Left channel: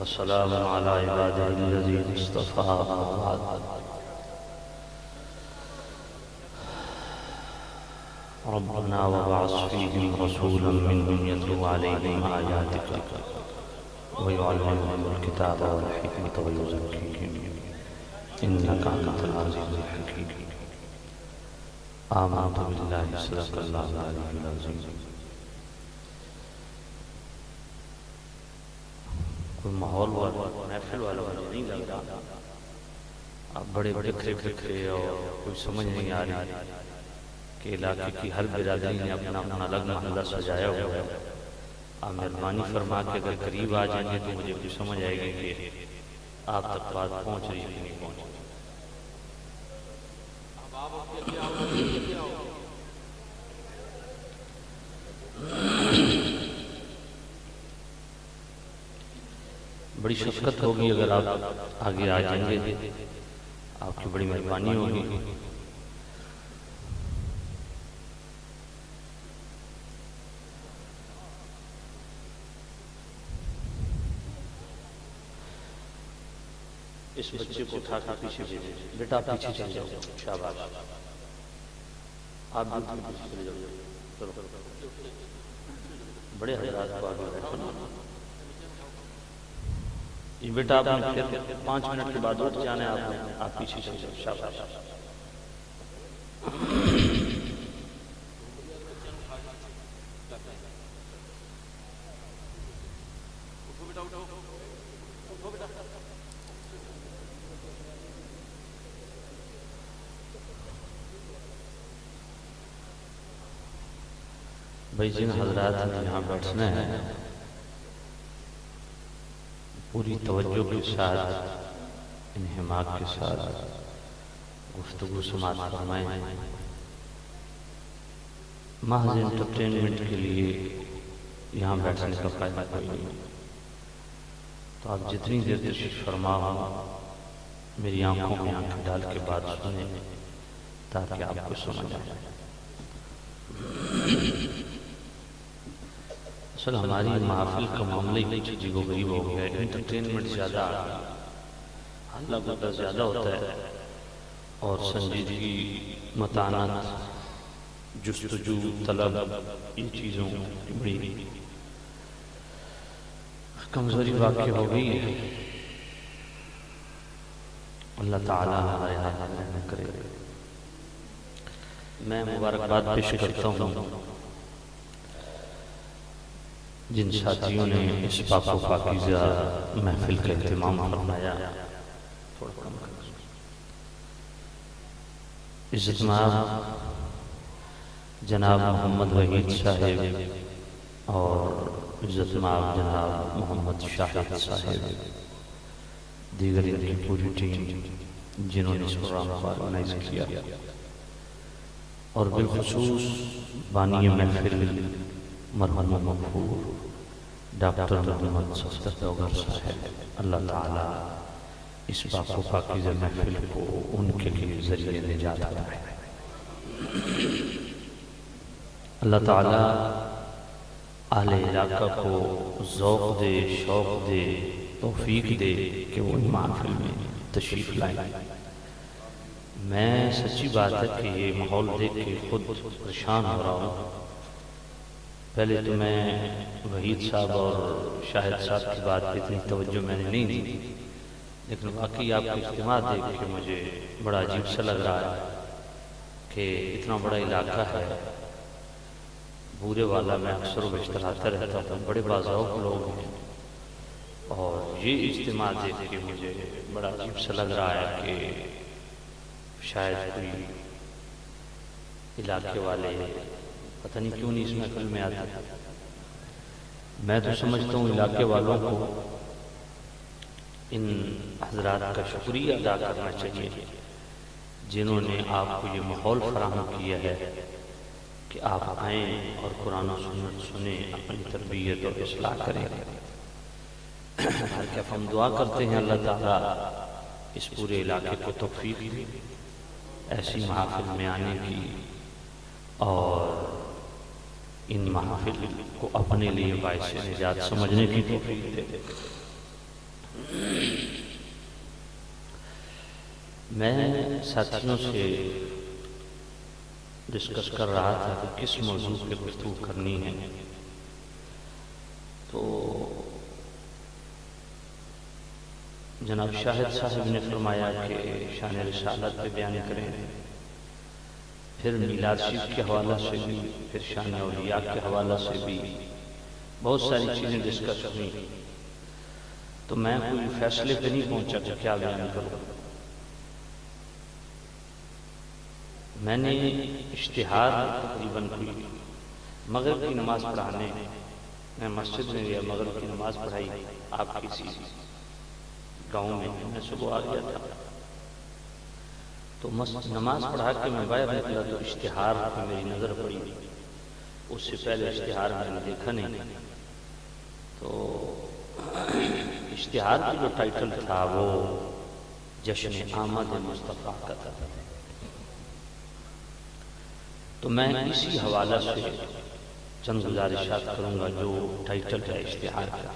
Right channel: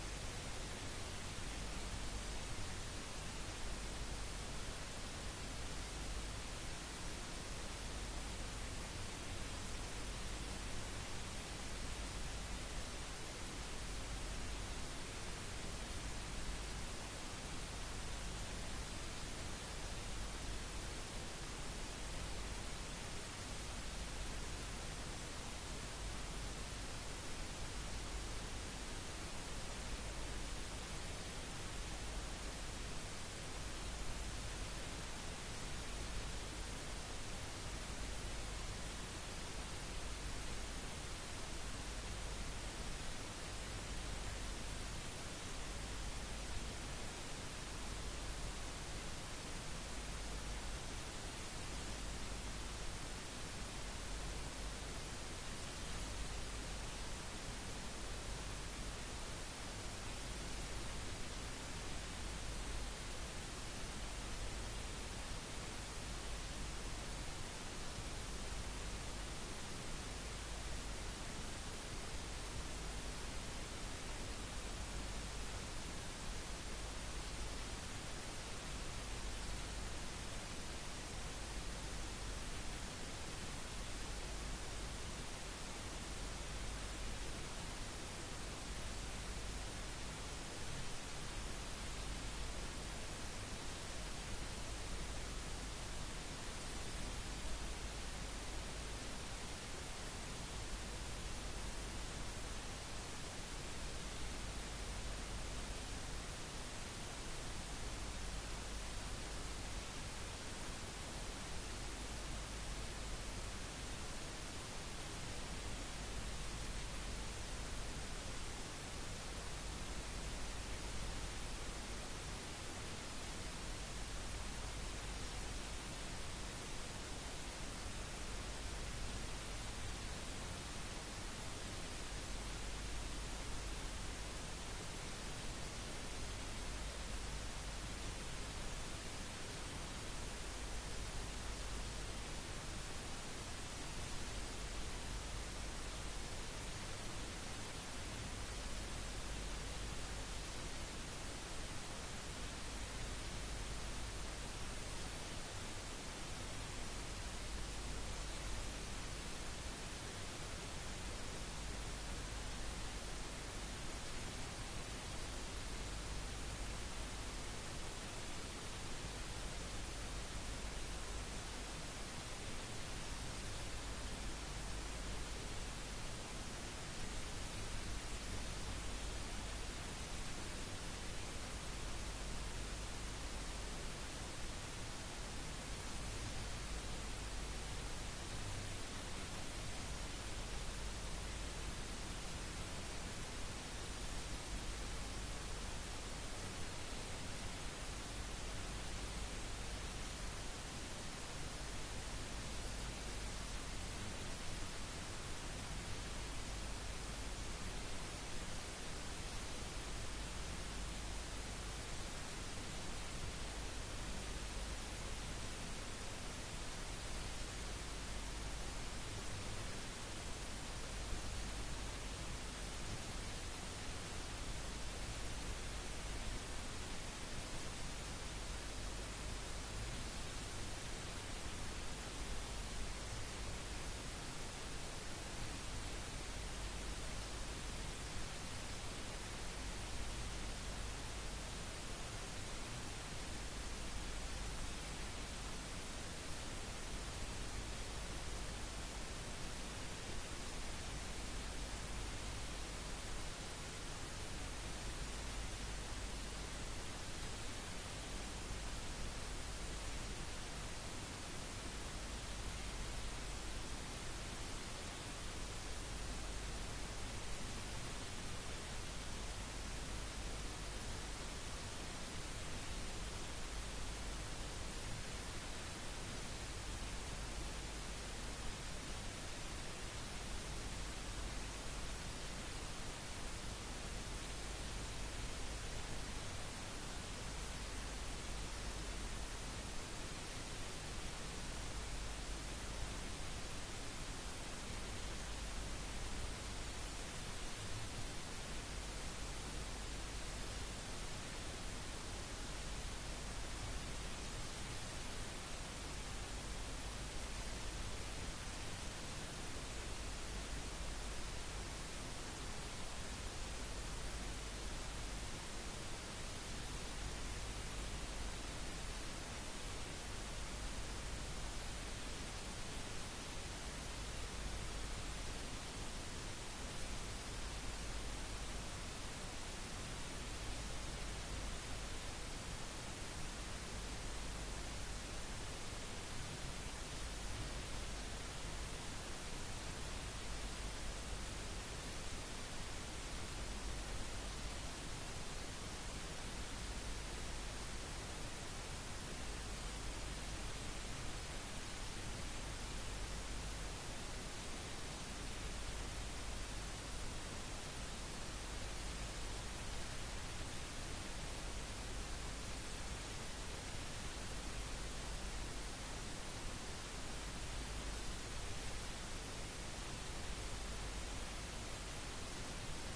وسلام على عباده الذين اصطفى بعد. ربنا وبعث فيهم رسولا منهم يتلو عليهم آياتك ويعلمهم الكتاب والحكمة ويزكيهم إنك أنت العزيز الحكيم. آمنت بالله صدق الله العلي العظيم. کوئی ماحول محفل والا نہیں لگ رہا، اب بڑے بکھرے بکھرے اور کوئی سمجھ نہیں آ رہی کہ علاقے کی ہر برادری نے اپنا اپنا الگ محلہ سجایا ہوا ہے. آپ مہربانی فرما کے اگر قریب آ جائیں گے تو مجھے کچھ سمجھ آئے گی کہ آپ تک بات پہنچ رہی ہے کہ نہیں پہنچ رہی. بڑی شفقت ہوگی اگر آپ آگے آ جائیں گے، آپ کی بڑی مہربانی ہوگی. اس بچے کو اٹھا کے پیچھے بھیجیں. بیٹا آپ پیچھے چل جاؤ. شاباش. آپ بھی پیچھے چلے جاؤ. بڑے حضرات کو آگے بیٹھنا. یہ بیٹا آپ نے 5 منٹ کے بعد اٹھ جانا ہے. آپ پیچھے چلے جاؤ. شاباش. بھائی جن حضرات نے یہاں بیٹھنا ہے پوری توجہ کے ساتھ انہماک کے ساتھ گفتگو سماعت فرمائیں. محض انٹرٹینمنٹ کے لیے یہاں بیٹھنے کا فائدہ کوئی نہیں. تو آپ جتنی دیر تشریف فرما ہو میری آنکھوں میں آنکھیں ڈال کے بات سنیں تاکہ آپ کو سمجھ آئے. اصل ہماری محافل کا معاملہ ہی کچھ عجیب و غریب ہو گیا ہے. انٹرٹینمنٹ زیادہ، حلہ گردہ زیادہ ہوتا ہے اور سنجیدگی، متانت، جستجو، طلب، ان چیزوں کی بڑی کمزوری واقع ہو گئی ہے. اللہ تعالیٰ ہمارے ہاتھ میں کرے. میں مبارکباد پیش کرتا ہوں جن ساتھیوں نے اس پاک و پاکیزہ محفل کا اہتمام فرمایا. عزت مآب جناب محمد وحید صاحب اور عزت مآب جناب محمد شاہد صاحب، دیگر ان کی پوری ٹیم جنہوں نے اس پروگرام کو آرگنائز کیا، اور بالخصوص بانی محفل مرحوم مغفور ڈاکٹر محمد صفدر دوگر صاحب. اللہ تعالیٰ اس پاک و پاکیزہ محفل کو ان کے لیے ذریعہ نجات بنائے. اللہ تعالیٰ اہل علاقہ کو ذوق دے، شوق دے، توفیق دے کہ وہ محفل میں تشریف لائیں. میں سچی بات ہے کہ یہ ماحول دیکھ کے خود پریشان ہو رہا ہوں. پہلے تو میں وحید صاحب اور شاہد صاحب کی بات پہ اتنی توجہ میں نے نہیں دی، لیکن واقعی آپ کا اجتماع دیکھ کے مجھے بڑا عجیب سا لگ رہا ہے کہ اتنا بڑا علاقہ ہے بورے والا. میں اکثر و بیشتر آتا رہتا ہوں، بڑے باذوق لوگ ہیں، اور یہ اجتماع دیکھ کے مجھے بڑا عجیب سا لگ رہا ہے کہ شاید کوئی علاقے والے پتہ نہیں کیوں نہیں اس محفل میں آتے. میں تو سمجھتا ہوں علاقے والوں کو ان حضرات کا شکریہ ادا کرنا چاہیے جنہوں نے آپ کو یہ ماحول فراہم کیا ہے کہ آپ آئیں اور قرآن و سنت سنیں، اپنی تربیت اور اصلاح کریں. ہم دعا کرتے ہیں اللہ تعالیٰ اس پورے علاقے کو توفیق دے ایسی محافل میں آنے کی، اور ان محافل کو اپنے لیے باعث نجات سمجھنے کی توفیق دے دے۔ میں ساتھیوں سے ڈسکس کر رہا تھا کہ کس موضوع پہ گفتگو کرنی ہے، تو جناب شاہد صاحب نے فرمایا کہ شان رسالت پہ بیان کریں، پھر میلاد شریف کے حوالہ سے بھی، پھر شان اولیاء کے حوالہ سے بھی بہت ساری چیزیں ڈسکس ہوئی، تو میں کوئی فیصلے پہ نہیں پہنچا کہ کیا بیان کروں۔ میں نے اشتہار تقریباً کوئی مغرب کی نماز پڑھانے میں مسجد میں گیا، مغرب کی نماز پڑھائی آپ کسی گاؤں میں صبح آ گیا تھا، تو نماز پڑھا کے میں باہر نکلا تو اشتہار پہ میری نظر پڑی، اس سے پہلے اشتہار میں نے دیکھا نہیں، تو اشتہار کی جو ٹائٹل تھا وہ جشن آمد مصطفیٰ کا تھا، تو میں اسی حوالہ سے چند گزارشات کروں گا جو ٹائٹل ہے اشتہار کا،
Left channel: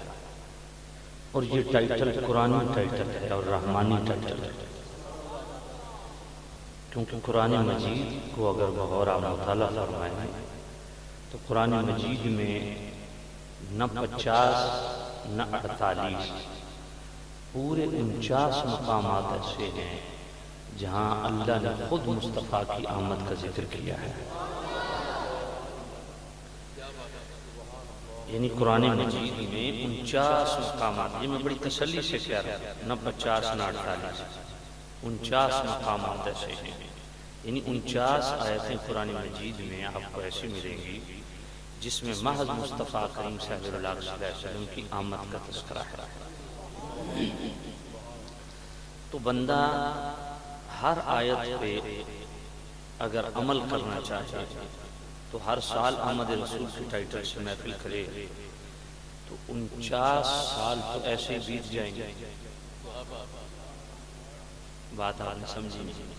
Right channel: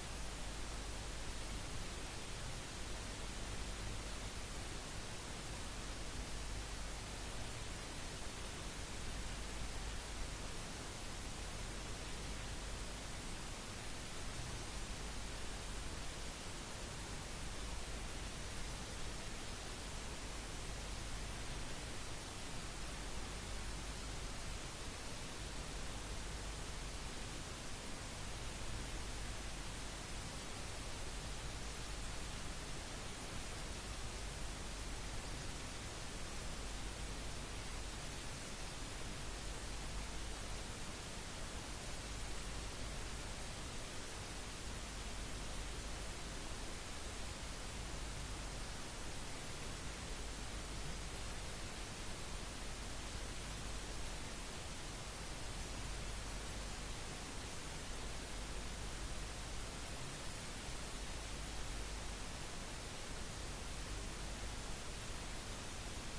اور یہ ٹائٹل قرآنی ٹائٹل ہے اور رحمانی ٹائٹل ہے، کیونکہ قرآن مجید کو اگر بغور آپ مطالعہ فرمائیں تو قرآن مجید میں نہ 50 نہ 48 پورے 49 مقامات ایسے ہیں جہاں اللہ نے خود مصطفیٰ کی آمد کا ذکر کیا ہے، یعنی قرآن مجید میں 49 مقامات، یہ میں بڑی تسلی سے کہہ رہا ہوں، نہ 50 نہ 48، 49 مقامات ایسے ہیں، یعنی 49 آیتیں قرآن مجید میں آپ کو ایسی ملیں گی جس میں محض مصطفیٰ کریم صلی اللہ علیہ وسلم کی آمد کا تذکرہ ہے۔ تو بندہ ہر آیت پہ اگر عمل کرنا چاہے تو ہر سال آمد رسول کی ٹائٹل سے محفل کرے تو 49 سال تو ایسے ہی بیت جائیں گے، بات آپ نے سمجھی نہیں،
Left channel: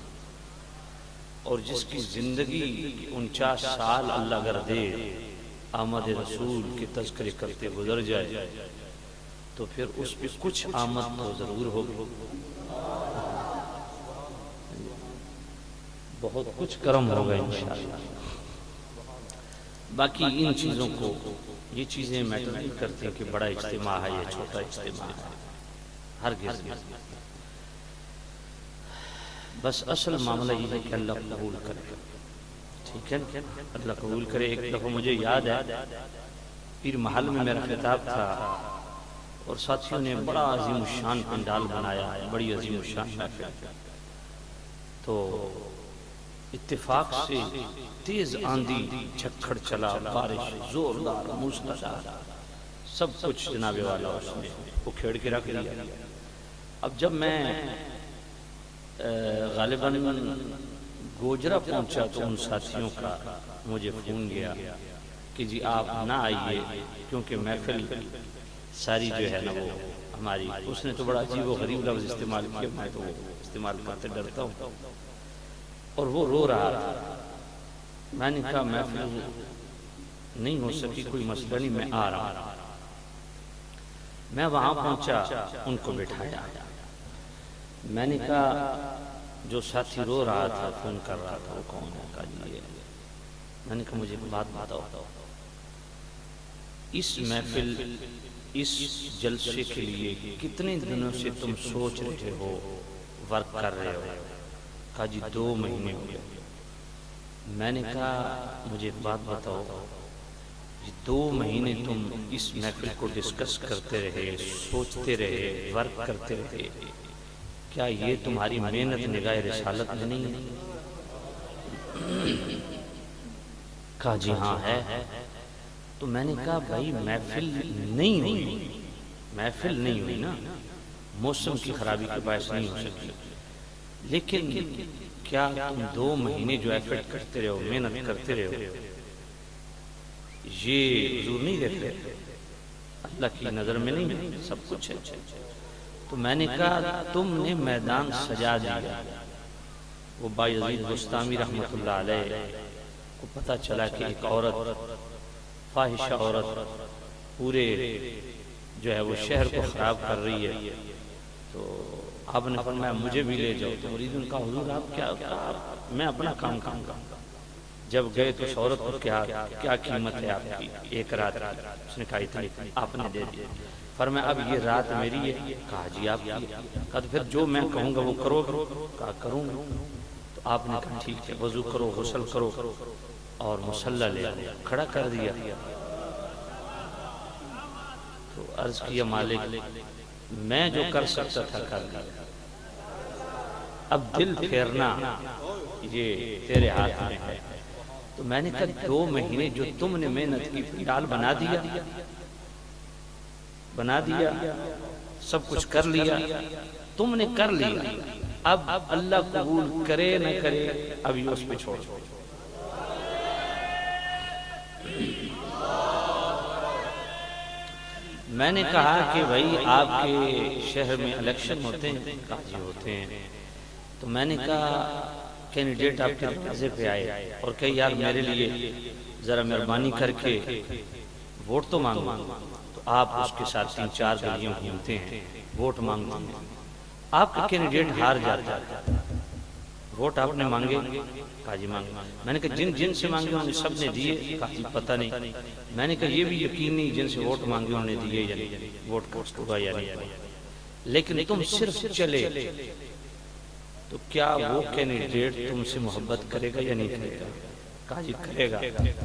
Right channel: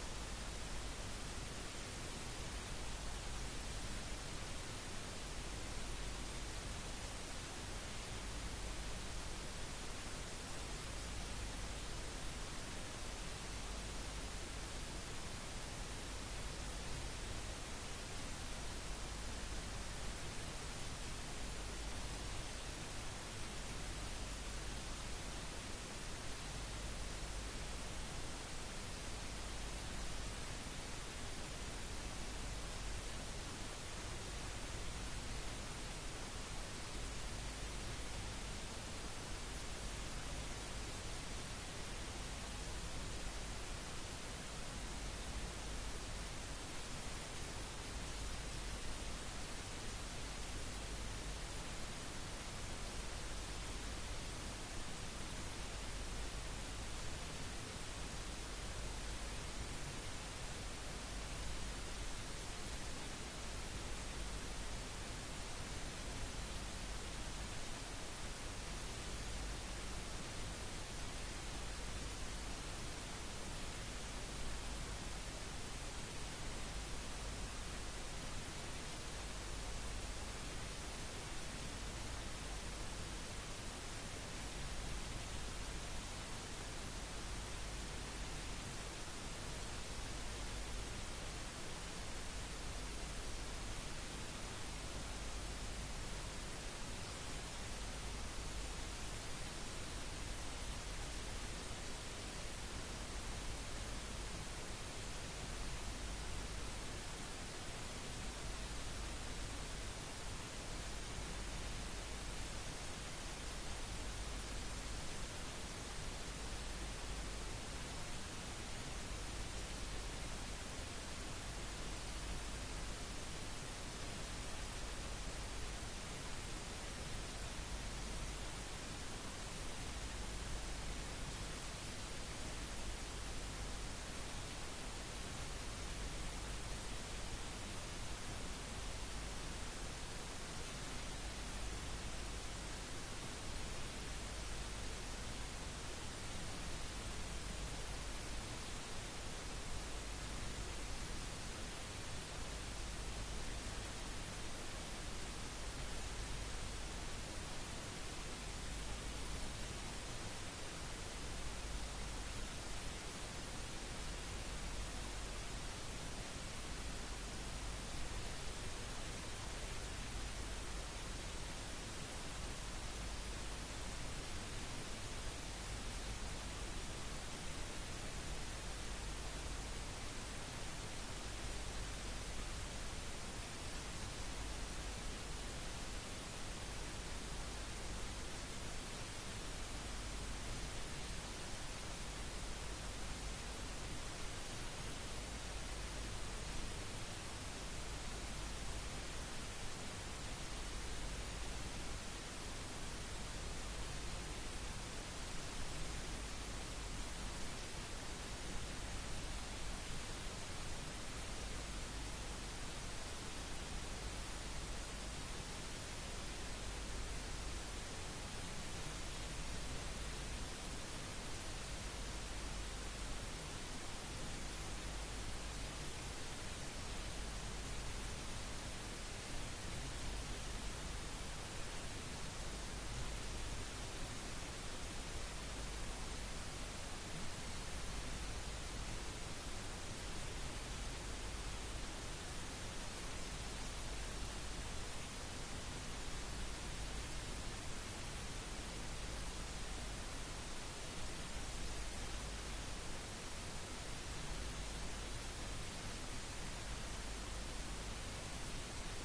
اور جس کی زندگی 49 سال اللہ اگر دے آمد رسول کے تذکرے کرتے گزر جائے تو پھر اس پہ کچھ آمد تو ضرور ہوگی، بہت کچھ کرم ہوگا انشاءاللہ۔ باقی ان چیزوں کو، یہ چیزیں میٹر نہیں کرتی کہ بڑا اجتماع ہے یا چھوٹا اجتماع ہے، ہرگز نہیں، بس اصل معاملہ یہ ہے کہ اللہ قبول کرے، ٹھیک ہے، اللہ قبول کرے۔ ایک دفعہ مجھے یاد ہے پیر محل میں میرا خطاب تھا اور ساتھیوں نے بڑا عظیم الشان پنڈال بنایا، بڑی عظیم الشان محفل، تو اتفاق سے تیز آندھی، جھکڑ چلا، بارش زوردار، موسلادھار، سب کچھ جناب والا اس نے اکھیڑ کے رکھ دیا۔ اب جب میں غالباً گوجرا پہنچا تو ان ساتھیوں کا مجھے فون گیا کہ جی آپ نہ آئیے کیونکہ محفل ساری جو ہے نا وہ ہماری، اس نے تو بڑا عجیب و غریب لفظ استعمال کیا، میں تو وہ استعمال کرتے ڈرتا ہوں، اور وہ رو رہا تھا۔ میں نے کہا محفل نہیں ہو سکی، کوئی مسئلہ نہیں، میں آ رہا ہوں۔ میں وہاں پہنچا، ان کو بٹھایا، میں نے کہا جو ساتھی رو رہا تھا فون کر رہا تھا وہ کون ہوگا؟ میں نے کہا مجھے بات بتاؤ، اس محفل، اس جلسے کے لیے کتنے دنوں سے تم سوچ رہے ہو، ورک کر رہے ہو؟ کہا جی 2 مہینے ہو گئے۔ میں نے کہا مجھے بات بتاؤ، 2 مہینے تم اس محفل کو ڈسکس کرتے رہے، سوچتے رہے، ورک کرتے رہے، کیا یہ تمہاری محنت نگاہ رسالت میں نہیں ہے؟ کہا جی ہاں ہے۔ تو میں نے کہا بھائی محفل نہیں ہوئی، محفل نہیں ہوئی نا، موسم کی خرابی کے باعث نہیں ہو سکی، لیکن کیا تم 2 مہینے جو ایفرٹ کرتے رہو، محنت کرتے رہو، یہ حضور نہیں دیکھتے؟ اللہ کی نظر میں نہیں سب کچھ ہے؟ تو میں نے کہا تم نے میدان سجا دیا۔ وہ بایزید بستامی رحمۃ اللہ علیہ کو پتہ چلا کہ ایک عورت فاحشہ عورت پورے جو ہے وہ شہر کو خراب کر رہی ہے، تو آپ نے فرمایا مجھے بھی لے جاؤ۔ تو مرید نے کہا حضور آپ کیا، میں اپنا کام کروں گا۔ جب گئے تو اس عورت کو کیا قیمت ہے آپ کی ایک رات کی؟ اس نے کہا اتنی، آپ نے دے دیا۔ فرمایا اب یہ رات میری ہے؟ کہا جی آپ کی۔ کہا تو پھر جو میں کہوں گا وہ کرو گے؟ کہا کروں گا۔ تو آپ نے کہا ٹھیک ہے، وضو کرو، غسل کرو، اور مصلی لے کھڑا کر دیا۔ تو عرض کیا مالک میں جو کر سکتا تھا کر لیا، اب دل پھیرنا یہ تیرے ہاتھ میں ہے۔ تو میں نے کہا 2 مہینے جو تم نے محنت کی فیال بنا دیا، سب کچھ کر لیا، تم نے کر لیا، اب اللہ قبول کرے نہ کرے اب یہ اس پہ چھوڑ۔ میں نے کہا کہ بھائی آپ کے شہر میں الیکشن ہوتے ہیں؟ کہا جی ہوتے ہیں۔ تو میں نے کہا کینڈیڈیٹ آپ کے دروازے پہ آئے اور کہ یار میرے لیے ذرا مہربانی کر کے ووٹ تو مانگو۔ تو آپ اس کے ساتھ 3-4 گلیاں گھومتے ہیں، ووٹ مانگتے ہیں، آپ کا کینڈیڈیٹ ہار جاتا ہے۔ ووٹ آپ نے مانگے؟ کہا جی مانگے۔ میں نے کہا جن سے مانگے انہوں نے سب نے دیے؟ کہا جی پتہ نہیں۔ میں نے کہا یہ بھی یقین نہیں جن سے ووٹ مانگے انہوں نے دیے یا نہیں، ووٹ کاسٹ ہوا یا نہیں، لیکن تم صرف چلے تو کیا وہ کینڈیڈیٹ تم سے محبت کرے گا یا نہیں کرے گا؟ کہا جی کرے گا۔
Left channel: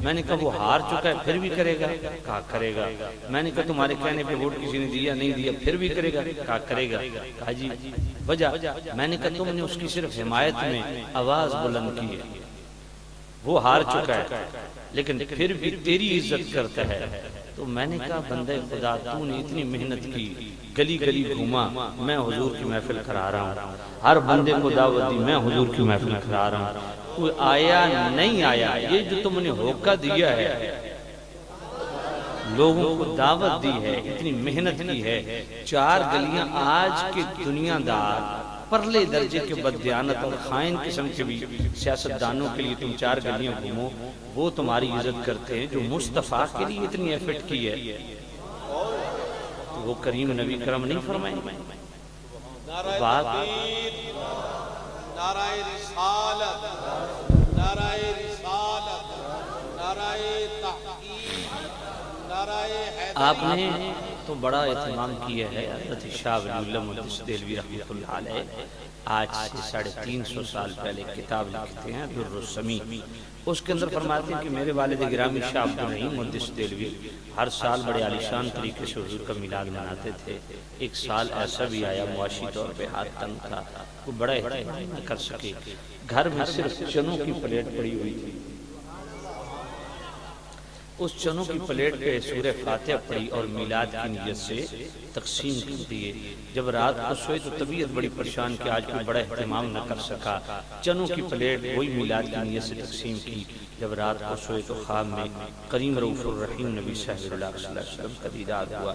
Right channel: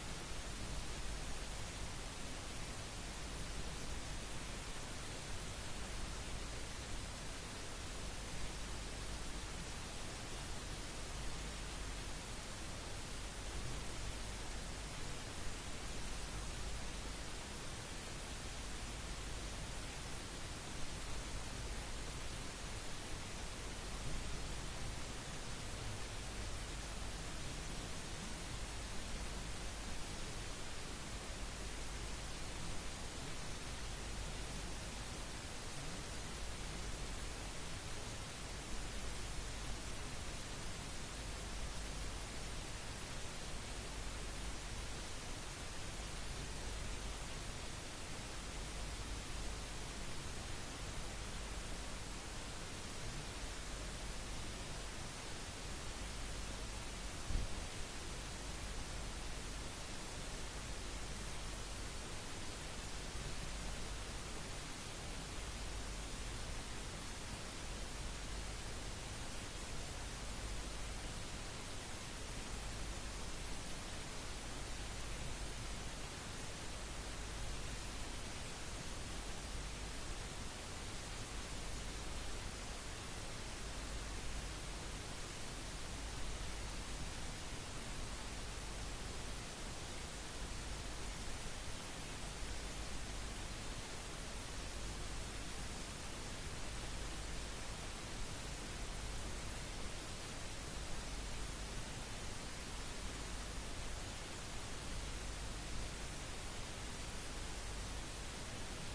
میں نے کہا وہ ہار چکا ہے پھر بھی کرے گا؟ کہا کرے گا۔ میں نے کہا تمہارے کہنے پہ ووٹ کسی نے دیا نہیں دیا پھر بھی کرے گا؟ کہا کرے گا۔ کہا جی وجہ؟ میں نے کہا تم نے اس کی صرف حمایت میں آواز بلند کی ہے، وہ ہار چکا ہے لیکن پھر بھی تیری عزت کرتا ہے۔ تو میں نے کہا بندہ خدا تو نے اتنی محنت کی، گلی گلی گھوما، میں حضور کی محفل کرا رہا ہوں، ہر بندے کو دعوت دی، میں حضور کی محفل کرا رہا ہوں، کوئی آیا نہیں آیا۔ یہ جو تم نے ہوکا دیا ہے، لوگوں کو دعوت دی ہے، اتنی محنت کی ہے، 4 گلیاں آج کے دنیا دار پرلے درجے کے بددیانت اور خائن قسم کے بھی سیاستدانوں کے لیے تم 4 گلیاں گھومو، وہ تمہاری عزت کرتے ہیں۔ جو مصطفیٰ کے لیے اتنی ایفرٹ کی ہے وہ کریم نبی کرم نہیں فرمائیں گے؟ بات نعرہ رسالت، نعرہ رسالت، نعرہ تحقیق، نعرہ حیدر۔ آپ نے تو بڑا اہتمام کیا ہے۔ حضرت شاہ ولی اللہ محدث دہلوی رحمۃ اللہ علیہ آج سے 350 سال پہلے کتاب لکھتے ہیں در السمی، اس کے اندر فرماتے ہیں کہ میرے والد گرامی شاہ عبد الرحیم محدث دہلوی ہر سال بڑے عالیشان طریقے سے حضور کا میلاد مناتے تھے۔ ایک سال ایسا بھی آیا معاشی طور پہ ہاتھ تنگ تھا، وہ بڑا اہتمام نہ کر سکے، گھر میں صرف چنوں کی پلیٹ پڑی ہوئی تھی، اس چنوں کی پلیٹ پہ سورہ فاتحہ پڑھی اور میلاد کی نیت سے تقسیم کر دیے۔ جب رات کو سوئے تو طبیعت بڑی پریشان کہ آج کوئی بڑا اہتمام نہ کر سکا، چنوں کی پلیٹ وہی میلاد کی نیت سے تقسیم کی۔ جب رات کو سوئے تو خواب میں کریم رؤوف الرحیم نبی صلی اللہ علیہ وسلم کا دیدار ہوا۔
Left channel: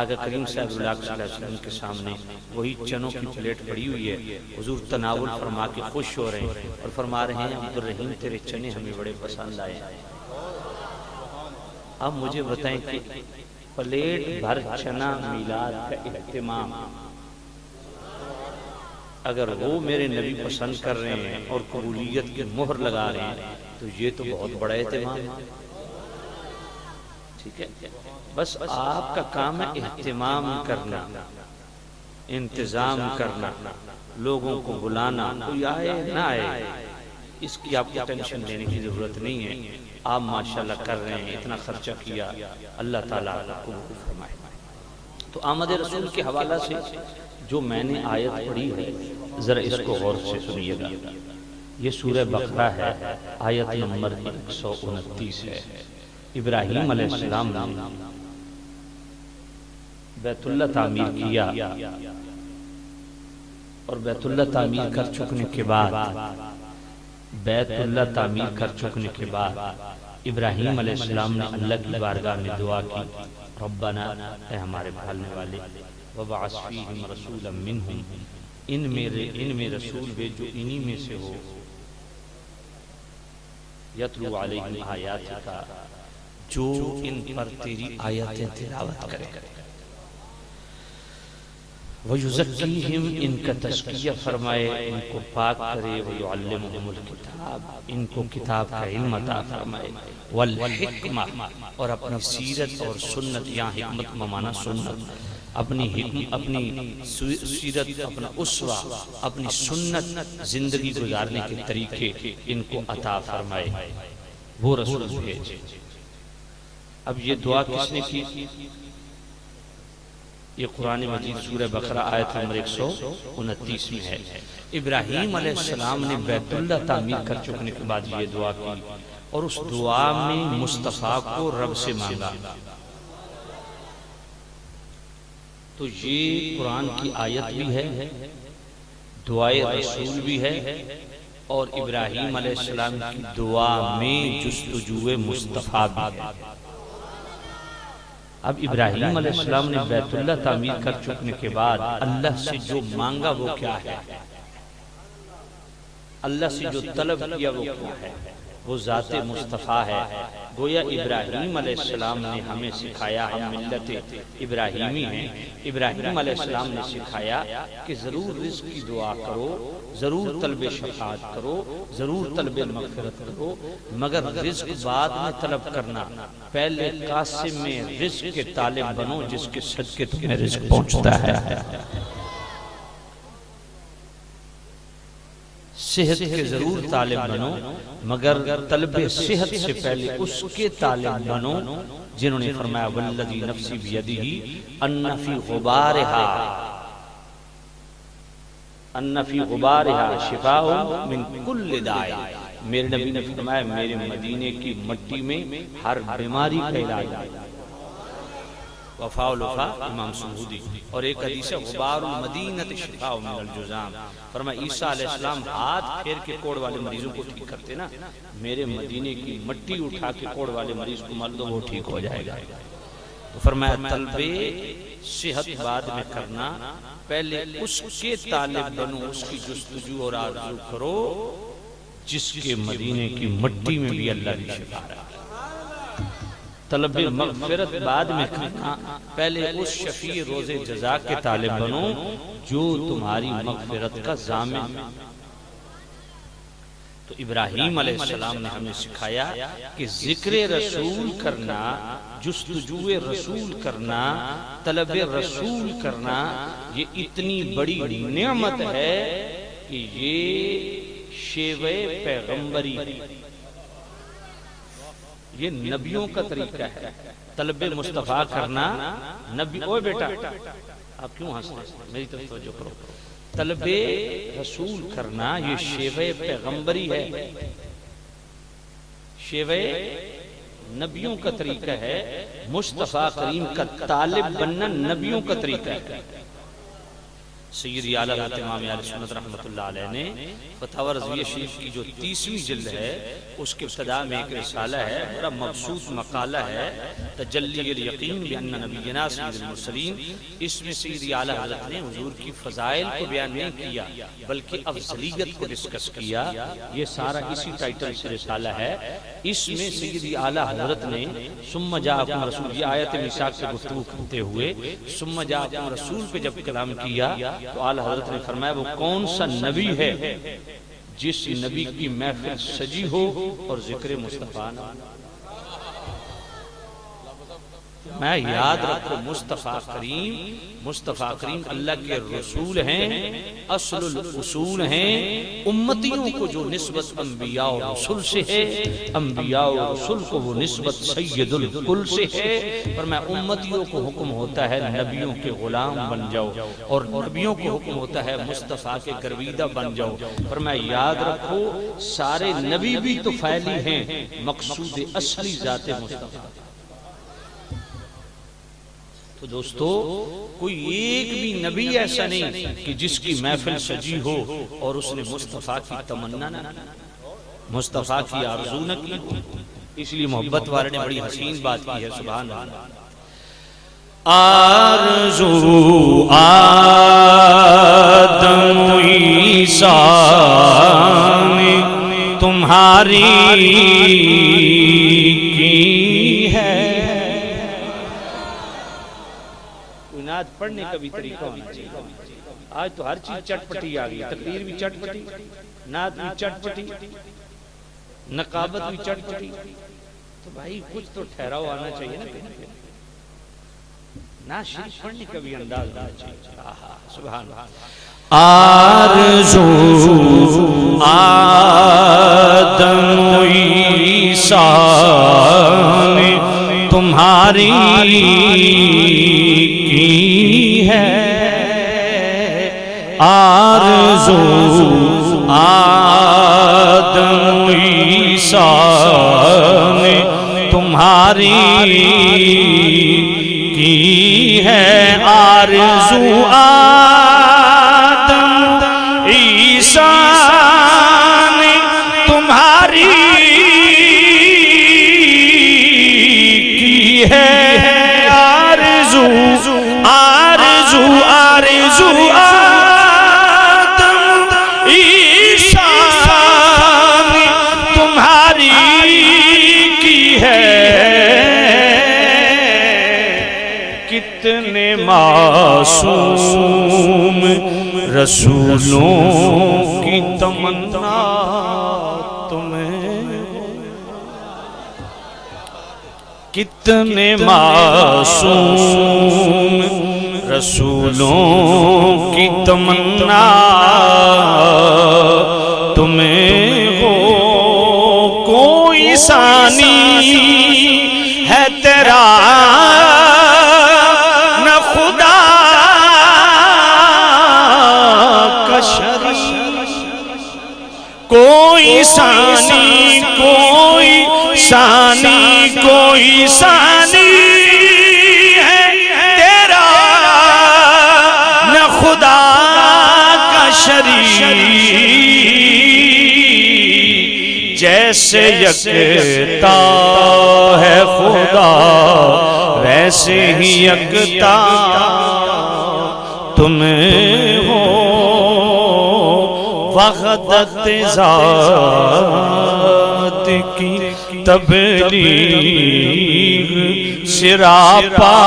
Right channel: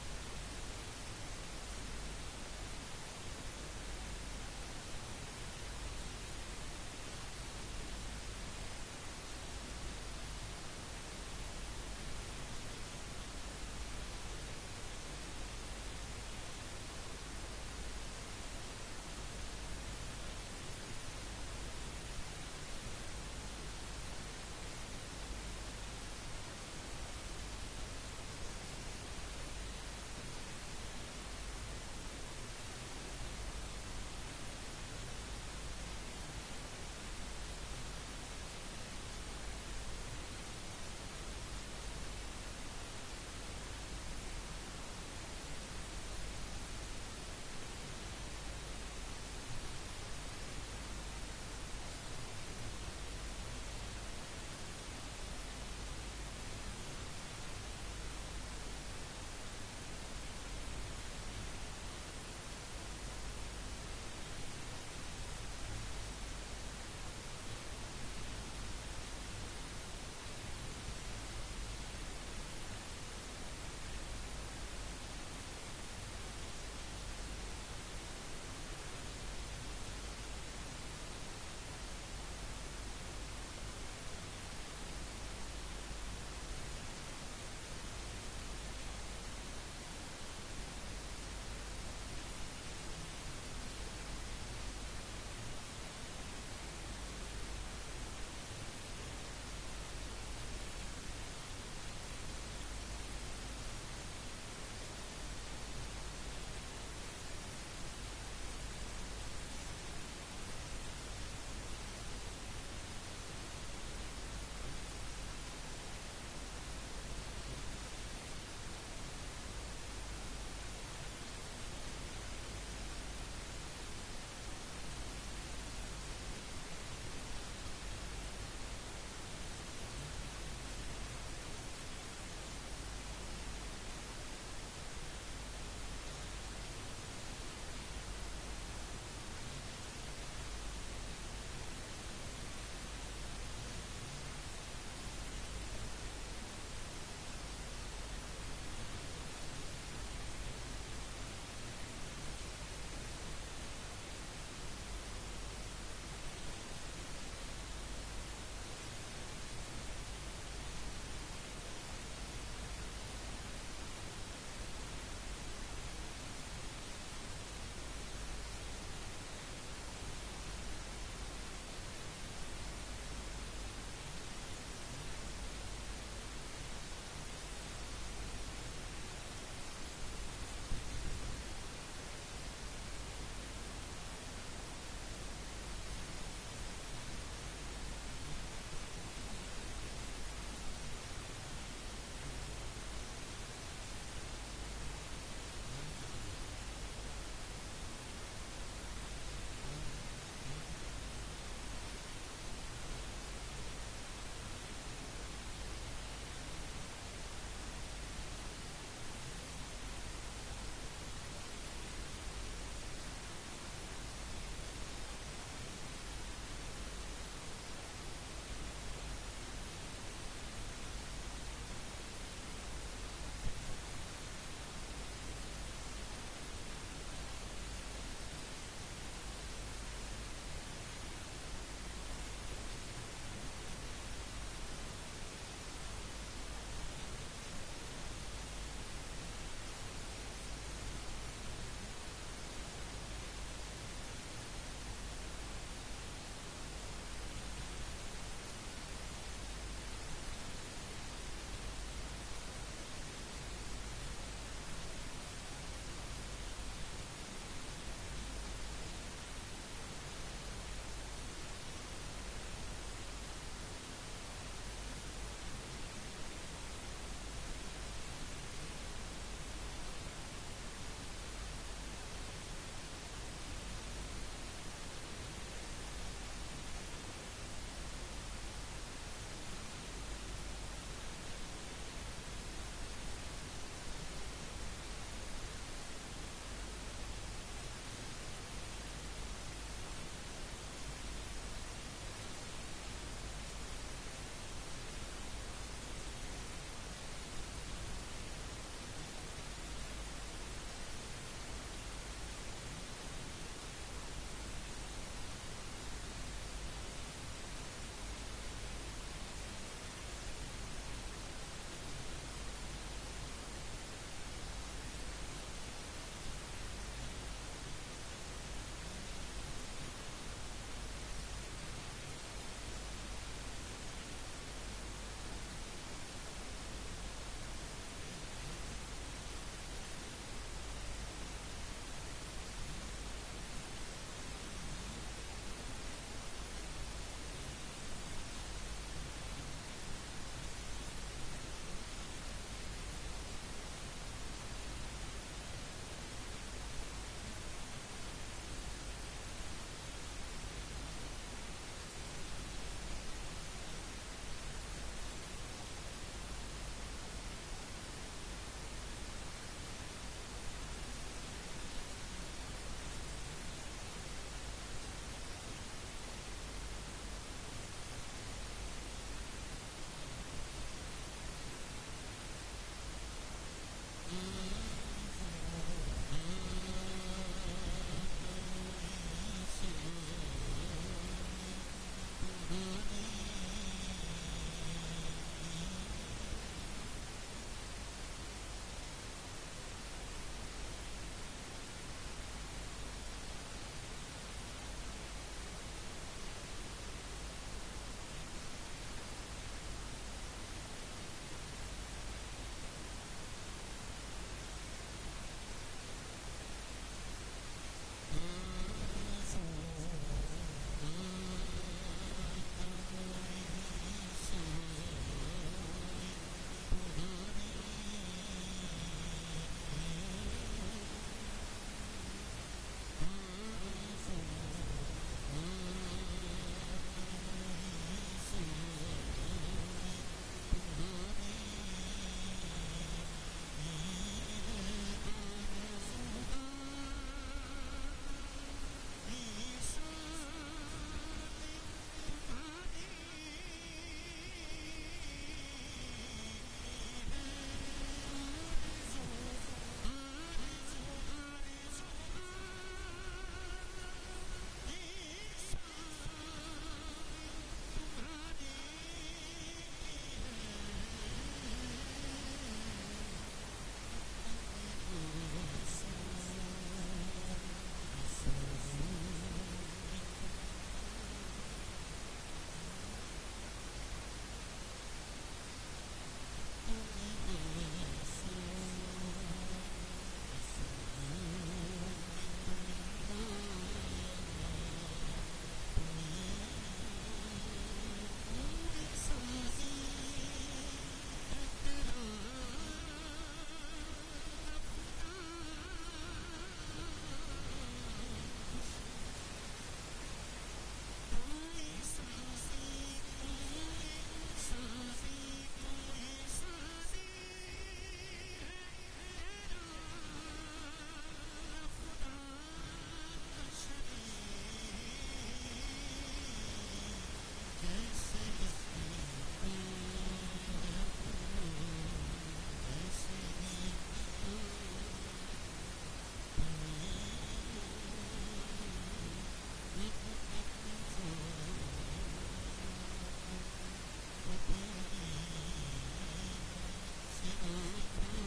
آگے کریم صلی اللہ علیہ وسلم کے سامنے وہی چنوں کی پلیٹ پڑی ہوئی ہے، حضور تناول فرما کے خوش ہو رہے ہیں اور فرما رہے ہیں عبد الرحیم تیرے چنے ہمیں بڑے پسند آئے۔ اب مجھے بتائیں کہ پلیٹ بھر چنا میلاد کا اہتمام اگر وہ میرے نبی پسند کر رہے ہیں اور قبولیت کی مہر لگا رہے ہیں تو یہ تو بہت بڑا اہتمام ہے۔ ٹھیک ہے، بس آپ کا کام ہے اہتمام کرنا، انتظام کرنا، لوگوں کو بلانا، کوئی آئے نہ آئے اس کی آپ کو ٹینشن لینے کی ضرورت نہیں ہے۔ آپ ماشاءاللہ کر رہے ہیں، اتنا خرچہ کیا، اللہ تعالیٰ آپ کو فرمائے۔ تو آمد رسول کے حوالہ سے جو میں نے آیت پڑھی ہے ذرا اس کو غور سے سنیے گا۔ یہ سورہ بقرہ ہے، آیت نمبر 129 ہے۔ ابراہیم علیہ السلام نے بیت اللہ تعمیر کیا اور بیت اللہ تعمیر کر چکنے کے بعد ابراہیم علیہ السلام نے اللہ کی بارگاہ میں دعا کی، ربنا اے ہمارے پالنے والے، وبعث فیہم رسولا منہم، ان میں رسول بھیج جو انہی میں سے ہو، یتلو علیہم آیاتک، جو ان پر تیری آیتیں تلاوت کرے، وَيُزَكِّيهِمْ ان کا تزکیہ فرمائے، ان کو پاک کرے، وَيُعَلِّمُهُمُ الْكِتَابَ ان کو کتاب کا علم عطا فرمائے، والحکمہ اور اپنی سیرت اور سنت، یہاں حکمت ممانا سنت، اپنی سیرت، اپنا اسوہ، اپنی سنت زندگی گزارنے کے طریقے ان کو عطا فرمائے، وہ رسول بھیجے۔ اب یہ دعا کس نے کی؟ یہ قرآن مجید سورہ بقرہ آیت نمبر 129 میں ہے۔ ابراہیم علیہ السلام نے بیت اللہ تعمیر کر چکنے کے بعد یہ دعا کی، اور اس دعا میں مصطفیٰ کو رب سے مانگا۔ تو یہ قرآن کی آیت بھی ہے، دعائے رسول بھی ہے، اور ابراہیم علیہ السلام کی دعا میں جستجوے مصطفیٰ بھی ہے۔ اب ابراہیم علیہ السلام نے بیت اللہ تعمیر کر چکنے کے بعد اللہ سے جو مانگا وہ کیا ہے؟ اللہ سے جو طلب کیا وہ کیا ہے؟ وہ ذات مصطفیٰ ہے۔ گویا ابراہیم علیہ السلام نے ہمیں سکھایا، ہم ملت ابراہیمی ہیں، ابراہیم علیہ السلام نے سکھایا کہ ضرور رزق کی دعا کرو، ضرور طلب شفاعت کرو، ضرور طلب مغفرت کرو، مگر رزق بعد میں طلب کرنا، پہلے قاسم میں رزق کے طالب بنو جس کے صدقے تمہیں رزق پہنچتا ہے۔ صحت کے ضرور طالب بنو، مگر طلب صحت سے پہلے اس کے طالب بنو جنہوں نے فرمایا والذی نفسی بیدہ ان فی غبارہا شفاء من کل داء۔ میرے نبی نے فرمایا میرے مدینے کی مٹی میں ہر بیماری کا علاج ہے۔ وفاء الوفا امام سہودی۔ اور ایک حدیث ہے غبار المدینۃ شفاء من الجذام، فرمایا عیسیٰ علیہ السلام ہاتھ پھیر کے کوڑ والے مریضوں کو ٹھیک کرتے نا، میرے مدینے کی مٹی اٹھا کے کوڑ والے مریض کو مل دو وہ ٹھیک ہو جائے گا۔ فرمایا طلب صحت بعد میں کرنا، پہلے اس کے طالب بنو، اس کی جستجو اور آرزو کرو جس کے مدینے کی مٹی میں بھی اللہ کی شفا ہے۔ طلب مغفرت بعد میں کرنا، پہلے اس شفیع روز جزا کے طالب بنو جو تمہاری مغفرت کا ضامن۔ تو ابراہیم علیہ السلام نے ہمیں سکھایا کہ ذکر رسول کرنا، جستجوے رسول کرنا، طلب رسول کرنا، یہ اتنی بڑی نعمت ہے کہ یہ شیوہ پیغمبری، یہ نبیوں کا طریقہ ہے۔ طلب مصطفیٰ کرنا نبی، اوے بیٹا آپ کیوں ہنس رہے ہیں؟ میری طرف توجہ کرو۔ طلب رسول کرنا یہ شیوہ پیغمبری ہے، شیوہ نبیوں کا طریقہ ہے، مصطفیٰ کریم کا طالب بننا نبیوں کا طریقہ ہے۔ سیدی اعلیٰ حضرت امام اہل سنت رحمۃ اللہ علیہ نے فتاوی رضویہ شریف کی جو 30ویں جلد ہے اس کے ابتدا میں ایک رسالہ ہے، بڑا مبسوط مقالہ ہے، تجلی الیقین بان نبینا سید المرسلین۔ اس میں سیدی اعلیٰ حضرت نے حضور کی فضائل کو بیان نہیں کیا بلکہ افضلیت کو ڈسکس کیا۔ یہ سارا اسی ٹائٹل سے رسالہ ہے۔ اس میں سیدی اعلیٰ حضرت نے ثم جاءکم رسول، یہ آیت میثاق سے گفتگو کرتے ہوئے ثم جاءکم رسول پہ جب کلام کیا تو اعلیٰ حضرت نے فرمایا وہ کون سا نبی ہے جس نبی کی محفل سجی ہو اور ذکر مصطفیٰ نہ ہو۔ میں یاد رکھو مصطفیٰ کریم اللہ کے رسول ہیں، اصل الاصول ہیں۔ امتیوں کو جو نسبت انبیاء و رسول سے ہے، انبیاء و رسول کو وہ نسبت سید الکل سے ہے۔ پر میں امتیوں کو حکم ہوتا ہے نبیوں کے غلام بن جاؤ، اور نبیوں کو حکم ہوتا ہے مصطفیٰ کے گرویدہ بن جاؤ۔ پر میں یاد رکھو سارے نبی بھی تو فعلی ہیں، مقصود اصلی ذات مصطفیٰ۔ تو دوستو کوئی ایک بھی نبی ایسا نہیں کہ جس کی محفل سجی ہو اور اس نے مصطفیٰ کی تمنا نہ کی، مصطفیٰ کی آرزو نہ کی۔ اس لیے محبت والے نے بڑی حسین بات کی ہے، سبحان اللہ۔ آرزو آدم عیسیٰ نے تمہاری کی ہے، پڑھنے کا بھی طریقہ ہونا چاہیے. آج تو ہر چیز چٹ پٹی آ گئی، تقریر بھی چٹ پٹی، نعت بھی چٹ پٹی، نقابت بھی چٹ پٹی. تو بھائی کچھ تو ٹھہراؤ آنا چاہیے نا کہیں پہ. نعت شریف پڑھنے کا بھی انداز ہونا چاہیے. سبحان اللہ. آرزو آدم و عیسیٰ نے تمہاری کی ہے، آرزو آدم و عیسیٰ نے تمہاری کی ہے، آرزو معصوم رسولوں کی تمنا تمہیں، کتنے معصوم رسولوں کی تمنا تمہیں ہو، کوئی ثانی ہے تیرا کوئی ثانی، کوئی ثانی، کوئی ثانی ہے تیرا نہ خدا کا شریک، جیسے یکتا ہے خدا ویسے ہی یکتا تمہیں ہو، وحدت ذات کی تبلیغ سراپا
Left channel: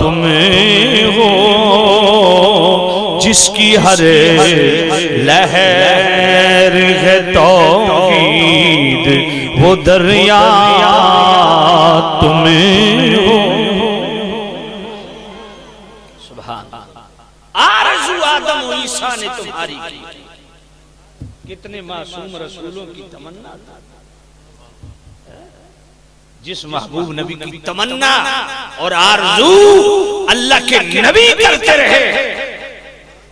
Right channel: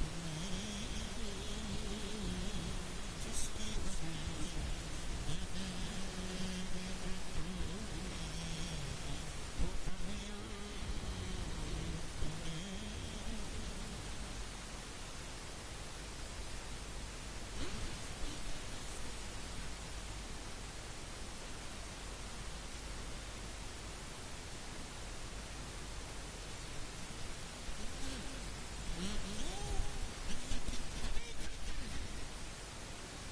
تمہیں ہو، جس کی ہر لہر ہے توحید وہ دریا تمہیں ہو. آدم و عیسیٰ نے تمہاری کی، کتنے معصوم رسولوں کی تمنا. جس محبوب نبی کی تمنا اور آرزو اللہ کے نبی کرتے رہے،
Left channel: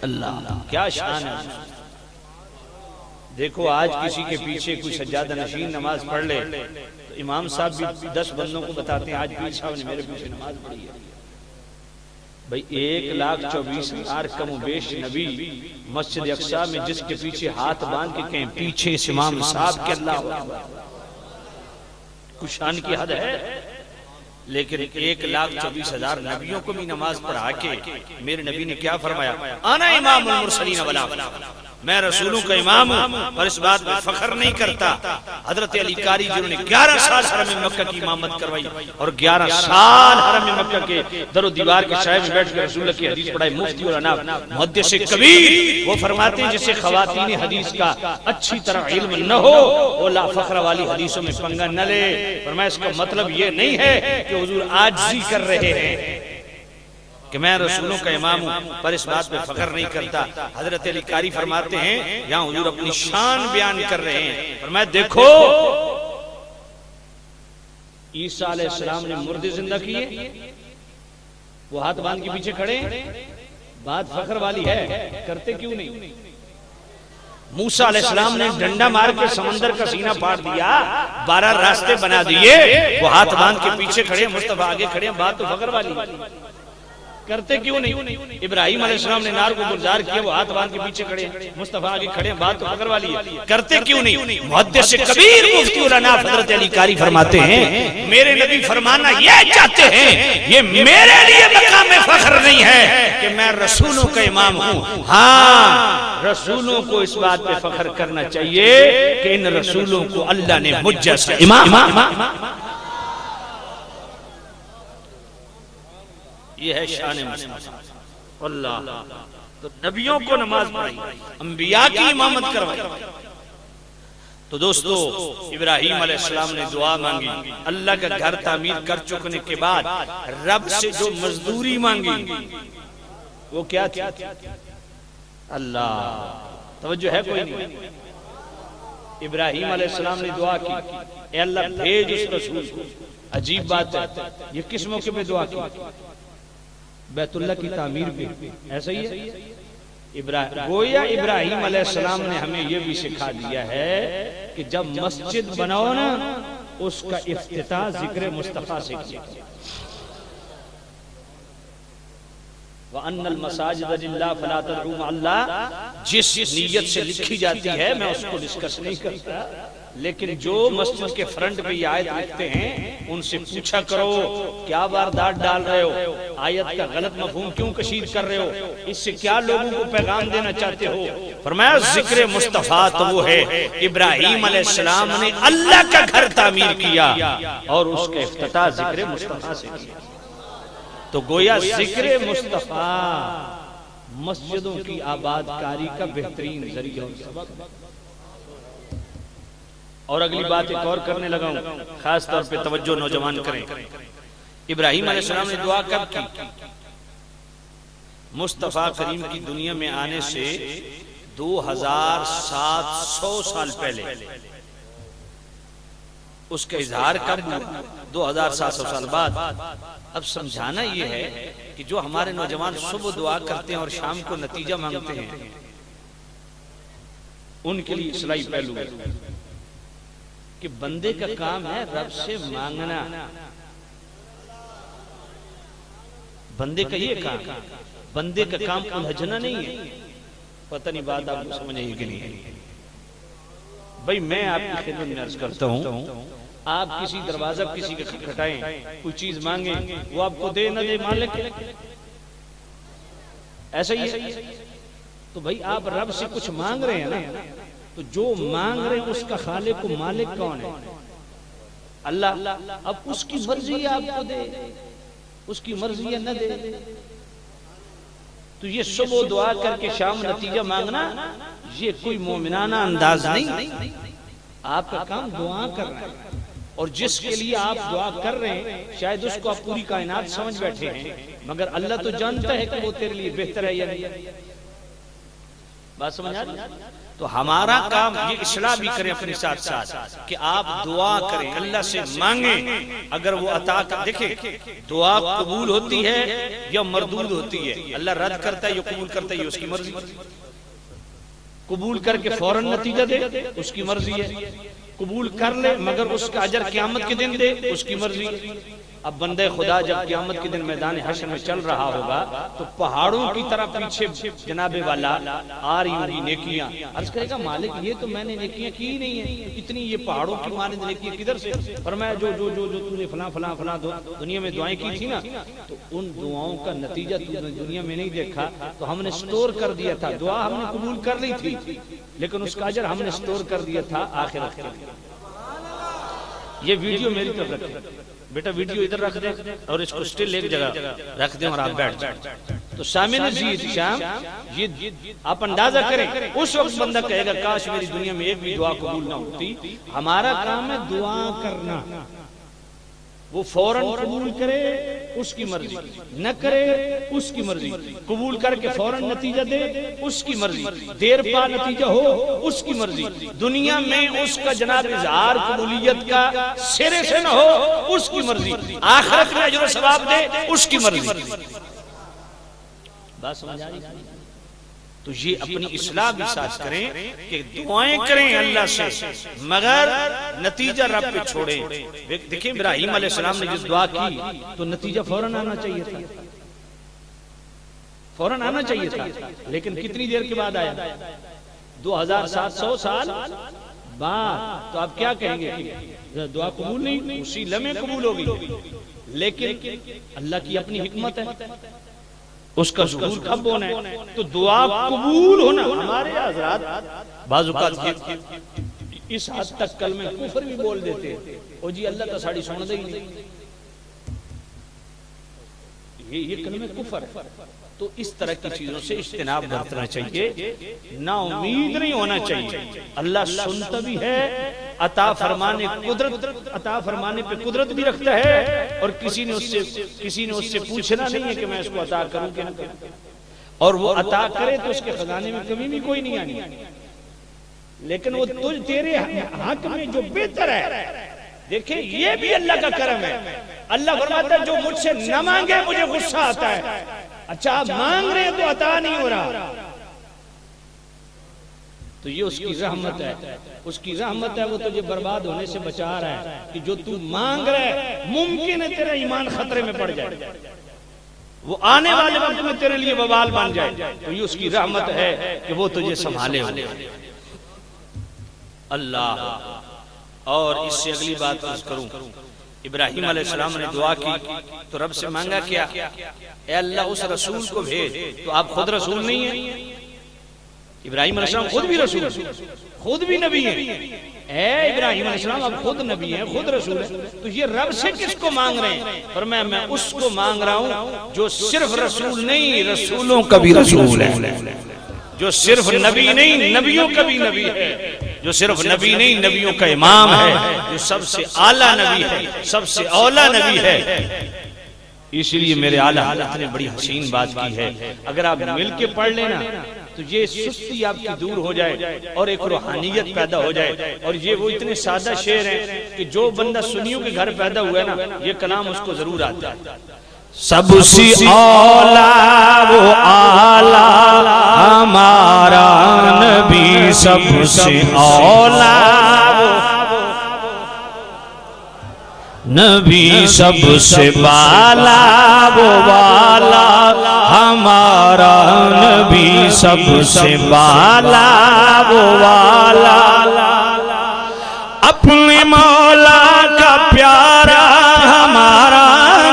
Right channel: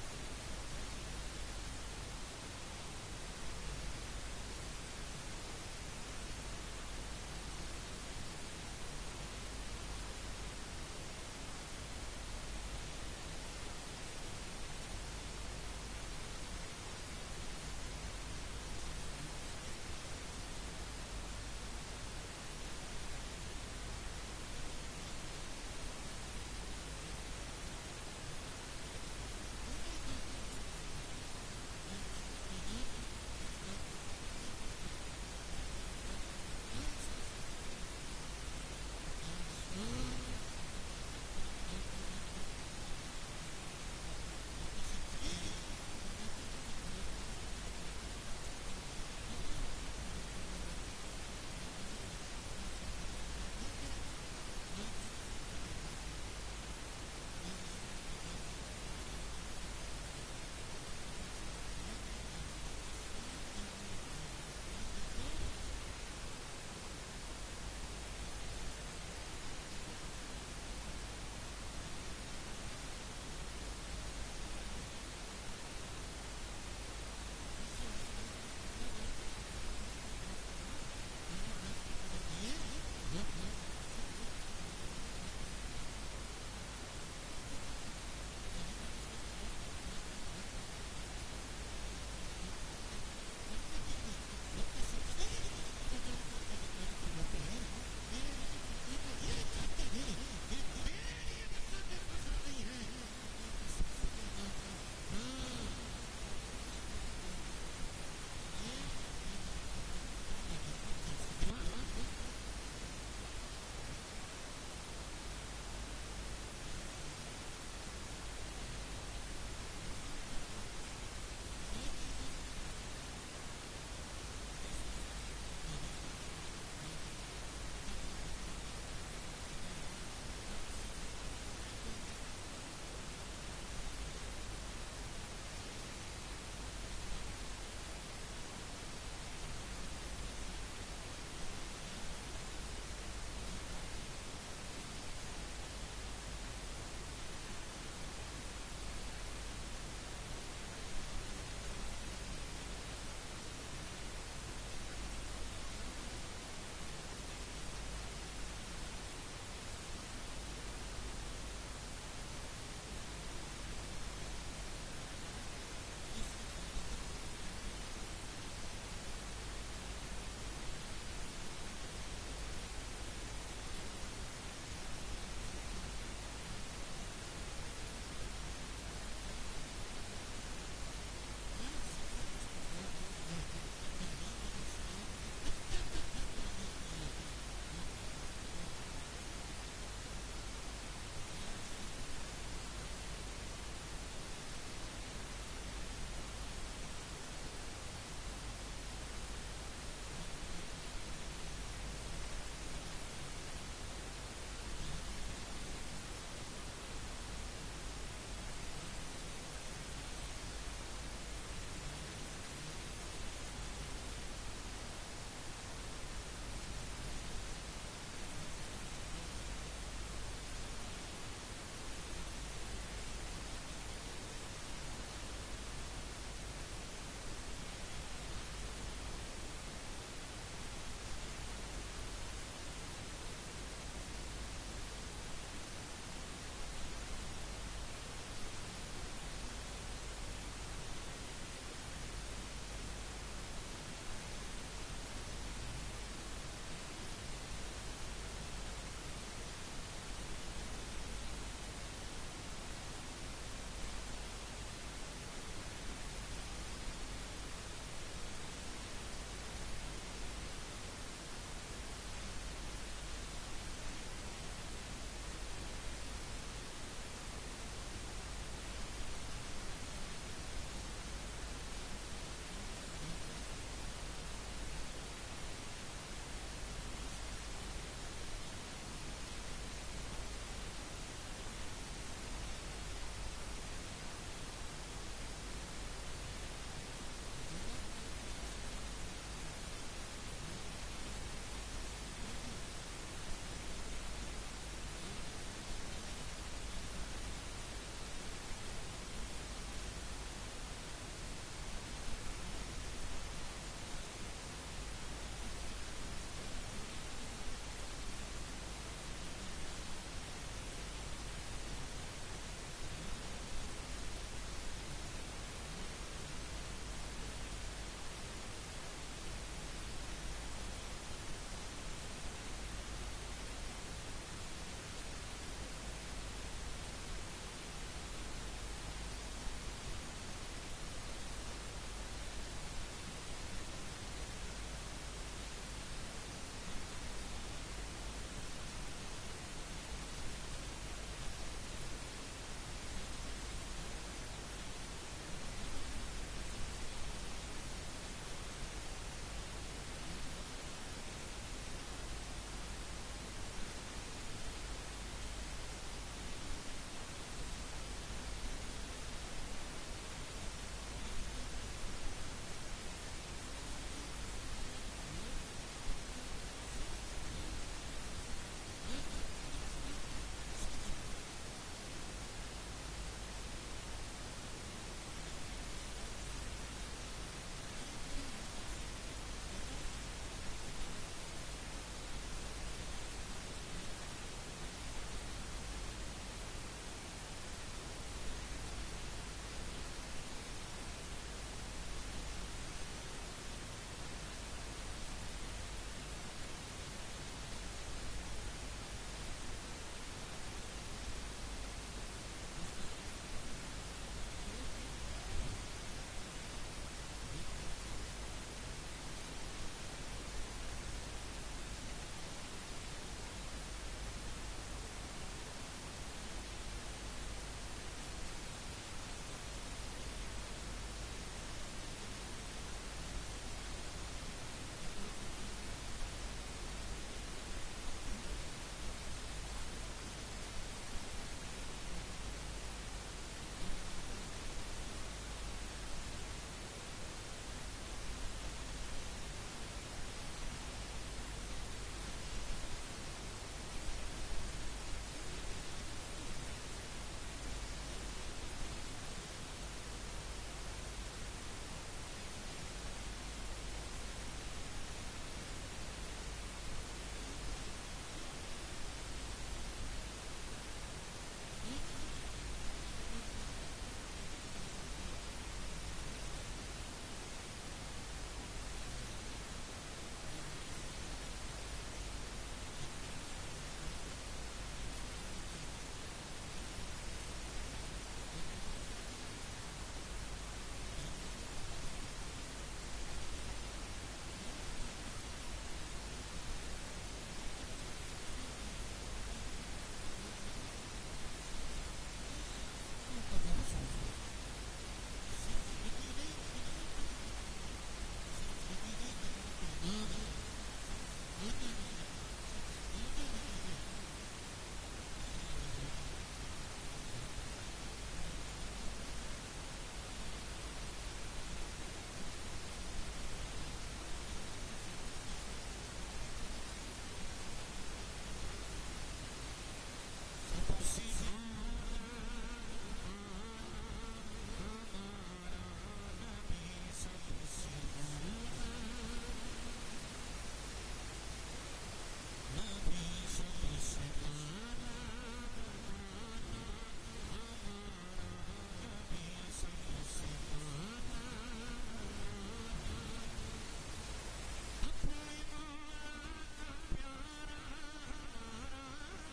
اللہ کیا شان ہے. دیکھو آج کسی کے پیچھے کوئی سجادہ نشین نماز پڑھ لے تو امام صاحب بھی 10 بندوں کو بتاتے ہیں آج پیر صاحب نے میرے پیچھے نماز پڑھی ہے. بھئی 1,24,000 کم و بیش نبی مسجد اقصی میں جس کے پیچھے ہاتھ باندھ کے کہیں پیچھے اس امام صاحب کے اللہ کچھ شان کی حد ہے. لیکن 1,24,000 نبیوں کو بھی نماز پڑھا کے میرے نبی نے کیا فرمایا؟ انا امام المرسلین ولا میں رسولوں کا امام ہوں، اور اس بات میں فخر نہیں کرتا. حضرت علی قاری جنہوں نے 11 سال حرم مکہ کی امامت کروائی اور 11 سال حرم مکہ کے در و دیوار کے سائے میں بیٹھ کے رسول اللہ کی حدیث پڑھائی، مفتی الانام محدث کبیر، وہ فرماتے ہیں جسے خواتین حدیث کا اچھی طرح علم نہ ہو وہ لا فخر والی حدیثوں میں پنگا نہ لے. فرمایا اس کا مطلب یہ نہیں ہے کہ حضور عاجزی کر رہے ہیں کہ میں رسولوں کا امام ہوں پر اس بات پہ فخر نہیں کرتا. حضرت علی قاری فرماتے ہیں یہاں حضور اپنی شان بیان کر رہے ہیں. فرمایا دیکھو عیسیٰ علیہ السلام نے مردے زندہ کیے، وہ ہاتھ باندھ کے پیچھے کھڑے، بات فخر والی ہے، کرتے کیوں نہیں؟ موسیٰ علیہ السلام نے ڈنڈا مار کے سمندر کا سینہ پھاڑ دیا، 12 راستے بنا دیے، وہ ہاتھ باندھ کے پیچھے کھڑے، مصطفیٰ آگے کھڑے، بات تو فخر والی کرتے کیوں نہیں؟ ابراہیم علیہ السلام نے نار کو گلزار کیا، وہ ہاتھ باندھ کے پیچھے کھڑے، مصطفیٰ آگے کھڑے، بات تو فخر والی ہے، کرتے کیوں نہیں؟ محدث کبیر مفتی الانام حضرت علی قاری فرماتے ہیں میرے نبی فرمانا یہ چاہتے ہیں یہ میرے لیے مقام فخر نہیں ہے کہ میں رسولوں کا امام ہوں، ہاں رسولوں کو اس بات پہ فخر کرنا چاہیے کہ ان رسولوں کو اللہ نے مجھ جیسا امام. یہ ہے شان مصطفیٰ اللہ. تو نبیوں کو نماز پڑھائی، انبیاء کی امامت کروائی. تو دوستو ابراہیم علیہ السلام نے دعا مانگی، اللہ کا گھر تعمیر کر چکنے کے بعد رب سے جو مزدوری مانگی وہ کیا تھی؟ اللہ. توجہ ہے کوئی نہیں؟ ابراہیم علیہ السلام نے دعا کی، اے اللہ بھیج اس رسول کو. عجیب بات ہے، یہ کس موقع پہ دعا کی؟ بیت اللہ کی تعمیر پہ. ایسا ہی ہے گویا ابراہیم علیہ السلام نے ہمیں یہ بھی سکھا دیا ہے کہ جب مسجد بناؤ نا اس کا افتتاح ذکر مصطفیٰ سے کیا. وَأَنَّ الْمَسَاجِدَ لِلَّهِ فَلَا تَدْعُوا مَعَ اللَّهِ جس نیت سے لکھی جاتی ہے میں اس کو ڈسکس نہیں کرتا، لیکن جو مسجد کے فرنٹ پہ یہ آیت لکھتے ہیں ان سے پوچھا کرو کیا واردات ڈال رہے ہو، آیت کا غلط مفہوم کیوں کشید کر رہے ہو، اس سے کیا لوگوں کو پیغام دینا چاہتے ہو. فرمایا ذکر مصطفیٰ تو وہ ہے ابراہیم علیہ السلام نے اللہ کا گھر تعمیر کیا اور اس کا افتتاح ذکر مصطفیٰ سے کیا. تو گویا ذکر مصطفیٰ مسجدوں کی آباد کاری کا بہترین ذریعہ اور سبب. اور اگلی بات ایک اور کرنے لگا ہوں، خاص طور پہ توجہ نوجوان کریں. ابراہیم علیہ السلام نے دعا کب کی؟ مصطفیٰ کریم کی دنیا میں آنے سے 2700 سال پہلے. اس کا اظہار کب ہوا؟ 2700 سال بعد. اب سمجھانا یہ ہے کہ جو ہمارے نوجوان صبح دعا کرتے ہیں اور شام کو نتیجہ مانگتے ہیں ان کے لیے اصلاحی پہلو ہے کہ بندے کا کام ہے رب سے مانگنا. بندے کا یہ کام، بندے کا کام الجھنا نہیں ہے. پتہ نہیں بات آپ کو سمجھ آئی کہ نہیں؟ بھائی میں آپ کی خدمت میں عرض کرتا ہوں، آپ کسی دروازہ کسی کا کھٹکھٹائیں، کوئی چیز مانگیں، وہ آپ کو دے نہ دے مالک ایسا ہی ہے. تو بھائی آپ رب سے کچھ مانگ رہے ہیں نا، تو جو مانگ رہے ہیں اس کا خالق و مالک کون ہے؟ اللہ. اب اس کی مرضی ہے آپ کو دے، اس کی مرضی ہے نہ دے. تو یہ صبح دعا کر کے شام نتیجہ مانگنا یہ کوئی مومنانہ انداز نہیں. آپ کا کام دعا کرنا ہے، اور جس کے لیے آپ دعا کر رہے ہیں شاید اس کو آپ پوری کائنات سمجھ بیٹھے ہیں، مگر اللہ تو جانتا ہے کہ وہ تیرے لیے بہتر ہے یا نہیں. بات سمجھ آ رہی؟ تو ہمارا کام یہ اصلاح بھی کریں اپنے ساتھ ساتھ کہ آپ دعا کریں، اللہ سے مانگیں. اگر وہ عطا کر، دیکھیں دعا قبول ہوتی ہے یا مردود ہوتی ہے. اللہ رد کرتا ہے یا قبول کرتا ہے یہ اس کی مرضی. قبول کر کے فوراً نتیجہ دے اس کی مرضی ہے، قبول کر لے مگر اس کا اجر قیامت کے دن دے اس کی مرضی ہے. اب بندے خدا جب قیامت کے دن میدان حشر میں چل رہا ہوگا تو پہاڑوں کی طرح پیچھے جناب والا آ رہی ہوگی نیکیاں. عرض کرے گا مالک یہ تو میں نے نیکیاں کی نہیں ہیں، اتنی یہ پہاڑوں کی مانند نیکیاں کدھر سے؟ فرمایا جو جو جو جو تو نے فلاں فلاں فلاں دنیا میں دعائیں کی تھی نا، تو ان دعاؤں کا نتیجہ تو نے دنیا میں نہیں دیکھا، تو ہم نے سٹور کر دیا تھا. دعا ہم نے قبول کر لی تھی لیکن اس کا اجر ہم نے سٹور کر دیا تھا آخرت کے. یہ ویڈیو میری طرف رکھیں بیٹا، ویڈیو ادھر رکھ دیں اور اس کو سٹل ایک جگہ رکھ دیں اور آپ بیٹھ جائیں. تو سامنے شام یہ آپ اندازہ کریں، اس وقت بندہ کہے گا کاش میری دنیا میں ایک بھی دعا قبول نہ ہوتی. ہمارا کام ہے دعا کرنا. وہ فوراً قبول کرے اس کی مرضی، نہ کرے اس کی مرضی. قبول کر کے فوراً نتیجہ دے اس کی مرضی، دیر پا نتیجہ ہو اس کی مرضی. دنیا میں اس کا جناب اظہار قبولیت کا سرے سے نہ ہو اس کی مرضی، آخرت میں اجر و ثواب دے اس کی مرضی. بات سمجھ آ رہی؟ تو یہ اپنی اصلاح بھی ساتھ کریں کہ دعائیں کریں اللہ سے مگر نتیجہ رب پہ چھوڑیں. دیکھیں ابراہیم علیہ السلام نے جس دعا کی تو نتیجہ فوراً آنا چاہیے تھا، فوراً آنا چاہیے تھا، لیکن کتنی دیر کے بعد آیا؟ 2700 سال بعد. تو آپ کیا کہیں گے؟ دعا قبول نہیں، اسی لمحے قبول ہوگی. لیکن اللہ کی اپنی حکمت ہے، اس کا ظہور کب ہونا ہے. تو دعا قبول ہونا ہمارے حضرات بعض اوقات اس حد تک کلمہ کفر بھی بول دیتے ہیں، او جی اللہ تو ساڑی سن دے ہی نہیں. یہ کلمہ کفر ہے۔ تو اس طرح کی چیزوں سے اجتناب برتنا چاہیے، نا امید نہیں ہونا چاہیے۔ اللہ سنتا بھی ہے، عطا فرمانے پہ قدرت بھی رکھتا ہے، اور کسی نے اس سے پوچھنا نہیں ہے کہ میں اس کو عطا کروں کہ نہ کروں، اور وہ عطا کرے تو اس کے خزانے میں کمی بھی کوئی نہیں آنی، لیکن وہ تیرے حق میں جو بہتر ہے۔ دیکھیں یہ بھی اللہ کا کرم ہے۔ اللہ فرماتا ہے جو مجھ سے نہ مانگے مجھے غصہ آتا ہے۔ اچھا آپ مانگ رہے ہیں تو عطا نہیں ہو رہا، تو یہ اس کی رحمت ہے، اس کی رحمت ہے، وہ تجھے برباد ہونے سے بچا رہا ہے کہ جو تو مانگ رہا ہے ممکن ہے تیرا ایمان خطرے میں پڑ جائے، وہ آنے والے وقت میں تیرے لیے وبال بن جائے، تو یہ اس کی رحمت ہے کہ وہ تجھے سنبھالے ہوئے۔ اللہ، اور اس سے اگلی بات عرض کروں، ابراہیم علیہ السلام نے دعا کی تو رب سے مانگا کیا؟ اے اللہ اس رسول کو بھیج، تو آپ خود رسول نہیں ہیں؟ ابراہیم علیہ السلام خود بھی رسول ہیں، خود بھی نبی ہیں۔ اے ابراہیم علیہ السلام آپ خود نبی ہیں، خود رسول ہیں، تو یہ رب سے کس کو مانگ رہے ہیں؟ پر میں اس کو مانگ رہا ہوں جو صرف رسول نہیں، رسولوں کا بھی رسول ہے، جو صرف نبی نہیں، نبیوں کا بھی نبی ہے، جو صرف نبی نہیں، نبیوں کا امام ہے، جو سب سے اعلیٰ نبی ہے، سب سے اولا نبی ہے۔ اس لیے میرے اعلیٰ حضرت نے بڑی حسین بات کی ہے، اگر آپ مل کے پڑھ لینا تو یہ سستی آپ کی دور ہو جائے اور ایک روحانیت پیدا ہو جائے، اور یہ وہ اتنے سادہ شعر ہیں کہ جو بندہ سنیوں کے گھر پیدا ہوا ہے نا، یہ کلام اس کو ضرور آتا ہے۔ سب سے اولا وہ اعلیٰ ہمارا نبی، سب سے اولا نبی، سب سے بالا وہ والا ہمارا نبی، سب سے بالا وہ والا، اپنے مولا کا پیارا ہمارا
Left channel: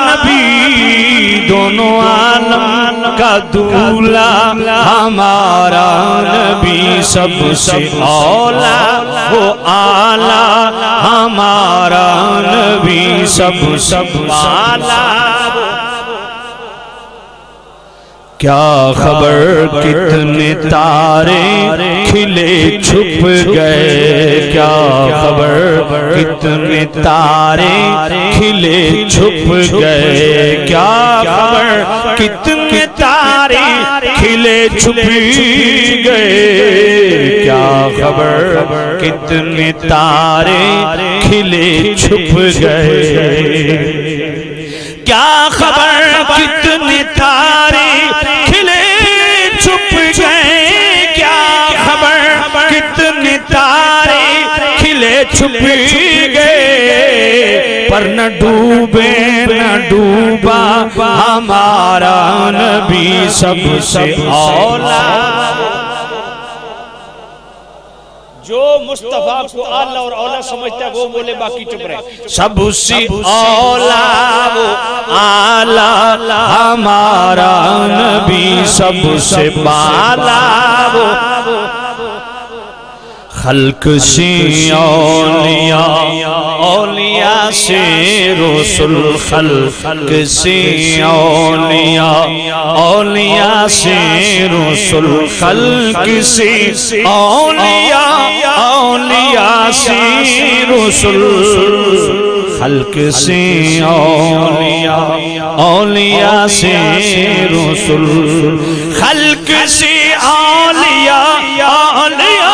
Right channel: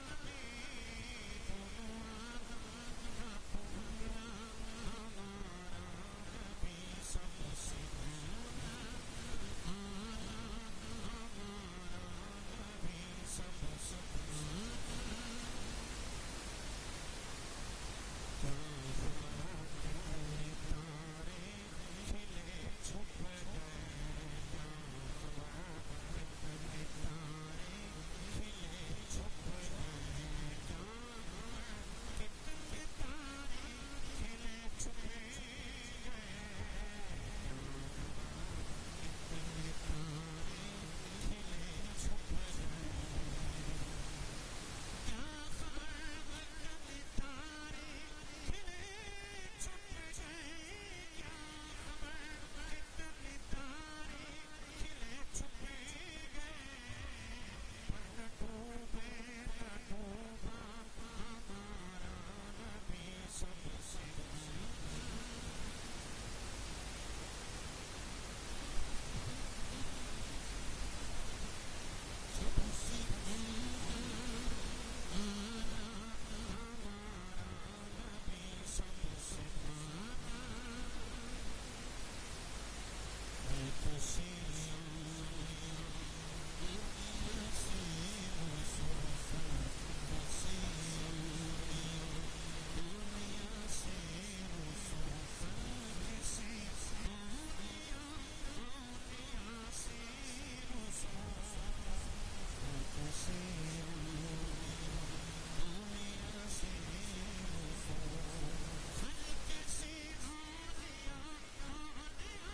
نبی، دونوں عالم کا دولا ہمارا نبی، سب سے اولا وہ اعلیٰ ہمارا نبی، سب سے بالا۔ کیا خبر کتنے تارے کھلے چھپ گئے، کیا خبر کتنے تارے کھلے چھپ گئے، کیا خبر کتنے تارے کھلے چھپ گئے، کیا خبر کتنے تارے کھلے چھپ گئے، کیا خبر کتنے تارے کھلے چھپ گئے، کیا خبر کتنے تارے کھلے چھپ گئے، پر نہ ڈوبے نہ ڈوبا ہمارا نبی، سب سے اولا۔ جو مصطفیٰ کو اعلیٰ اور اولا سمجھتا ہے وہ بولے، باقی چپ رہے۔ سب سے اولا وہ اعلیٰ ہمارا نبی، سب سے بالا وہ خلق سے اولیاء، اولیاء سے رسول، خلق سے اولیاء، اولیاء سے رسول، خلق سے اولیاء، اولیاء سے رسول، خلق سے اولیاء، اولیاء سے رسول، خلق سے اولیاء، اولیاء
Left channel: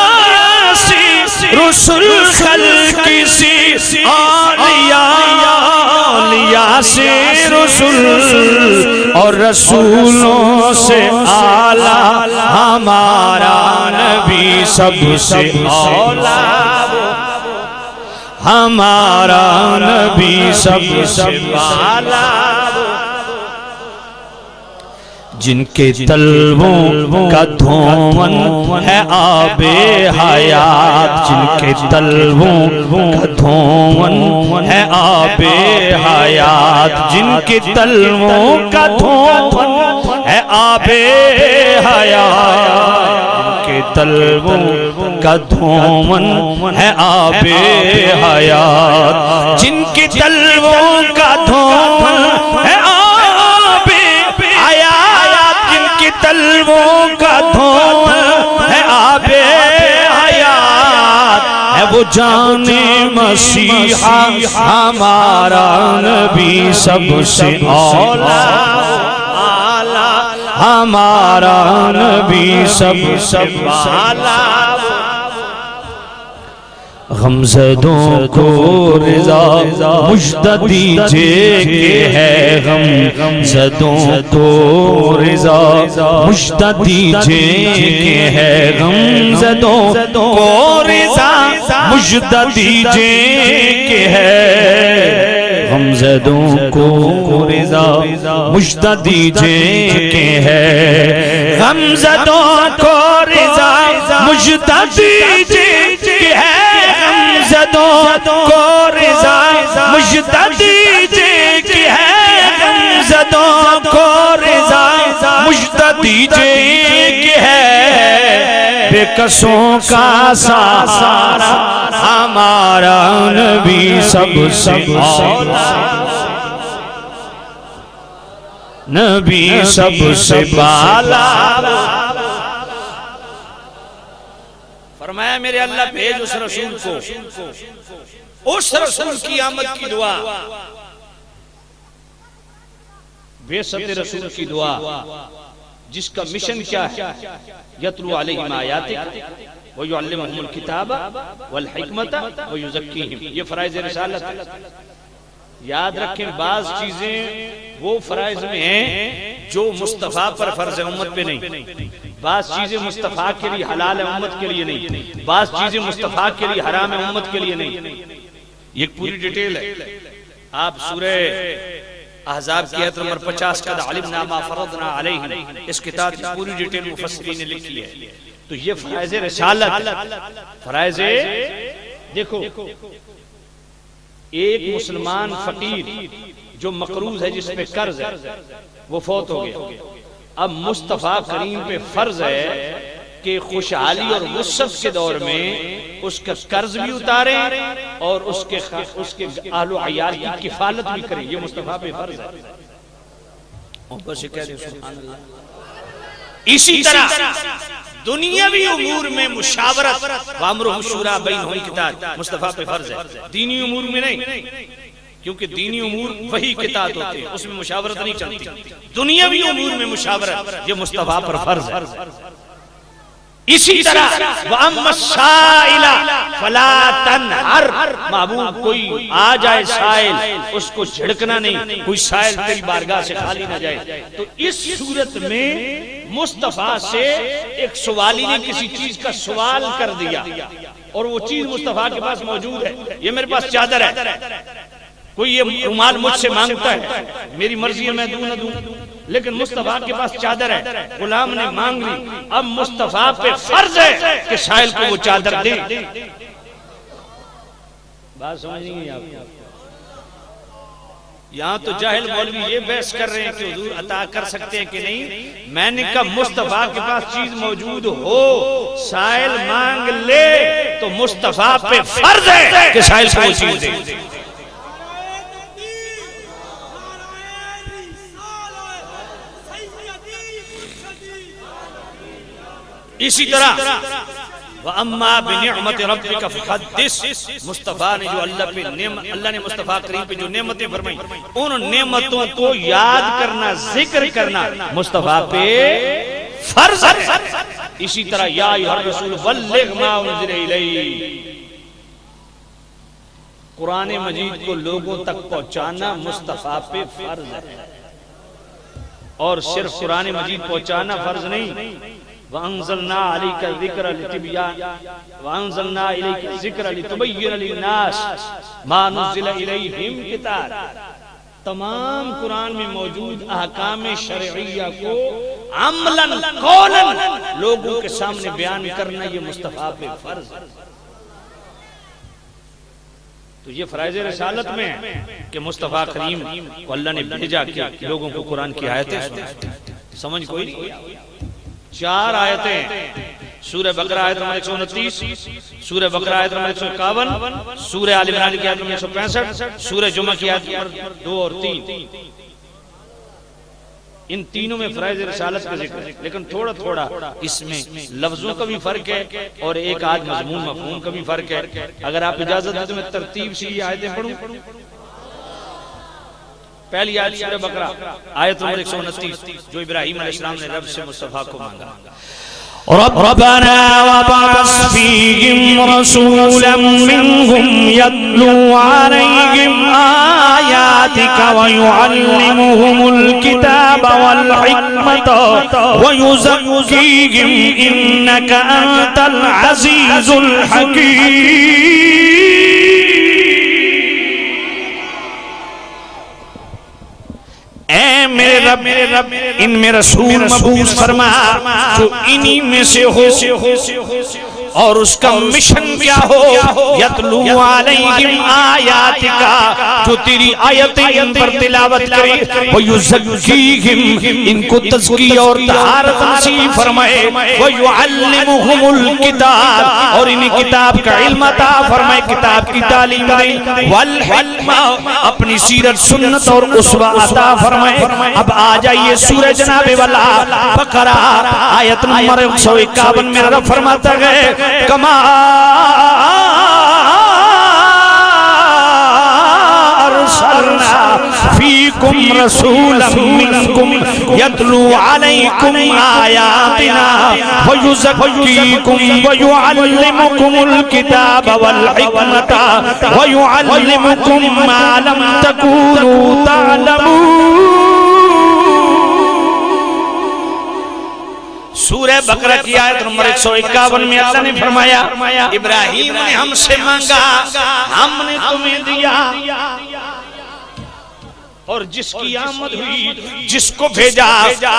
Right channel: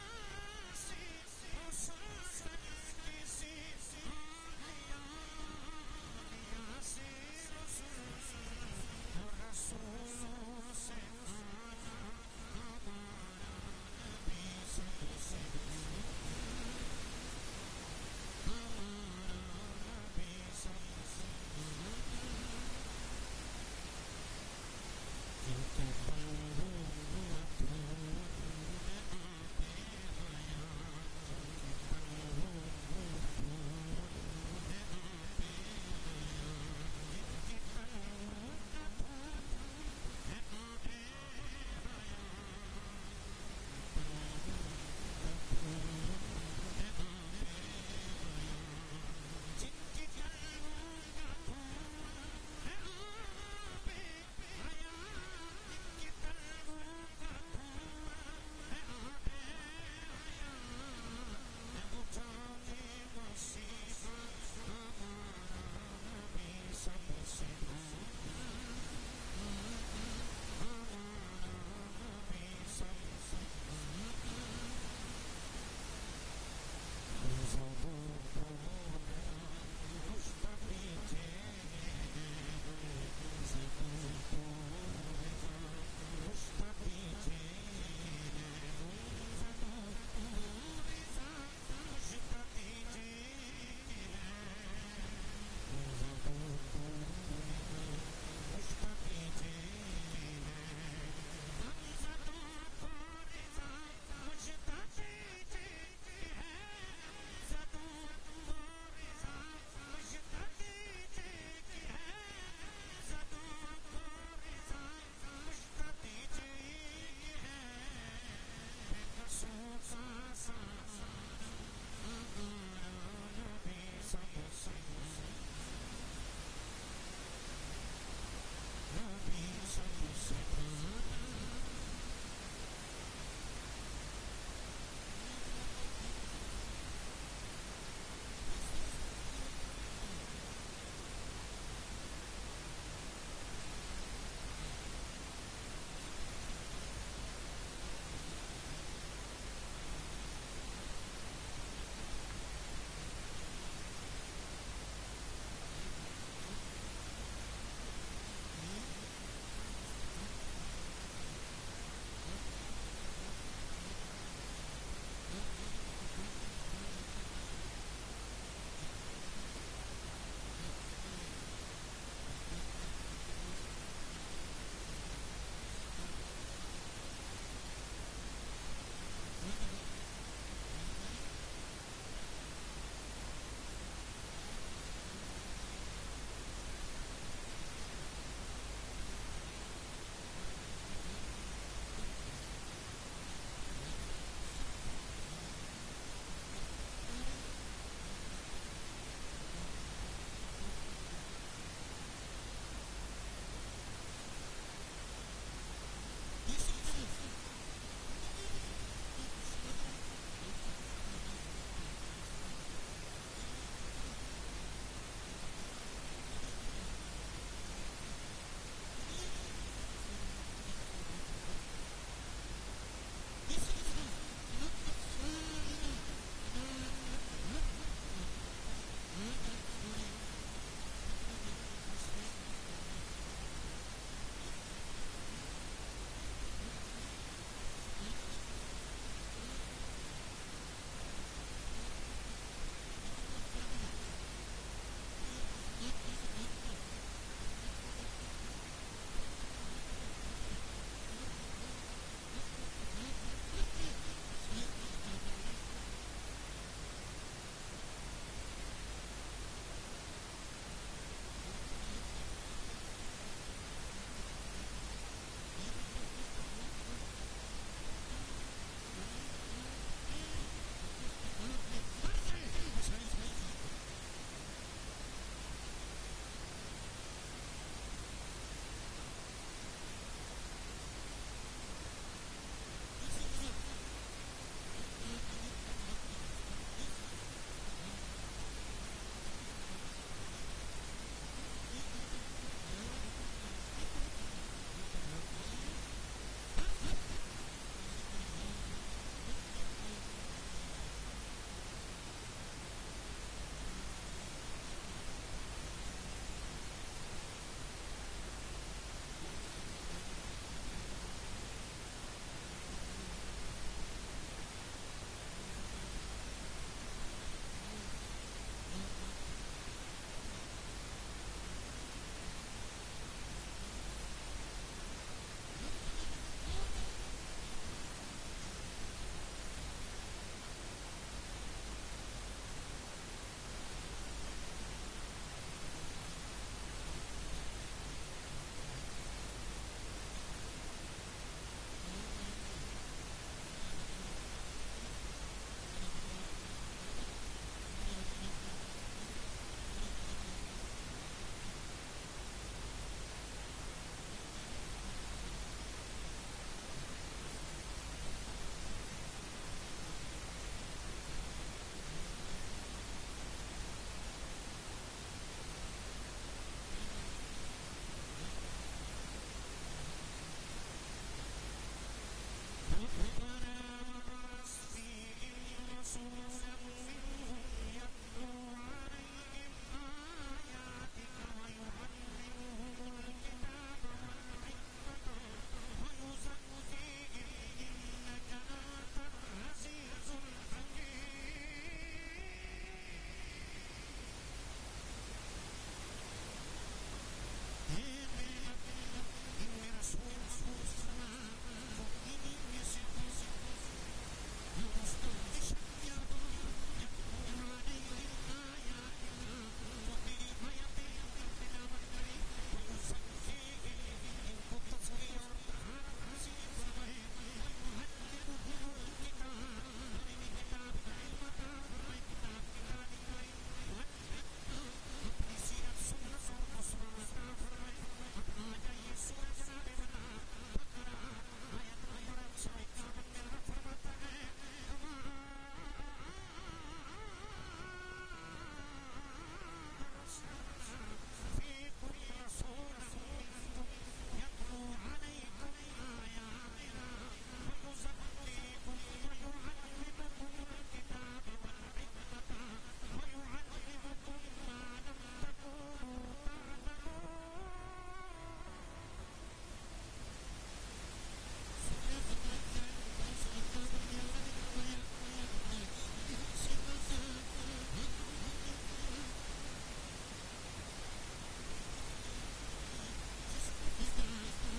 رسول، خلق سے اولیاء، اولیاء سے رسول، اور رسولوں سے اعلیٰ ہمارا نبی، سب سے اولا ہمارا نبی، سب سے بالا۔ جن کے تلووں کا دھون ہے آب حیات، جن کے تلووں کا دھون ہے آب حیات، جن کے تلووں کا دھون ہے آب حیات، جن کے تلووں کا دھون ہے آب حیات، جن کے تلووں کا دھون ہے آب جان مسیحا ہمارا نبی سب سے اولا ہمارا نبی سب سے بالا غمزدوں کو رضا مجدہ دیجئے کہ ہے غمزدوں کو رضا مجدہ دیجئے کہ ہے غمزدوں کو رضا مجدہ دیجئے کہ ہے غمزدوں کو رضا مجدہ دیجئے کہ ہے غمزدوں کو رضا مجدہ دیجئے کہ ہے غمزدوں کو رضا مجدہ دیجئے کہ ہے غمزدوں کو رضا مجدہ دیجئے کہ ہے بے کسوں کا سارا ہمارا نبی سب سے اولا نبی سب سے بالا فرمایا میرے اللہ بھیج اس رسول کو، اس رسول کی آمد کی دعا، بعثت رسول کی دعا جس کا مشن کیا ہے؟ یتلو علیہم آیاتک ویعلمہم الکتاب والحکمت ویزکیہم، یہ فرائض رسالت ہے۔ یاد رکھیں بعض چیزیں وہ فرائض میں ہیں جو مصطفیٰ پر فرض ہے، امت پہ نہیں۔ بعض چیزیں مصطفیٰ کے لیے حلال ہے، امت کے لیے نہیں۔ بعض چیزیں مصطفیٰ کے لیے حرام ہے، امت کے لیے نہیں۔ یہ پوری ڈیٹیل ہے، آپ سورہ احزاب کی آیت نمبر 50 قد علمنا ما فرضنا علیہم، اس کتاب کی پوری ڈیٹیل مفسرین نے لکھی ہے۔ تو یہ فرائض رسالت، فرائض دیکھو، ایک مسلمان فقیر جو مقروض ہے، جس پہ قرض ہے، وہ فوت ہو گیا۔ اب مصطفیٰ کریم پہ فرض ہے کہ خوشحالی اور وسعت کے دور میں اس کا قرض بھی اتاریں اور اس کے اہل و عیال کی کفالت بھی کریں، یہ مصطفیٰ پہ فرض ہے۔ اسی طرح دنیاوی امور میں مشاورت، وامرہم شورا بینہم کتاب، مصطفیٰ پہ فرض ہے، دینی امور میں نہیں، کیونکہ دینی امور وہی کتاب ہوتے ہیں، اس میں مشاورت نہیں چلتی۔ دنیاوی امور میں مشاورت، یہ مصطفیٰ پر فرض ہے۔ اسی طرح وَأَمَّا السَّائِلَ فَلَا تَنْهَرْ، محبوب کوئی آ جائے سائل، اس کو جھڑکنا نہیں، کوئی سائل تیری بارگاہ سے خالی نہ جائے۔ تو اس صورت میں مصطفیٰ سے ایک سوالی نے کسی چیز کا سوال کر دیا اور وہ چیز مصطفیٰ کے پاس موجود ہے، یہ میرے پاس چادر ہے، کوئی یہ رومال مجھ سے مانگتا ہے، میری مرضی ہے میں دوں نہ دوں، لیکن مصطفیٰ کے پاس چادر ہے، غلام نے مانگ لی، اب مصطفیٰ پہ فرض ہے کہ سائل کو وہ چادر دے۔ بات سمجھ نہیں ہے آپ؟ یہاں تو جاہل مولوی یہ بحث کر رہے ہیں کہ حضور عطا کر سکتے ہیں کہ نہیں۔ میں نے کہا مصطفیٰ کے پاس چیز موجود ہو، سائل مانگ لے تو مصطفیٰ پہ فرض ہے کہ سائل کو وہ چیز دے۔ اسی طرح وَأَمَّا بِنِعْمَتِ رَبِّكَ فَحَدِّثْ، مصطفیٰ نے جو اللہ نے مصطفیٰ کریم پہ جو نعمتیں فرمائی، ان نعمتوں کو یاد کرنا، ذکر کرنا مصطفیٰ پہ فرض ہے۔ اسی طرح یا ایھا الرسول بلغ ما انزل الیک، قرآن مجید کو لوگوں تک پہنچانا مصطفیٰ پہ فرض ہے، اور صرف قرآن مجید پہنچانا فرض نہیں۔ وَأَنزَلْنَا عَلَيْكَ الذِّكْرَ لِتِبْيَانَ وَأَنزَلْنَا إِلَيْكَ الذِّكْرَ لِتُبَيِّنَ لِلنَّاسِ مَا نُزِّلَ إِلَيْهِمْ کتاب، تمام قرآن میں موجود احکام شرعیہ کو عملاً قولاً لوگوں کے سامنے بیان کرنا، یہ مصطفیٰ پہ فرض ہے۔ تو یہ فرائض رسالت میں ہے کہ مصطفیٰ کریم کو اللہ نے بھیجا کہ لوگوں کو قرآن کی آیتیں سمجھ کوئی نہیں۔ 4 آیتیں، سورہ بقرہ آیت نمبر 129، سورہ بقرہ آیت نمبر 151، سورہ آل عمران کی آیت نمبر 165، سورہ جمعہ کی آیت نمبر 2 اور 3۔ ان تینوں میں فرائض رسالت کا ذکر ہے، لیکن تھوڑا تھوڑا اس میں لفظوں کا بھی فرق ہے اور ایک آدھ مضمون مفہوم کا بھی فرق ہے۔ اگر آپ اجازت دیں تو میں ترتیب سے یہ آیتیں پڑھوں۔ پہلی آیت سورہ بقرہ آیت نمبر 129 جو ابراہیم علیہ السلام نے رب سے مصطفیٰ کو مانگا۔ ربنا وابعث فيهم رسولا منهم يتلو عليهم آياتك ويعلمهم الكتاب والحكمة ويزكيهم إنك أنت العزيز الحكيم۔ اے میرے رب ان میں رسول مبعوث فرما جو انہی میں سے ہو اور اس کا مشن کیا ہو، یتلو علیہم آیاتک جو تیری آیتیں ان پر تلاوت کرے، ویزکیہم ان کو تزکیہ اور طہارت نصیب فرمائے، ویعلمہم الکتاب اور انہیں کتاب کا علم عطا فرمائے، کتاب کی تعلیم دے، والحکمہ اپنی سیرت سنت اور اسوہ عطا فرمائے۔ اب آ جائیے سورہ جناب والا بقرہ آیت نمبر 151 میں رب فرماتا ہے کما ارسلنا فیکم رسولا منکم یتلو علیکم آیاتنا ویزکیکم ویعلمکم الکتاب والحکمت ویعلمکم ما لم تکونوا تعلمون۔ سورہ بقرہ کی آیت نمبر 151 میں اللہ نے فرمایا ابراہیم نے ہم سے مانگا ہم نے تمہیں دیا، اور جس کی آمد ہوئی جس کو بھیجا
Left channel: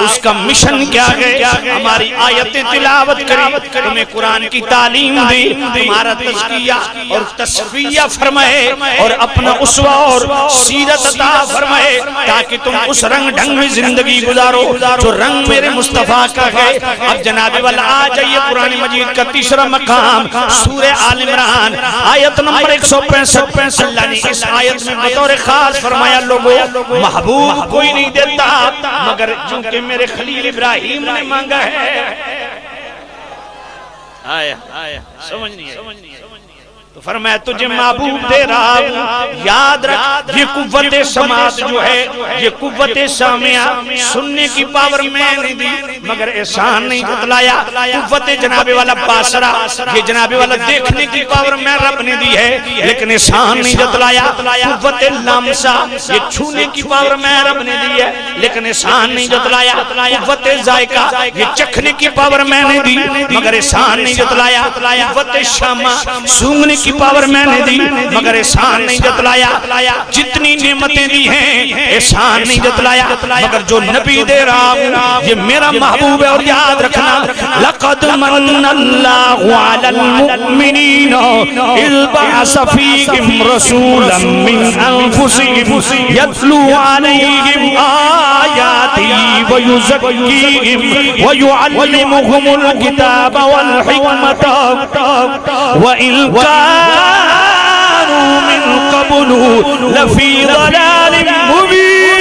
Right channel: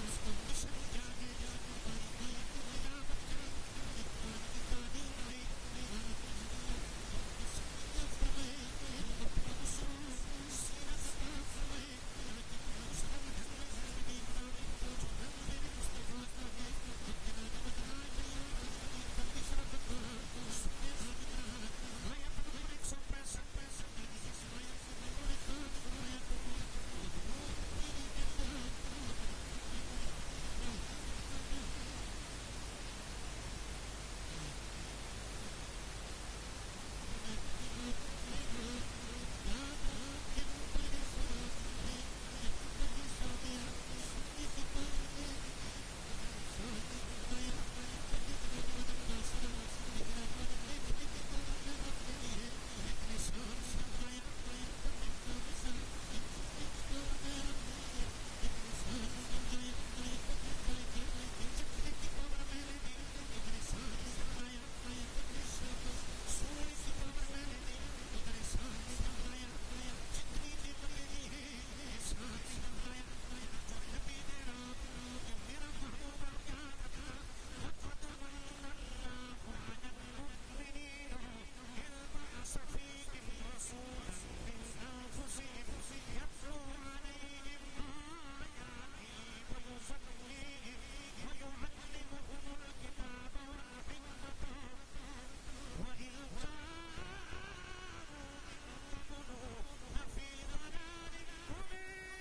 اس کا مشن کیا ہے، ہماری آیتیں تلاوت کری، تمہیں قرآن کی تعلیم دی، تمہارا تزکیہ اور تصفیہ فرمائے اور اپنا اسوہ اور سیرت عطا فرمائے تاکہ تم اس رنگ ڈھنگ میں زندگی گزارو جو رنگ میرے مصطفیٰ کا ہے۔ اب جناب والا آ جائیے قرآن مجید کا تیسرا مقام سورہ آل عمران آیت نمبر 165۔ اللہ نے اس آیت میں بطور خاص فرمایا لوگوں محبوب کوئی نہیں دیتا مگر چونکہ میرے خلیل ابراہیم نے مانگا ہے۔ آیا سمجھ نہیں ہے تو فرمایا تجھے محبوب دے رہا ہوں، یاد رکھ یہ قوت سماعت جو ہے، یہ قوت سامعہ سننے کی پاور میں نہیں دی مگر احسان نہیں جتلایا، قوت جناب والا باسرہ یہ جناب والا دیکھنے کی پاور میں رب نے دی ہے لیکن احسان نہیں جتلایا، قوت لامسہ یہ چھونے کی پاور میں رب نے دی ہے لیکن احسان نہیں جتلایا، قوت ذائقہ یہ چکھنے کی پاور میں نے دی مگر احسان نہیں جتلایا، قوت شامہ سونگنے کی پاور میں نے دی مگر احسان نہیں جتلایا، جتنی نعمتیں دی ہیں احسان نہیں جتلایا مگر جو نبی دے رہا ہوں یہ میرا محبوب ہے۔ اور یاد رکھنا لقد من اللہ علی المؤمنین اذ بعث فیہم رسولا من انفسہم یتلو علیہم آیاتی ویزکیہم ویعلمہم الکتاب والحکمت وإن كانوا من قبل لفي ضلال مبين۔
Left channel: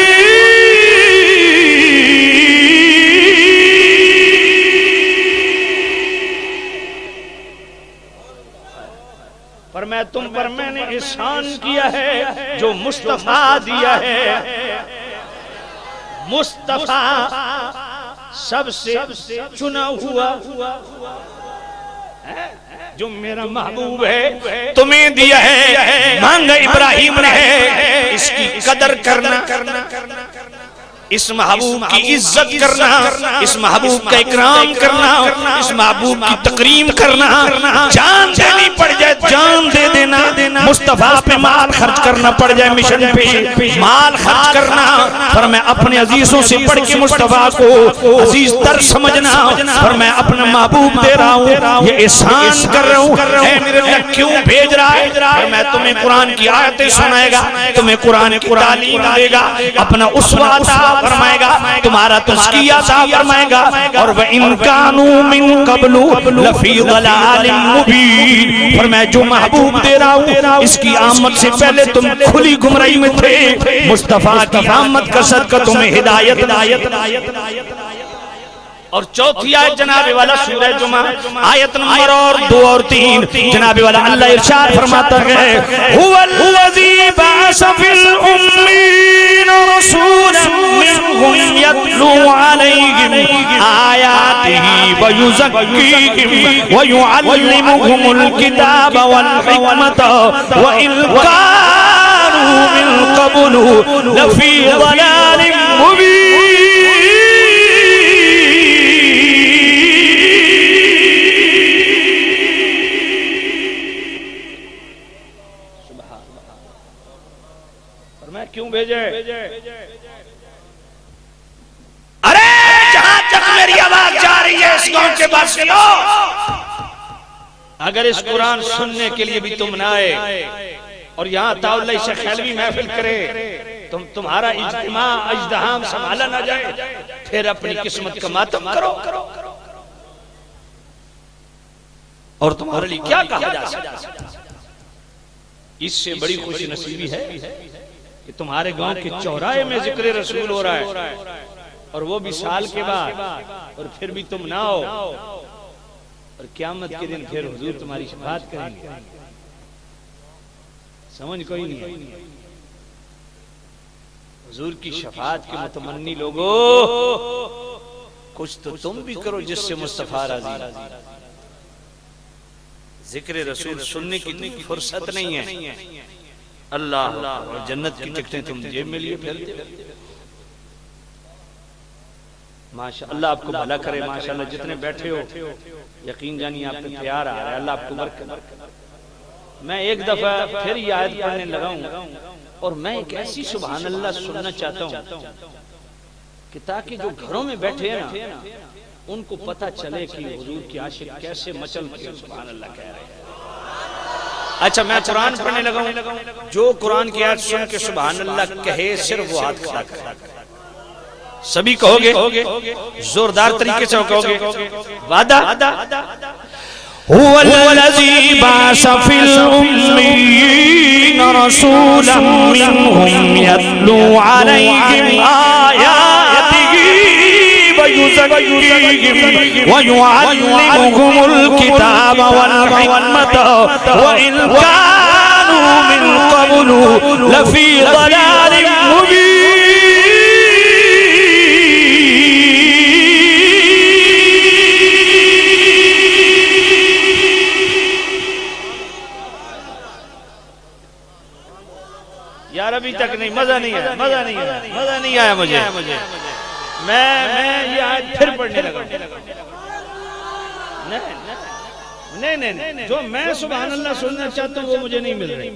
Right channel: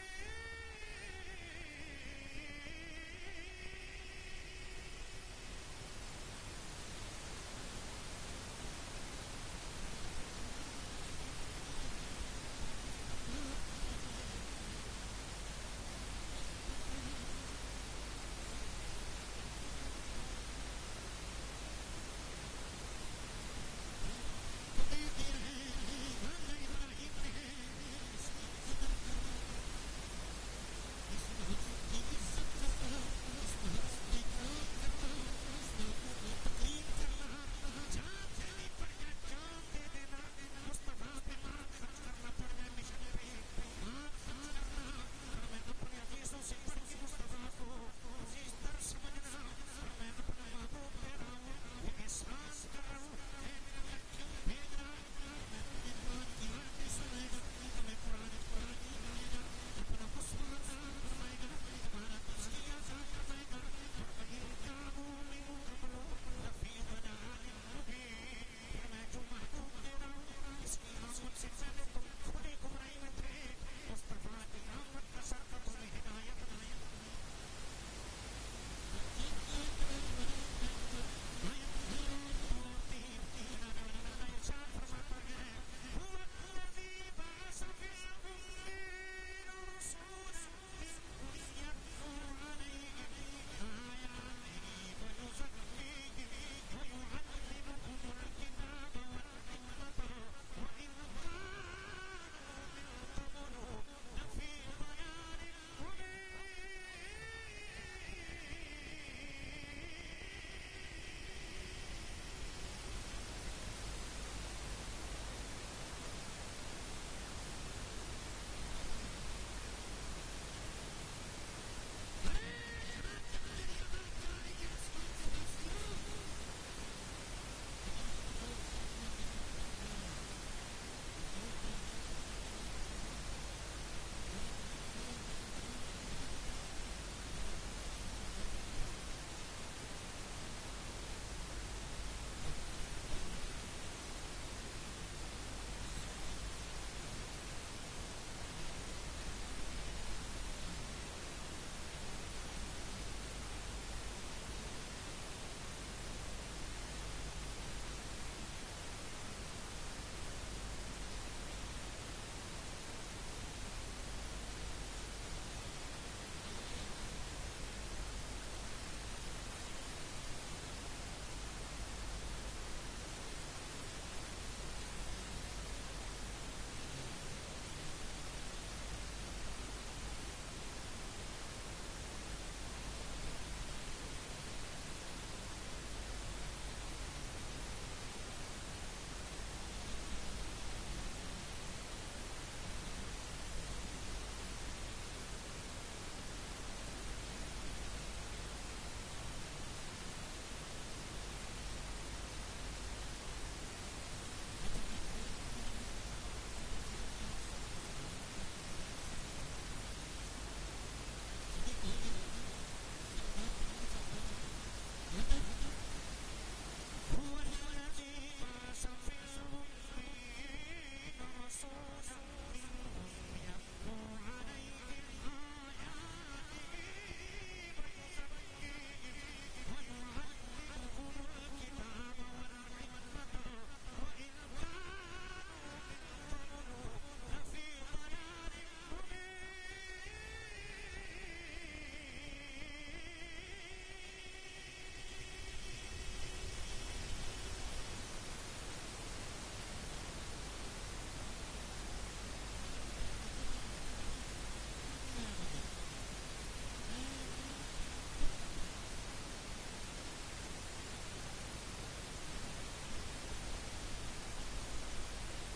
پر میں تم پر میں نے احسان کیا ہے جو مصطفیٰ دیا ہے، مصطفیٰ سب سے چنا ہوا جو میرا محبوب ہے تمہیں دیا ہے، مانگا ابراہیم نے ہے، اس کی قدر کرنا، اس محبوب کی عزت کرنا، اس محبوب کا اکرام کرنا، اس محبوب کی تکریم کرنا، جان دینی پڑ جائے جان دے دینا، مصطفیٰ پہ مال خرچ کرنا پڑ جائے مشن پہ مال خرچ کرنا، پر میں اپنے عزیزوں سے پڑھ کے مصطفیٰ کو عزیز تر سمجھنا، پر میں اپنا محبوب دے رہا ہوں یہ احسان کر رہا ہوں، اے میرے اللہ کیوں بھیج رہا ہے، پر میں تمہیں قرآن کی آیتیں سنائے گا، تمہیں قرآن کی تعلیم دے گا، اپنا اسوہ عطا صاف فرمائے گا، تمہارا تزکیہ صاف فرمائے گا. اور وَإِن كَانُوا مِن قَبْلُ لَفِي ضَلَالٍ مُبِينٍ. فرمایا جو محبوب دے رہا ہوں اس کی آمد سے پہلے تم کھلی گمراہی میں تھے، مصطفیٰ کی آمد کا صدقہ تمہیں ہدایت. اور چوتھی آیت جناب والا سورہ جمعہ آیت نمبر 2 اور 3 جناب والا اللہ ارشاد فرماتا ہے هو الذی بعث فی الامین رسولا منهم یتلو علیہم آیاتہ ویزکیہم ویعلمهم الکتاب والحکمت وإن کانوا من قبل لفی ضلال مبین. کیوں بھیجے؟ ارے جہاں تک میری آواز جا رہی ہے اس قوم کے پاس سے اگر اس قرآن سننے کے لیے بھی تم نہ آئے اور یہاں تعالی شیخ حلوی محفل کرے تمہارا اجتماع اجتحام سنبھالا نہ جائے، پھر اپنی قسمت کا ماتم کرو. اور تمہارے لیے کیا کہا جا سکتا؟ اس سے بڑی خوش نصیبی ہے کہ تمہارے گاؤں کے چوراہے میں ذکر رسول ہو رہا ہے اور وہ بھی سال کے بعد، اور پھر بھی تم نہ ہو، اور قیامت کے دن پھر حضور تمہاری شفاعت کریں گے. سمجھ کوئی نہیں؟ حضور کی شفاعت کے متمنی لوگو کچھ تو تم بھی کرو جس سے مصطفیٰ راضی. ذکر رسول سننے کی فرصت نہیں ہے. اللہ اور جنت کی ٹکٹیں تم جیب میں لیے پھرتے. ماشاءاللہ اللہ آپ کو بھلا کرے. ماشاءاللہ جتنے بیٹھے ہو یقین جانی آپ کو پیار آ رہا ہے. اللہ آپ کو برکت. میں ایک دفعہ پھر یہ آیت پڑھنے لگا ہوں اور میں ایک ایسی سبحان اللہ سننا چاہتا ہوں کہ تاکہ جو گھروں میں بیٹھے ہیں نا ان کو پتہ چلے کہ حضور کی عاشق کیسے مچل کے سبحان اللہ کہہ رہے ہیں. اچھا میں قرآن پڑھنے لگا ہوں، جو قرآن کی آیت سن کے سبحان اللہ کہے صرف وہ ہاتھ کھڑا کرے. سبھی کہو گے زوردار طریقے سے کہو گے. وعدہ هو الذی بعث فی الامین رسولا منهم یتلو علیہم آیاتہ ویزکیہم ویعلمهم الکتاب والحکمت وإن کانوا من قبل لفی ضلال مبین. یار ابھی تک نہیں، مزہ نہیں آیا، مزہ نہیں آیا مجھے. میں یہ آیت پھر پڑھنے لگا. نہیں جو میں سبحان اللہ سننا چاہتا ہوں وہ مجھے نہیں مل رہی.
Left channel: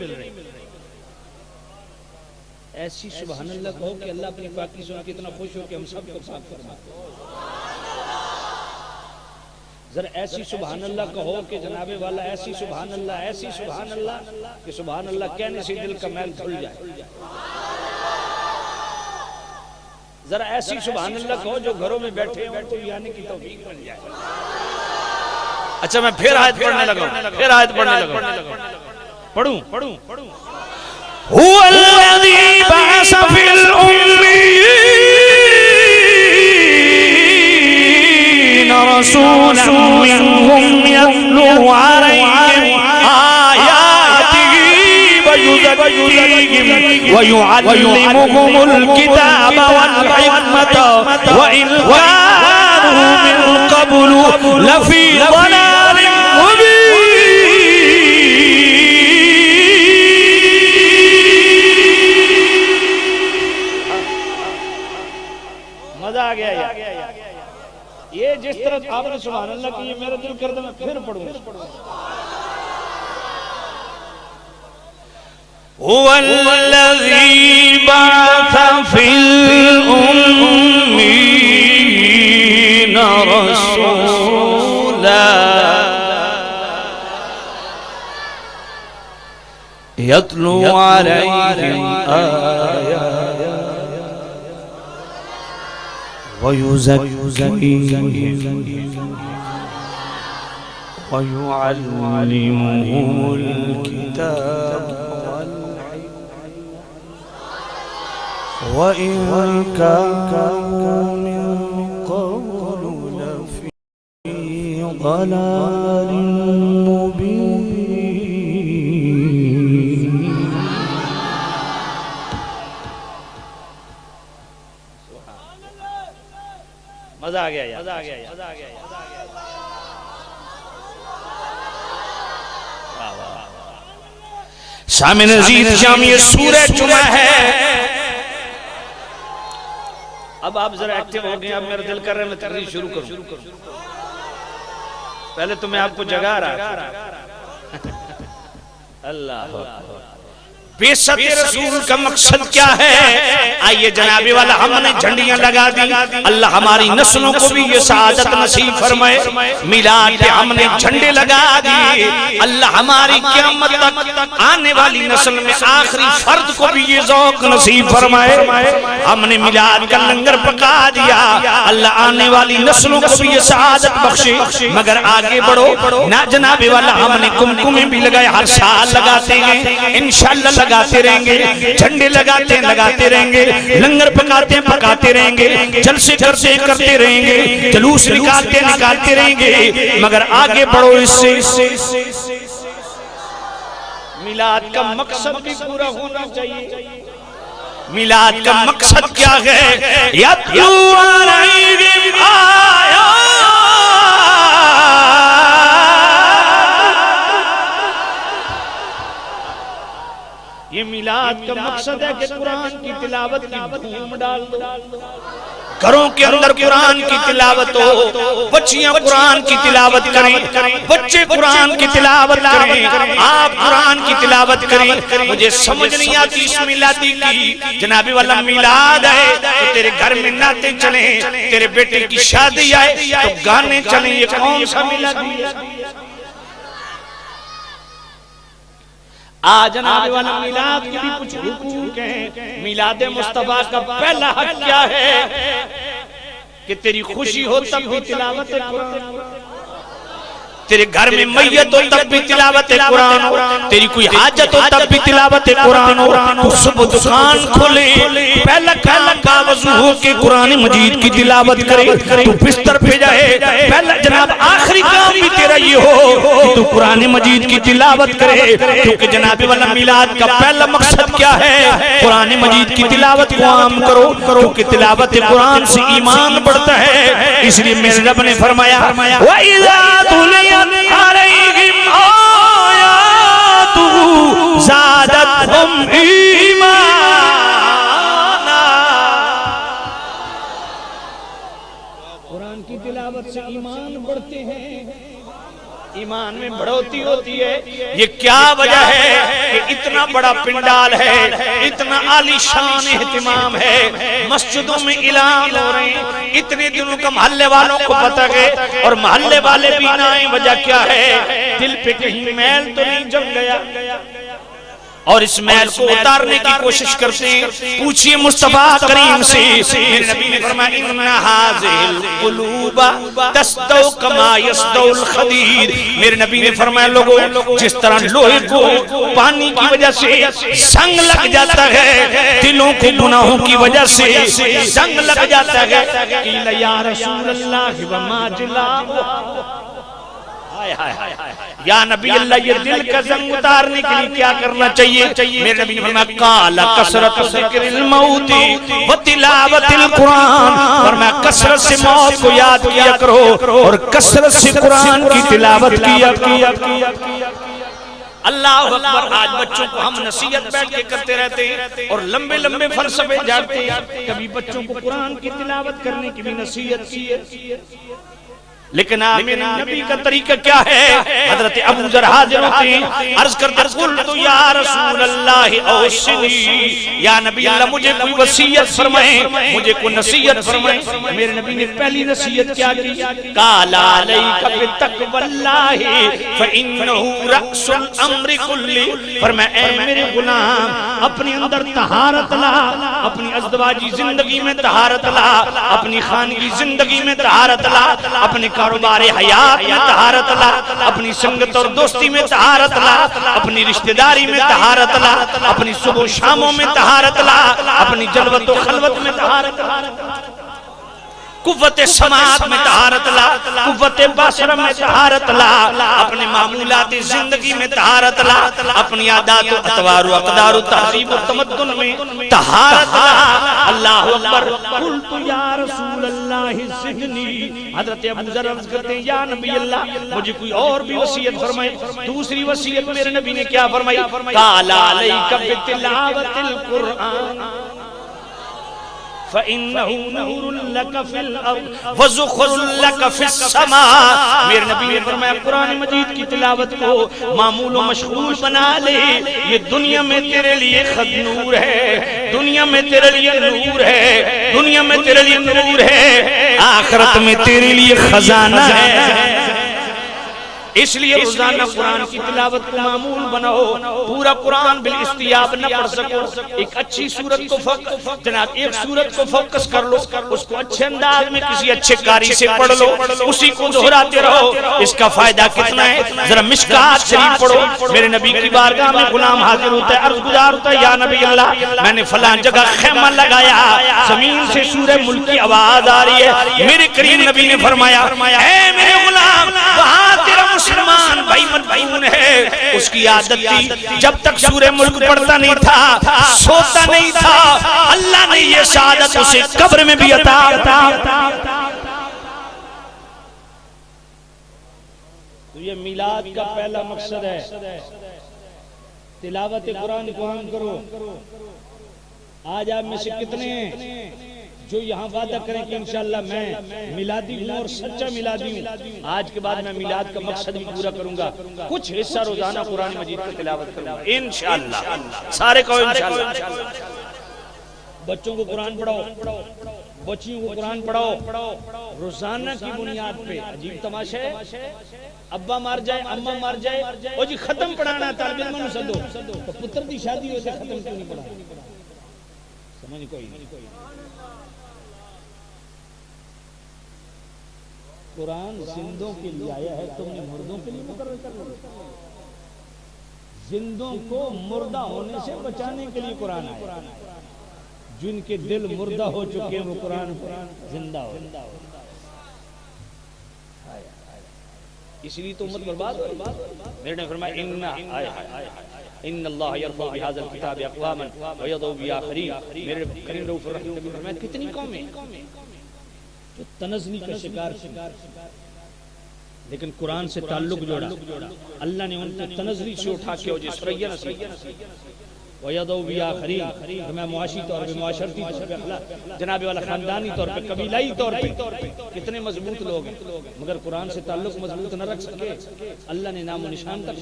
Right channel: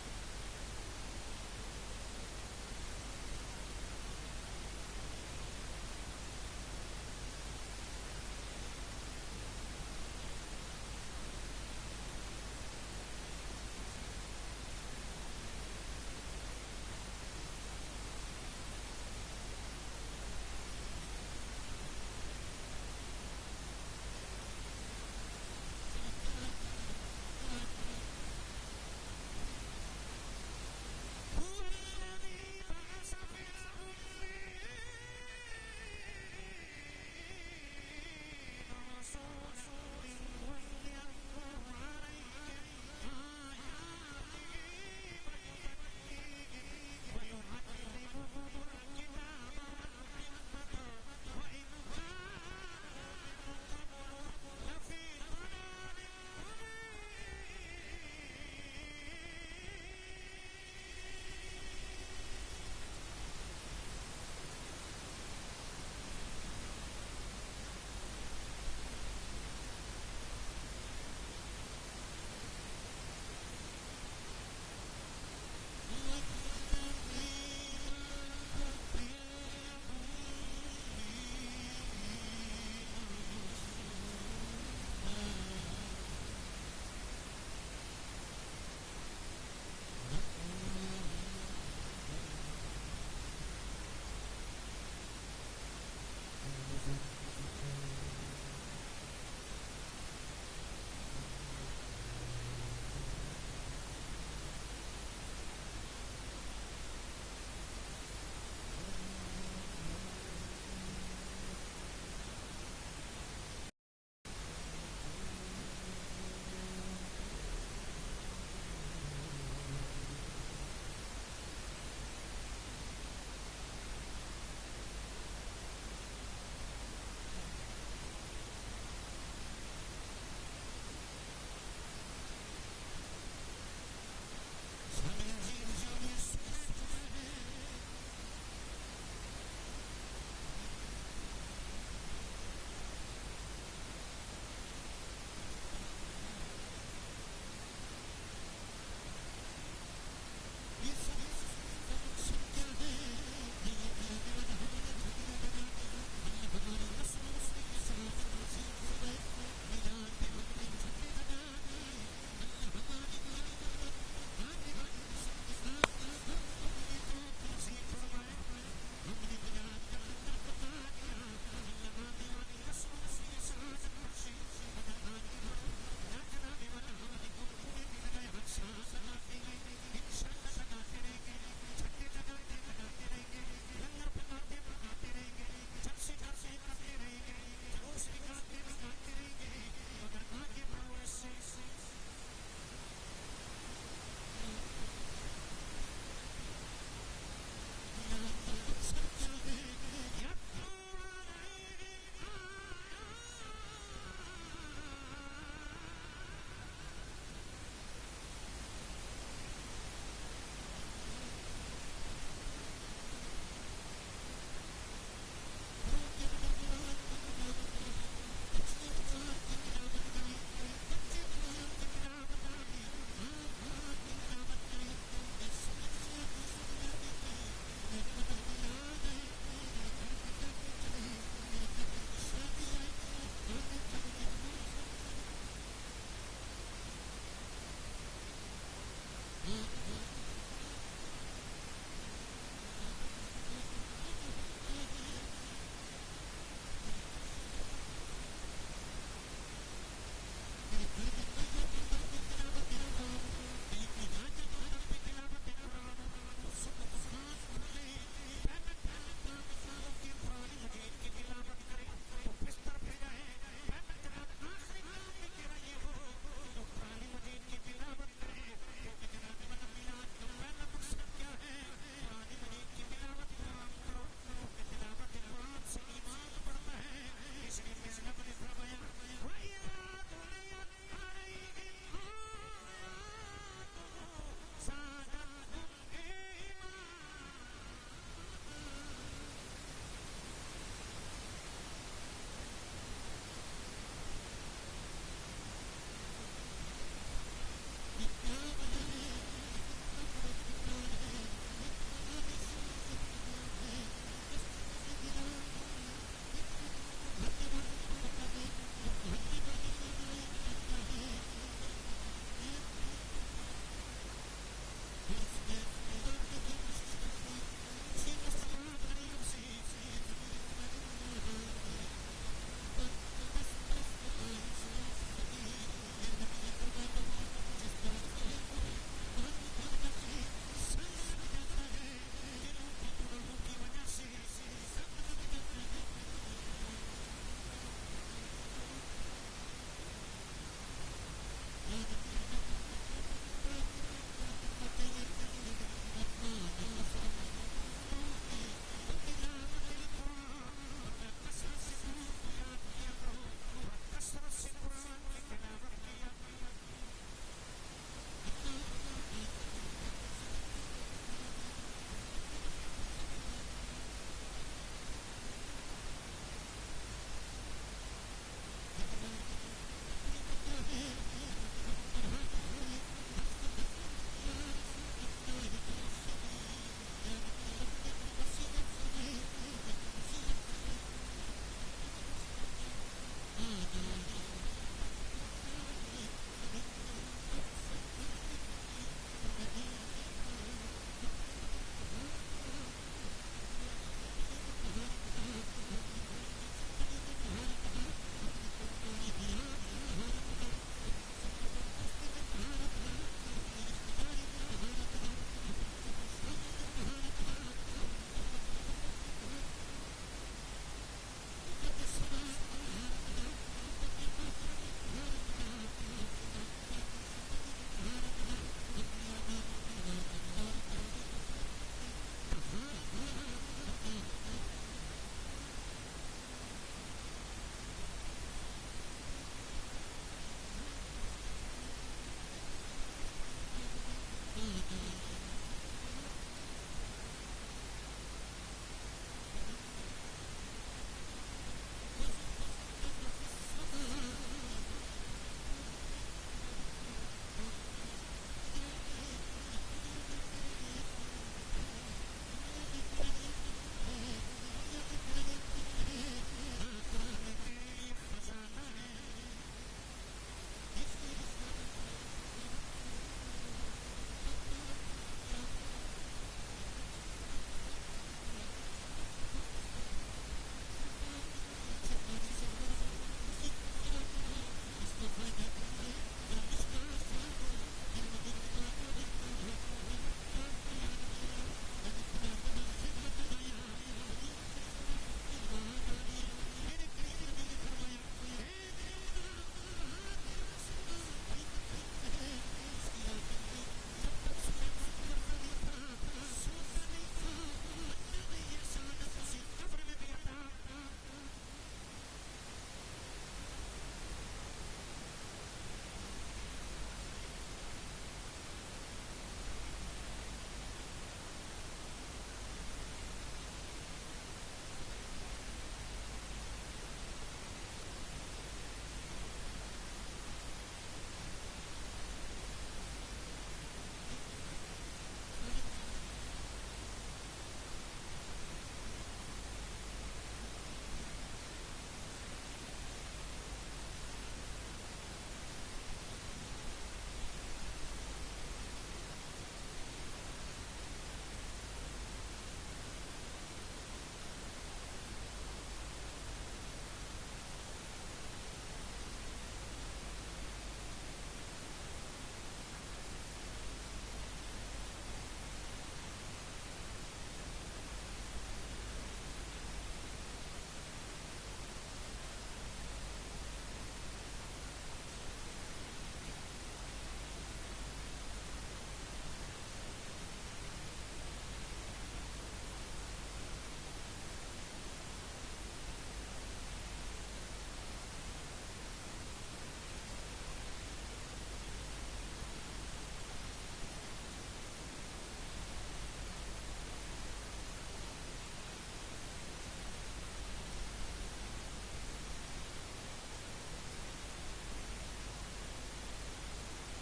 ایسی سبحان اللہ کہو کہ اللہ اپنی پاکی سن کے اتنا خوش ہو کہ ہم سب کو پاک فرما. ذرا ایسی سبحان اللہ کہو کہ جناب والا ایسی سبحان اللہ کہ سبحان اللہ کہنے سے دل کا میل دھل جائے. ذرا ایسی سبحان اللہ کہو جو گھروں میں بیٹھے ہیں ان کو بھی آنے کی توفیق مل جائے. اچھا میں پھر آیت پڑھنے لگا. پڑھوں. هو الذی بعث فی الامین رسولا منهم یتلو علیہم آیاتہ ویزکیہم ویعلمهم الکتاب والحکمت وإن کانوا من قبل لفی ضلال مبین. مزہ آ گیا. یہ جس طرح آپ نے سبحان اللہ کی یہ میرا دل کر دے میں پھر پڑھوں. هو الذی بعث فی الامین رسولا یتلو علیہم آیاتہ وَيُزَكِّيهِمْ وَيُعَلِّمُهُمُ الْكِتَابَ وَإِنْ كَانُوا مِنْ قَبْلُ لَفِي ضَلَالٍ مُبِينٍ. مزہ آ گیا یار. سامع عزیز جامع سورہ جمعہ ہے. اب آپ ذرا ایکٹیو ہو گئے. اب میرا دل کر رہا ہے میں تقریر شروع کروں. پہلے تو میں آپ کو جگا رہا. اللہ بے ست رسول کا مقصد کیا ہے؟ آئیے جناب والا ہم نے جھنڈیاں لگا دی. اللہ ہماری نسلوں کو بھی یہ سعادت نصیب فرمائے. میلاد پہ ہم نے جھنڈے لگا دی. اللہ ہماری قیامت تک آنے والی نسل میں آخری فرد کو بھی یہ ذوق نصیب فرمائے. ہم نے میلاد کا لنگر پکا دیا. اللہ آنے والی نسلوں کو بھی یہ سعادت بخشے. مگر آگے بڑھو نہ جناب والا ہم نے کمکمیں بھی لگائے. ہر سال لگاتے ہیں انشاءاللہ لگاتے رہیں گے. جھنڈے لگاتے رہیں گے. لنگر پکاتے رہیں گے. جلسے کرتے رہیں گے. جلوس نکالتے رہیں گے. مگر آگے بڑھو اس سے میلاد کا مقصد بھی پورا ہونا چاہیے. میلاد کا مقصد کیا ہے؟ یتلو علیہم آیات. یہ میلاد کا مقصد ہے کہ قرآن کی تلاوت کی دھوم ڈال دو. گھروں کے اندر قرآن کی تلاوت ہو. بچیاں قرآن کی تلاوت کریں. بچے قرآن کی تلاوت کریں. آپ قرآن کی تلاوت کریں. مجھے سمجھ نہیں آتی اس میلادی کی. جناب والا میلاد ہے تو تیرے گھر میں نعتیں چلیں. تیرے بیٹے کی شادی آئے تو گانے چلیں. یہ کون سا میلادی ہے؟ آج جناب والا میلاد کی بھی کچھ حقوق ہیں. میلاد مصطفیٰ کا پہلا حق کیا ہے؟ کہ تیری خوشی ہو تب بھی تلاوت قرآن. تیرے گھر میں میت ہو تب بھی تلاوت قرآن ہو. تیری کوئی حاجت ہو تب بھی تلاوت قرآن ہو. تو صبح دکان کھولے پہلا کا وضو ہو کے قرآن مجید کی تلاوت کرے. تو بستر پہ جائے پہلا جناب آخری کام بھی تیرا یہ ہو کہ تو قرآن مجید کی تلاوت کرے. کیونکہ جناب والا میلاد کا پہلا مقصد کیا ہے؟ قرآن مجید کی تلاوت کو عام کرو. کیونکہ تلاوت قرآن سے ایمان بڑھتا ہے. اس لیے میرے رب نے فرمایا وَإِذَا تُلِيَتْ عَلَيْهِمْ آيَاتُهُ زَادَتْهُمْ إِيمَانًا. قرآن کی تلاوت سے ایمان بڑھتے ہیں. ایمان میں بڑھوتی ہوتی ہے. یہ کیا وجہ ہے کہ اتنا بڑا پنڈال ہے, اتنا عالی شان اہتمام ہے, مسجدوں میں اعلان ہو رہے ہیں. اتنے دنوں کا محلے والوں کو پتہ ہے اور محلے والے بھی نہ آئیں. وجہ کیا ہے؟ دل پہ کہیں میل تو نہیں جم گیا اور اس میل کو اتارنے کی کوشش کرتے ہیں. پوچھئے مصطفیٰ کریم سے. میرے نبی نے فرمایا ان هذه القلوب تصدو كما يصدو الخديد. میرے نبی نے فرمایا لوگوں جس طرح لوہے کو پانی کی وجہ سے زنگ لگ جاتا ہے, دلوں کو گناہوں کی وجہ سے زنگ لگ جاتا ہے. قیل یا رسول اللہ وما جلاؤ. یا نبی اللہ یہ دل کا زنگ اتارنے کے لیے کیا کرنا چاہیے؟ میرے نبی نے فرمایا قال کثرت ذکر الموت وتلاوت القرآن. فرمایا کثرت سے موت کو یاد کیا کرو اور کثرت سے قرآن کی تلاوت کیا. اللہ اکبر. آج بچوں کو ہم نصیحت بیٹھ کے کرتے رہتے ہیں اور لمبے لمبے فلسفے جاتے ہیں. کبھی بچوں کو قرآن کی تلاوت کرنے کی بھی نصیحت کی ہے. لیکن میرے نبی کا طریقہ کیا ہے؟ حضرت ابو ذر حاضر ہوتے ہیں، عرض کرتے قلت یا رسول اللہ اوصنی، یا نبی اللہ مجھے کوئی وصیت فرمائیں، مجھے کوئی نصیحت فرمائیں۔ میرے نبی نے پہلی نصیحت کیا کی؟ قال علیک بتقوی اللہ فإنہ رأس الامر کلی، فرمایا اے میرے غلام اپنے اندر طہارت لا، اپنی ازدواجی زندگی میں طہارت لا، اپنی خانگی زندگی میں طہارت لا، اپنے کاروبار حیات میں طہارت لا، اپنی سنگت اور دوستی میں طہارت لا، اپنی رشتہ داری میں طہارت لا، اپنی صبح و شاموں میں طہارت لا، اپنی جلوت و خلوت میں طہارت لا، قوت سماعت میں طہارت لا، قوت بصر میں طہارت لا، اپنے معمولات زندگی میں طہارت لا، اپنی عادات و اطوار و اقدار و تہذیب و تمدن میں طہارت لا۔ اللہ اکبر۔ قلت یا رسول اللہ زدنی، حضرت ابو ذر عرض کرتے ہیں یا نبی اللہ مجھے کوئی اور بھی وصیت فرمائے۔ دوسری وصیت میرے نبی نے کیا فرمائی؟ قال علیک بتلاوت القرآن فَإِنَّهُ نُورٌ لَكَ فِي الْأَرْضِ وَزُخْرٌ لَكَ فِي السَّمَاءِ، میرے نبی نے فرمایا قرآن مجید کی تلاوت کو معمول و مشغول بنا لے، یہ دنیا میں تیرے لیے خد نور ہے، دنیا میں تیرے لیے نور ہے، دنیا میں تیرے لیے نور ہے، آخرت میں تیرے لیے خزانہ ہے۔ اس لیے روزانہ قرآن کی تلاوت کو معمول بناؤ، پورا قرآن بالاستیاب نہ پڑھ سکو، ایک اچھی سورت کو جناب ایک سورت کو فوکس کر لو، اس کو اچھے انداز میں کسی اچھے قاری سے پڑھ لو، اسی کو دہراتے رہو، اس کا فائدہ کتنا ہے؟ ذرا مشکات شریف پڑھو۔ میرے نبی کی بارگاہ میں غلام حاضر ہوتا ہے، عرض گزار ہوتا ہے یا نبی اللہ میں نے فلاں جگہ خیمہ لگایا، زمین سے سورہ ملک کی آواز آ رہی ہے، میرے کریم نبی نے فرمایا اے میرے غلام وہاں تیرا مسلمان بھائی مدعون ہے، اس کی عادت تھی جب تک سورہ ملک پڑھتا نہیں تھا سوتا نہیں تھا، اللہ نے یہ سعادت اسے قبر میں بھی عطا۔ تو یہ میلاد کا پہلا مقصد ہے، تلاوت قرآن کو عام کرو۔ آج آپ میں سے کتنے ہیں جو یہاں وعدہ کریں کہ انشاءاللہ میں میلادی ہوں اور سچا میلادی ہوں، آج کے بعد میں میلاد کا مقصد بھی پورا کروں گا، کچھ حصہ روزانہ قرآن مجید کی تلاوت کروں گا انشاءاللہ، سارے کہو انشاءاللہ۔ بچوں کو قرآن پڑھاؤ، بچیوں کو قرآن پڑھاؤ، روزانہ کی بنیاد پہ۔ عجیب تماشا ہے، ابا مار جائے اماں مار جائے او جی ختم پڑھانا طالب علم نوں سدو، تو پتر دی شادی ہوئے ختم کیوں نہیں پڑھانا؟ سمجھ نہیں کوئی نہیں۔ قرآن زندوں کے لیے آیا ہے، تم نے مردوں کے لیے مقرر کر لیا۔ زندوں کو مردہ ہونے سے بچانے کے لیے قرآن آیا، جن کے دل مردہ ہو چکے ہیں وہ قرآن زندہ ہو، اس لیے تو امت برباد ہو۔ میرے نے فرمایا ان اللہ یرضی بہذا الکتاب اقواما ویضع بآخرین، میرے کریم رؤوف الرحیم نبی فرمایا کتنی قومیں تو تنزلی کا شکار تھی، لیکن قرآن سے تعلق جوڑا، اللہ نے ان کو تنزلی سے اٹھا کے وجہ سریا نصیب وَيَضَوْ بِآخَرِينَ، ہمیں معاشی طور پہ، معاشرتی طور پہ، جناب والا خاندانی طور پہ، قبیلائی طور پہ کتنے مضبوط لوگ ہیں، مگر قرآن سے تعلق مضبوط نہ رکھ سکے، اللہ نے نام و نشان تک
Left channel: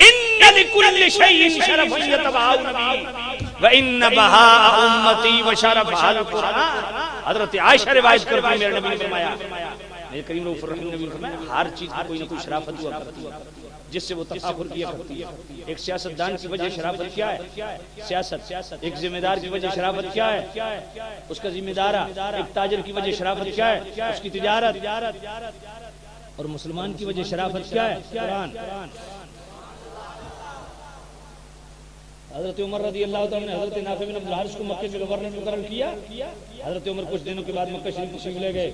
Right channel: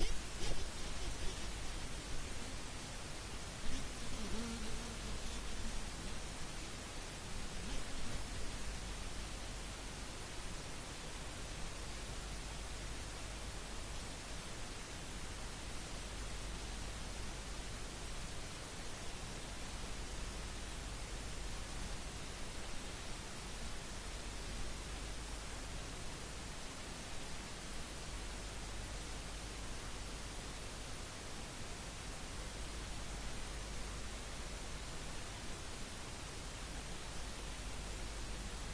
ان لکل شیء شرف یتبعہ نبی وان بہاء امتی وشرف القرآن۔ حضرت عائشہ روایت کرتی ہے، میرے نبی نے فرمایا، میرے کریم رؤوف الرحیم نبی نے فرمایا ہر چیز کی کوئی نہ کوئی شرافت ہوا کرتی ہے جس سے وہ تفاخر کیا کرتی ہے۔ ایک سیاستدان کی وجہ شرافت کیا ہے؟ سیاست۔ ایک ذمہ دار کی وجہ شرافت کیا ہے؟ اس کا ذمہ دارہ۔ ایک تاجر کی وجہ شرافت کیا ہے؟ اس کی تجارت۔ اور مسلمان کی وجہ شرافت کیا ہے؟ قرآن۔ حضرت عمر رضی اللہ تعالیٰ نے حضرت نافع بن عبد الحارث کو مکے میں گورنر مقرر کیا، حضرت عمر کچھ دنوں کے بعد مکہ شریف تشریف لے گئے،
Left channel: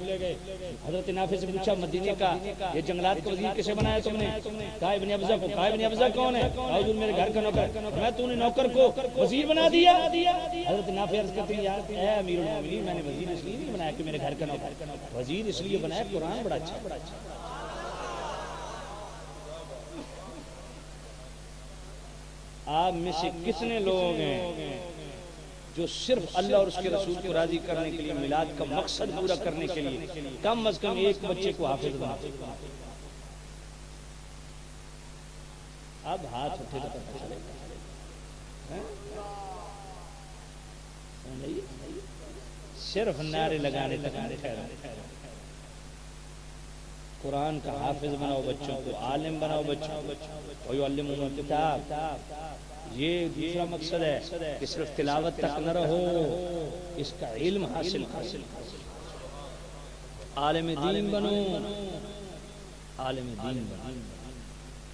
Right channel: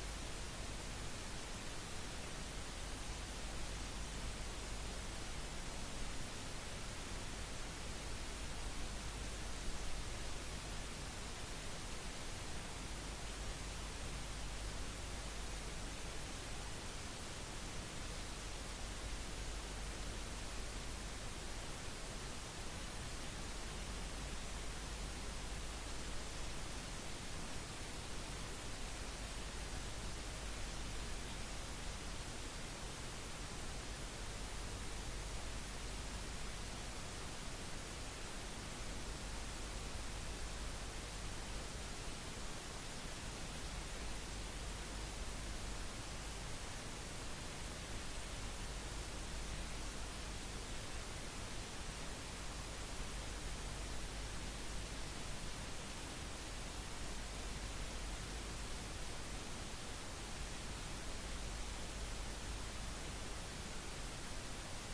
حضرت نافع سے پوچھا مدینے کا یہ جنگلات کا وزیر کیسے بنایا تم نے؟ کہا ابن ابزہ کو۔ کہا ابن ابزہ کون ہے؟ کہا حضور میرے گھر کا نوکر۔ میں تو نے نوکر کو وزیر بنا دیا؟ حضرت نافع عرض کرتے ہیں یار اے امیر المومنین میں نے وزیر اس لیے نہیں بنایا کہ میرے گھر کا نوکر، وزیر اس لیے بنایا قرآن بڑا اچھا۔ آپ میں سے کتنے لوگ ہیں جو صرف اللہ اور اس کے رسول کو راضی کرنے کے لیے میلاد کا مقصد پورا کرنے کے لیے کم از کم ایک بچے کو حافظ بنا دے. اب ہاتھ اٹھے تو پتہ چلے گا. صرف نعرے لگانے تک قرآن کا حافظ بناؤ بچوں کو، عالم بناؤ بچوں کو، وَيُعَلِّمُهُمُ الْكِتَابَ. یہ دوسرا مقصد ہے کہ صرف تلاوت تک نہ رہو، اس کا علم حاصل کرو، عالم دین بنو، عالم دین بنو،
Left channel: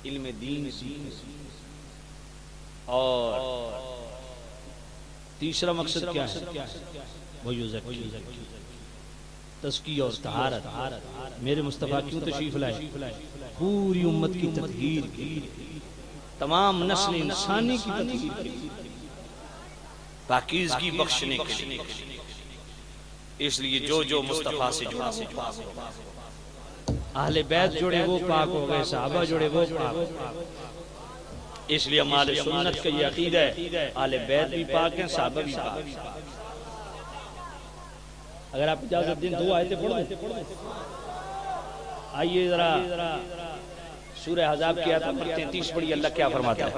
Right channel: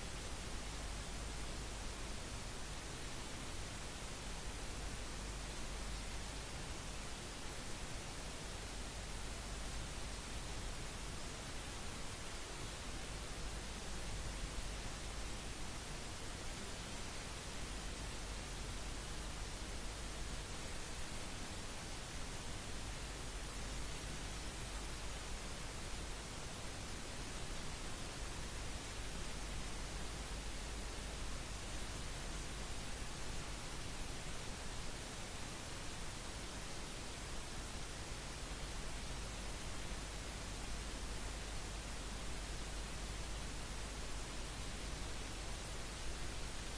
علم دین سیکھو. اور تیسرا مقصد کیا ہے؟ وَيُزَكِّي، تزکیہ اور طہارت. میرے مصطفیٰ کیوں تشریف لائے؟ پوری امت کی تطہیر کی، تمام نسل انسانی کی تطہیر کی، پاکیزگی بخشنے کے لیے. اس لیے جو جو مصطفیٰ سے جڑا وہ پاک ہو گئے، اہل بیت جڑے وہ پاک ہو گئے، صحابہ جڑے وہ پاک ہو گئے. اس لیے ہمارے سنت کا یہ عقیدہ ہے اہل بیت بھی پاک ہیں، صحابہ بھی پاک ہیں. اگر آپ اجازت دیں 2 آیتیں پڑھ دیں. آئیے ذرا سورہ احزاب کی آیت نمبر 33 پڑھی. اللہ کیا فرماتا ہے؟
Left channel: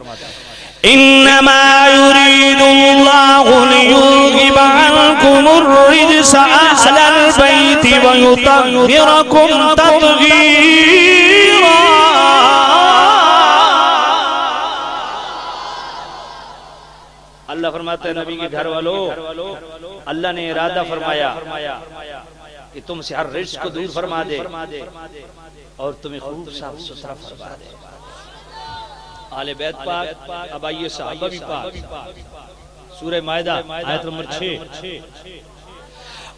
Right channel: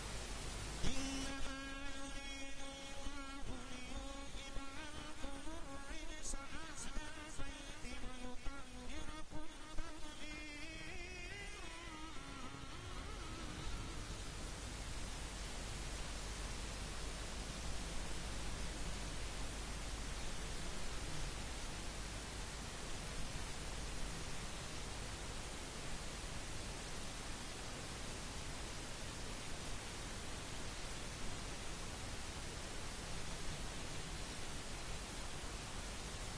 انما يريد الله ليذهب عنكم الرجس اهل البيت ويطهركم تطهيرا. اللہ فرماتا ہے نبی کے گھر والوں، اللہ نے ارادہ فرمایا کہ تم سے ہر رجس کو دور فرما دے اور تمہیں خوب صاف ستھرا فرما دے. آل بیت پاک، اب آئیے صحابہ بھی پاک. سورہ مائدہ آیت نمبر 6.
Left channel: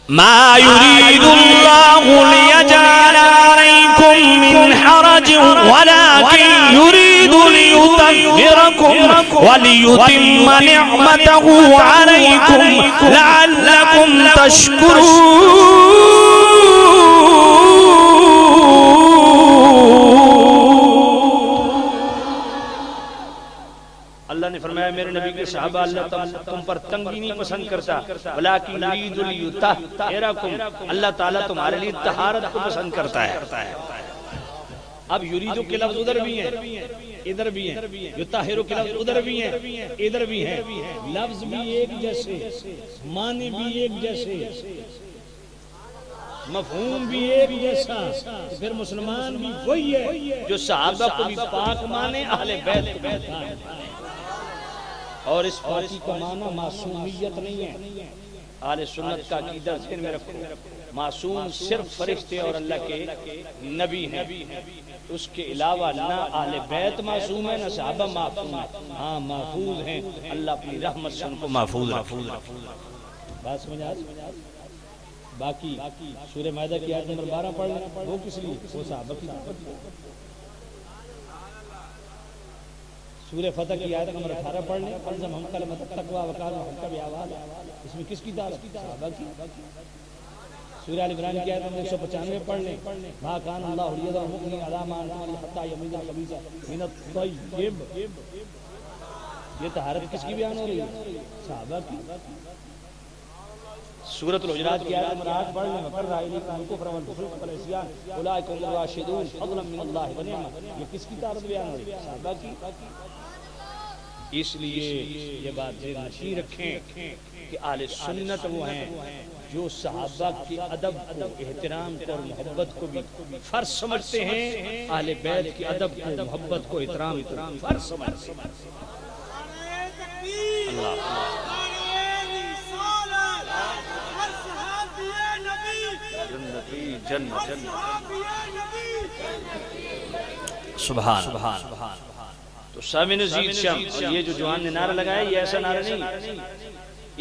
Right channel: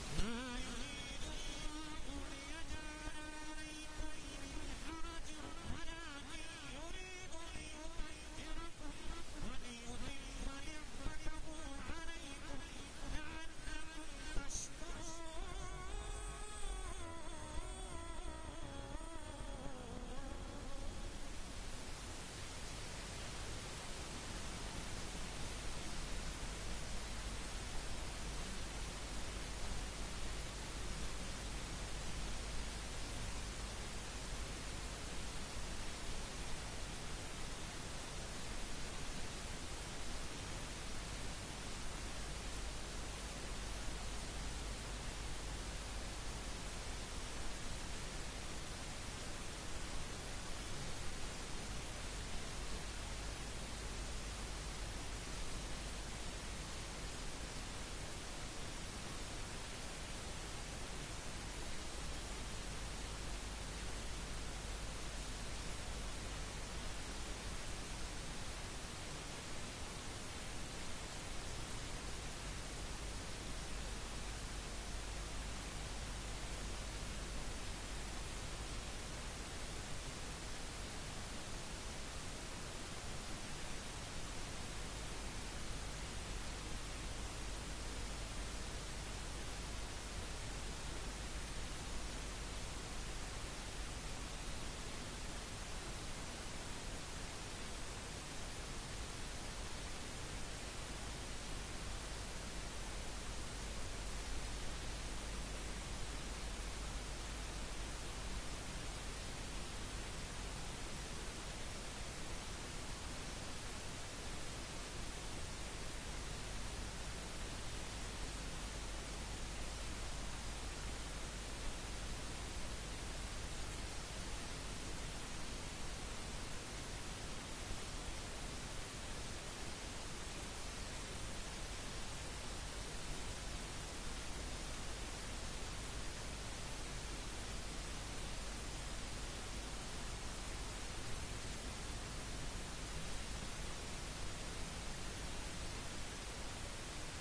ما يريد الله ليجعل عليكم من حرج ولكن يريد ليطهركم وليتم نعمته عليكم لعلكم تشكرون. اللہ نے فرمایا میرے نبی کے صحابہ اللہ تم پر تنگی نہیں پسند کرتا، ولیکن یرید لیطہرکم، اللہ تعالیٰ تمہارے لیے طہارت کو پسند کرتا ہے. اب یریدو کے لفظ ادھر بھی ہیں ادھر بھی ہیں، یطہرو کے لفظ ادھر بھی ہیں ادھر بھی ہیں، لفظ بھی ایک جیسے، معنی بھی ایک جیسے، مفہوم بھی ایک جیسا. پھر مسلمان بھی وہی ہے جو صحابہ کو بھی پاک مانے، اہل بیت کو بھی پاک مانے. اور اس پاکی کا معنی معصومیت نہیں ہے. اہل سنت کا عقیدہ ذہن میں رکھو، معصوم صرف فرشتے اور اللہ کے نبی ہیں، اس کے علاوہ نہ اہل بیت معصوم ہے نہ صحابہ معصوم ہیں. ہاں محفوظ ہیں، اللہ اپنی رحمت سے ان کو محفوظ رکھے. بات سمجھ آ رہی؟ باقی سورہ مائدہ کی آیت نمبر 12 پڑھ لیں. وہ کس لیے؟ وہ صحابہ کی. سورہ فتح کی آیت نمبر 18 پڑھ لیں. الزم ہم کلمۃ التقوی وکان حق بیاواز، اس میں کس کی دعوت؟ صحابہ کی. سورہ ال عمران کی آیت نمبر 195 پڑھ لیں. ما کان اللہ لیذر المؤمن علی ما انزل حتی یمیز الخبیث من الطیب. یہ طہارت کس کی بیان ہو رہی ہے؟ صحابہ کی. سورۃ الحجرات کی آیت نمبر 8 پڑھ لیں. وقر الیکم الکفر والفسوق والعصیان اولئک هم الراشدون فضلا من اللہ ونعمۃ. یہ کس کی طہارت بیان ہو رہی ہے؟ صحابہ کی. اس لیے یہ بات ذہن نشین رکھیں کہ اہل سنت وہ ہیں جو صحابہ کے ادب کو، احترام کو اور محبت کو بھی فرض سمجھتے ہیں، اہل بیت کے ادب کو، محبت کو، احترام کو فرض سمجھتے ہیں. اللہ سبحان سبحان. تو سامع نزید شمس، یہ جو جوان نے نعرہ لگایا یہ ایسا نعرہ نہیں،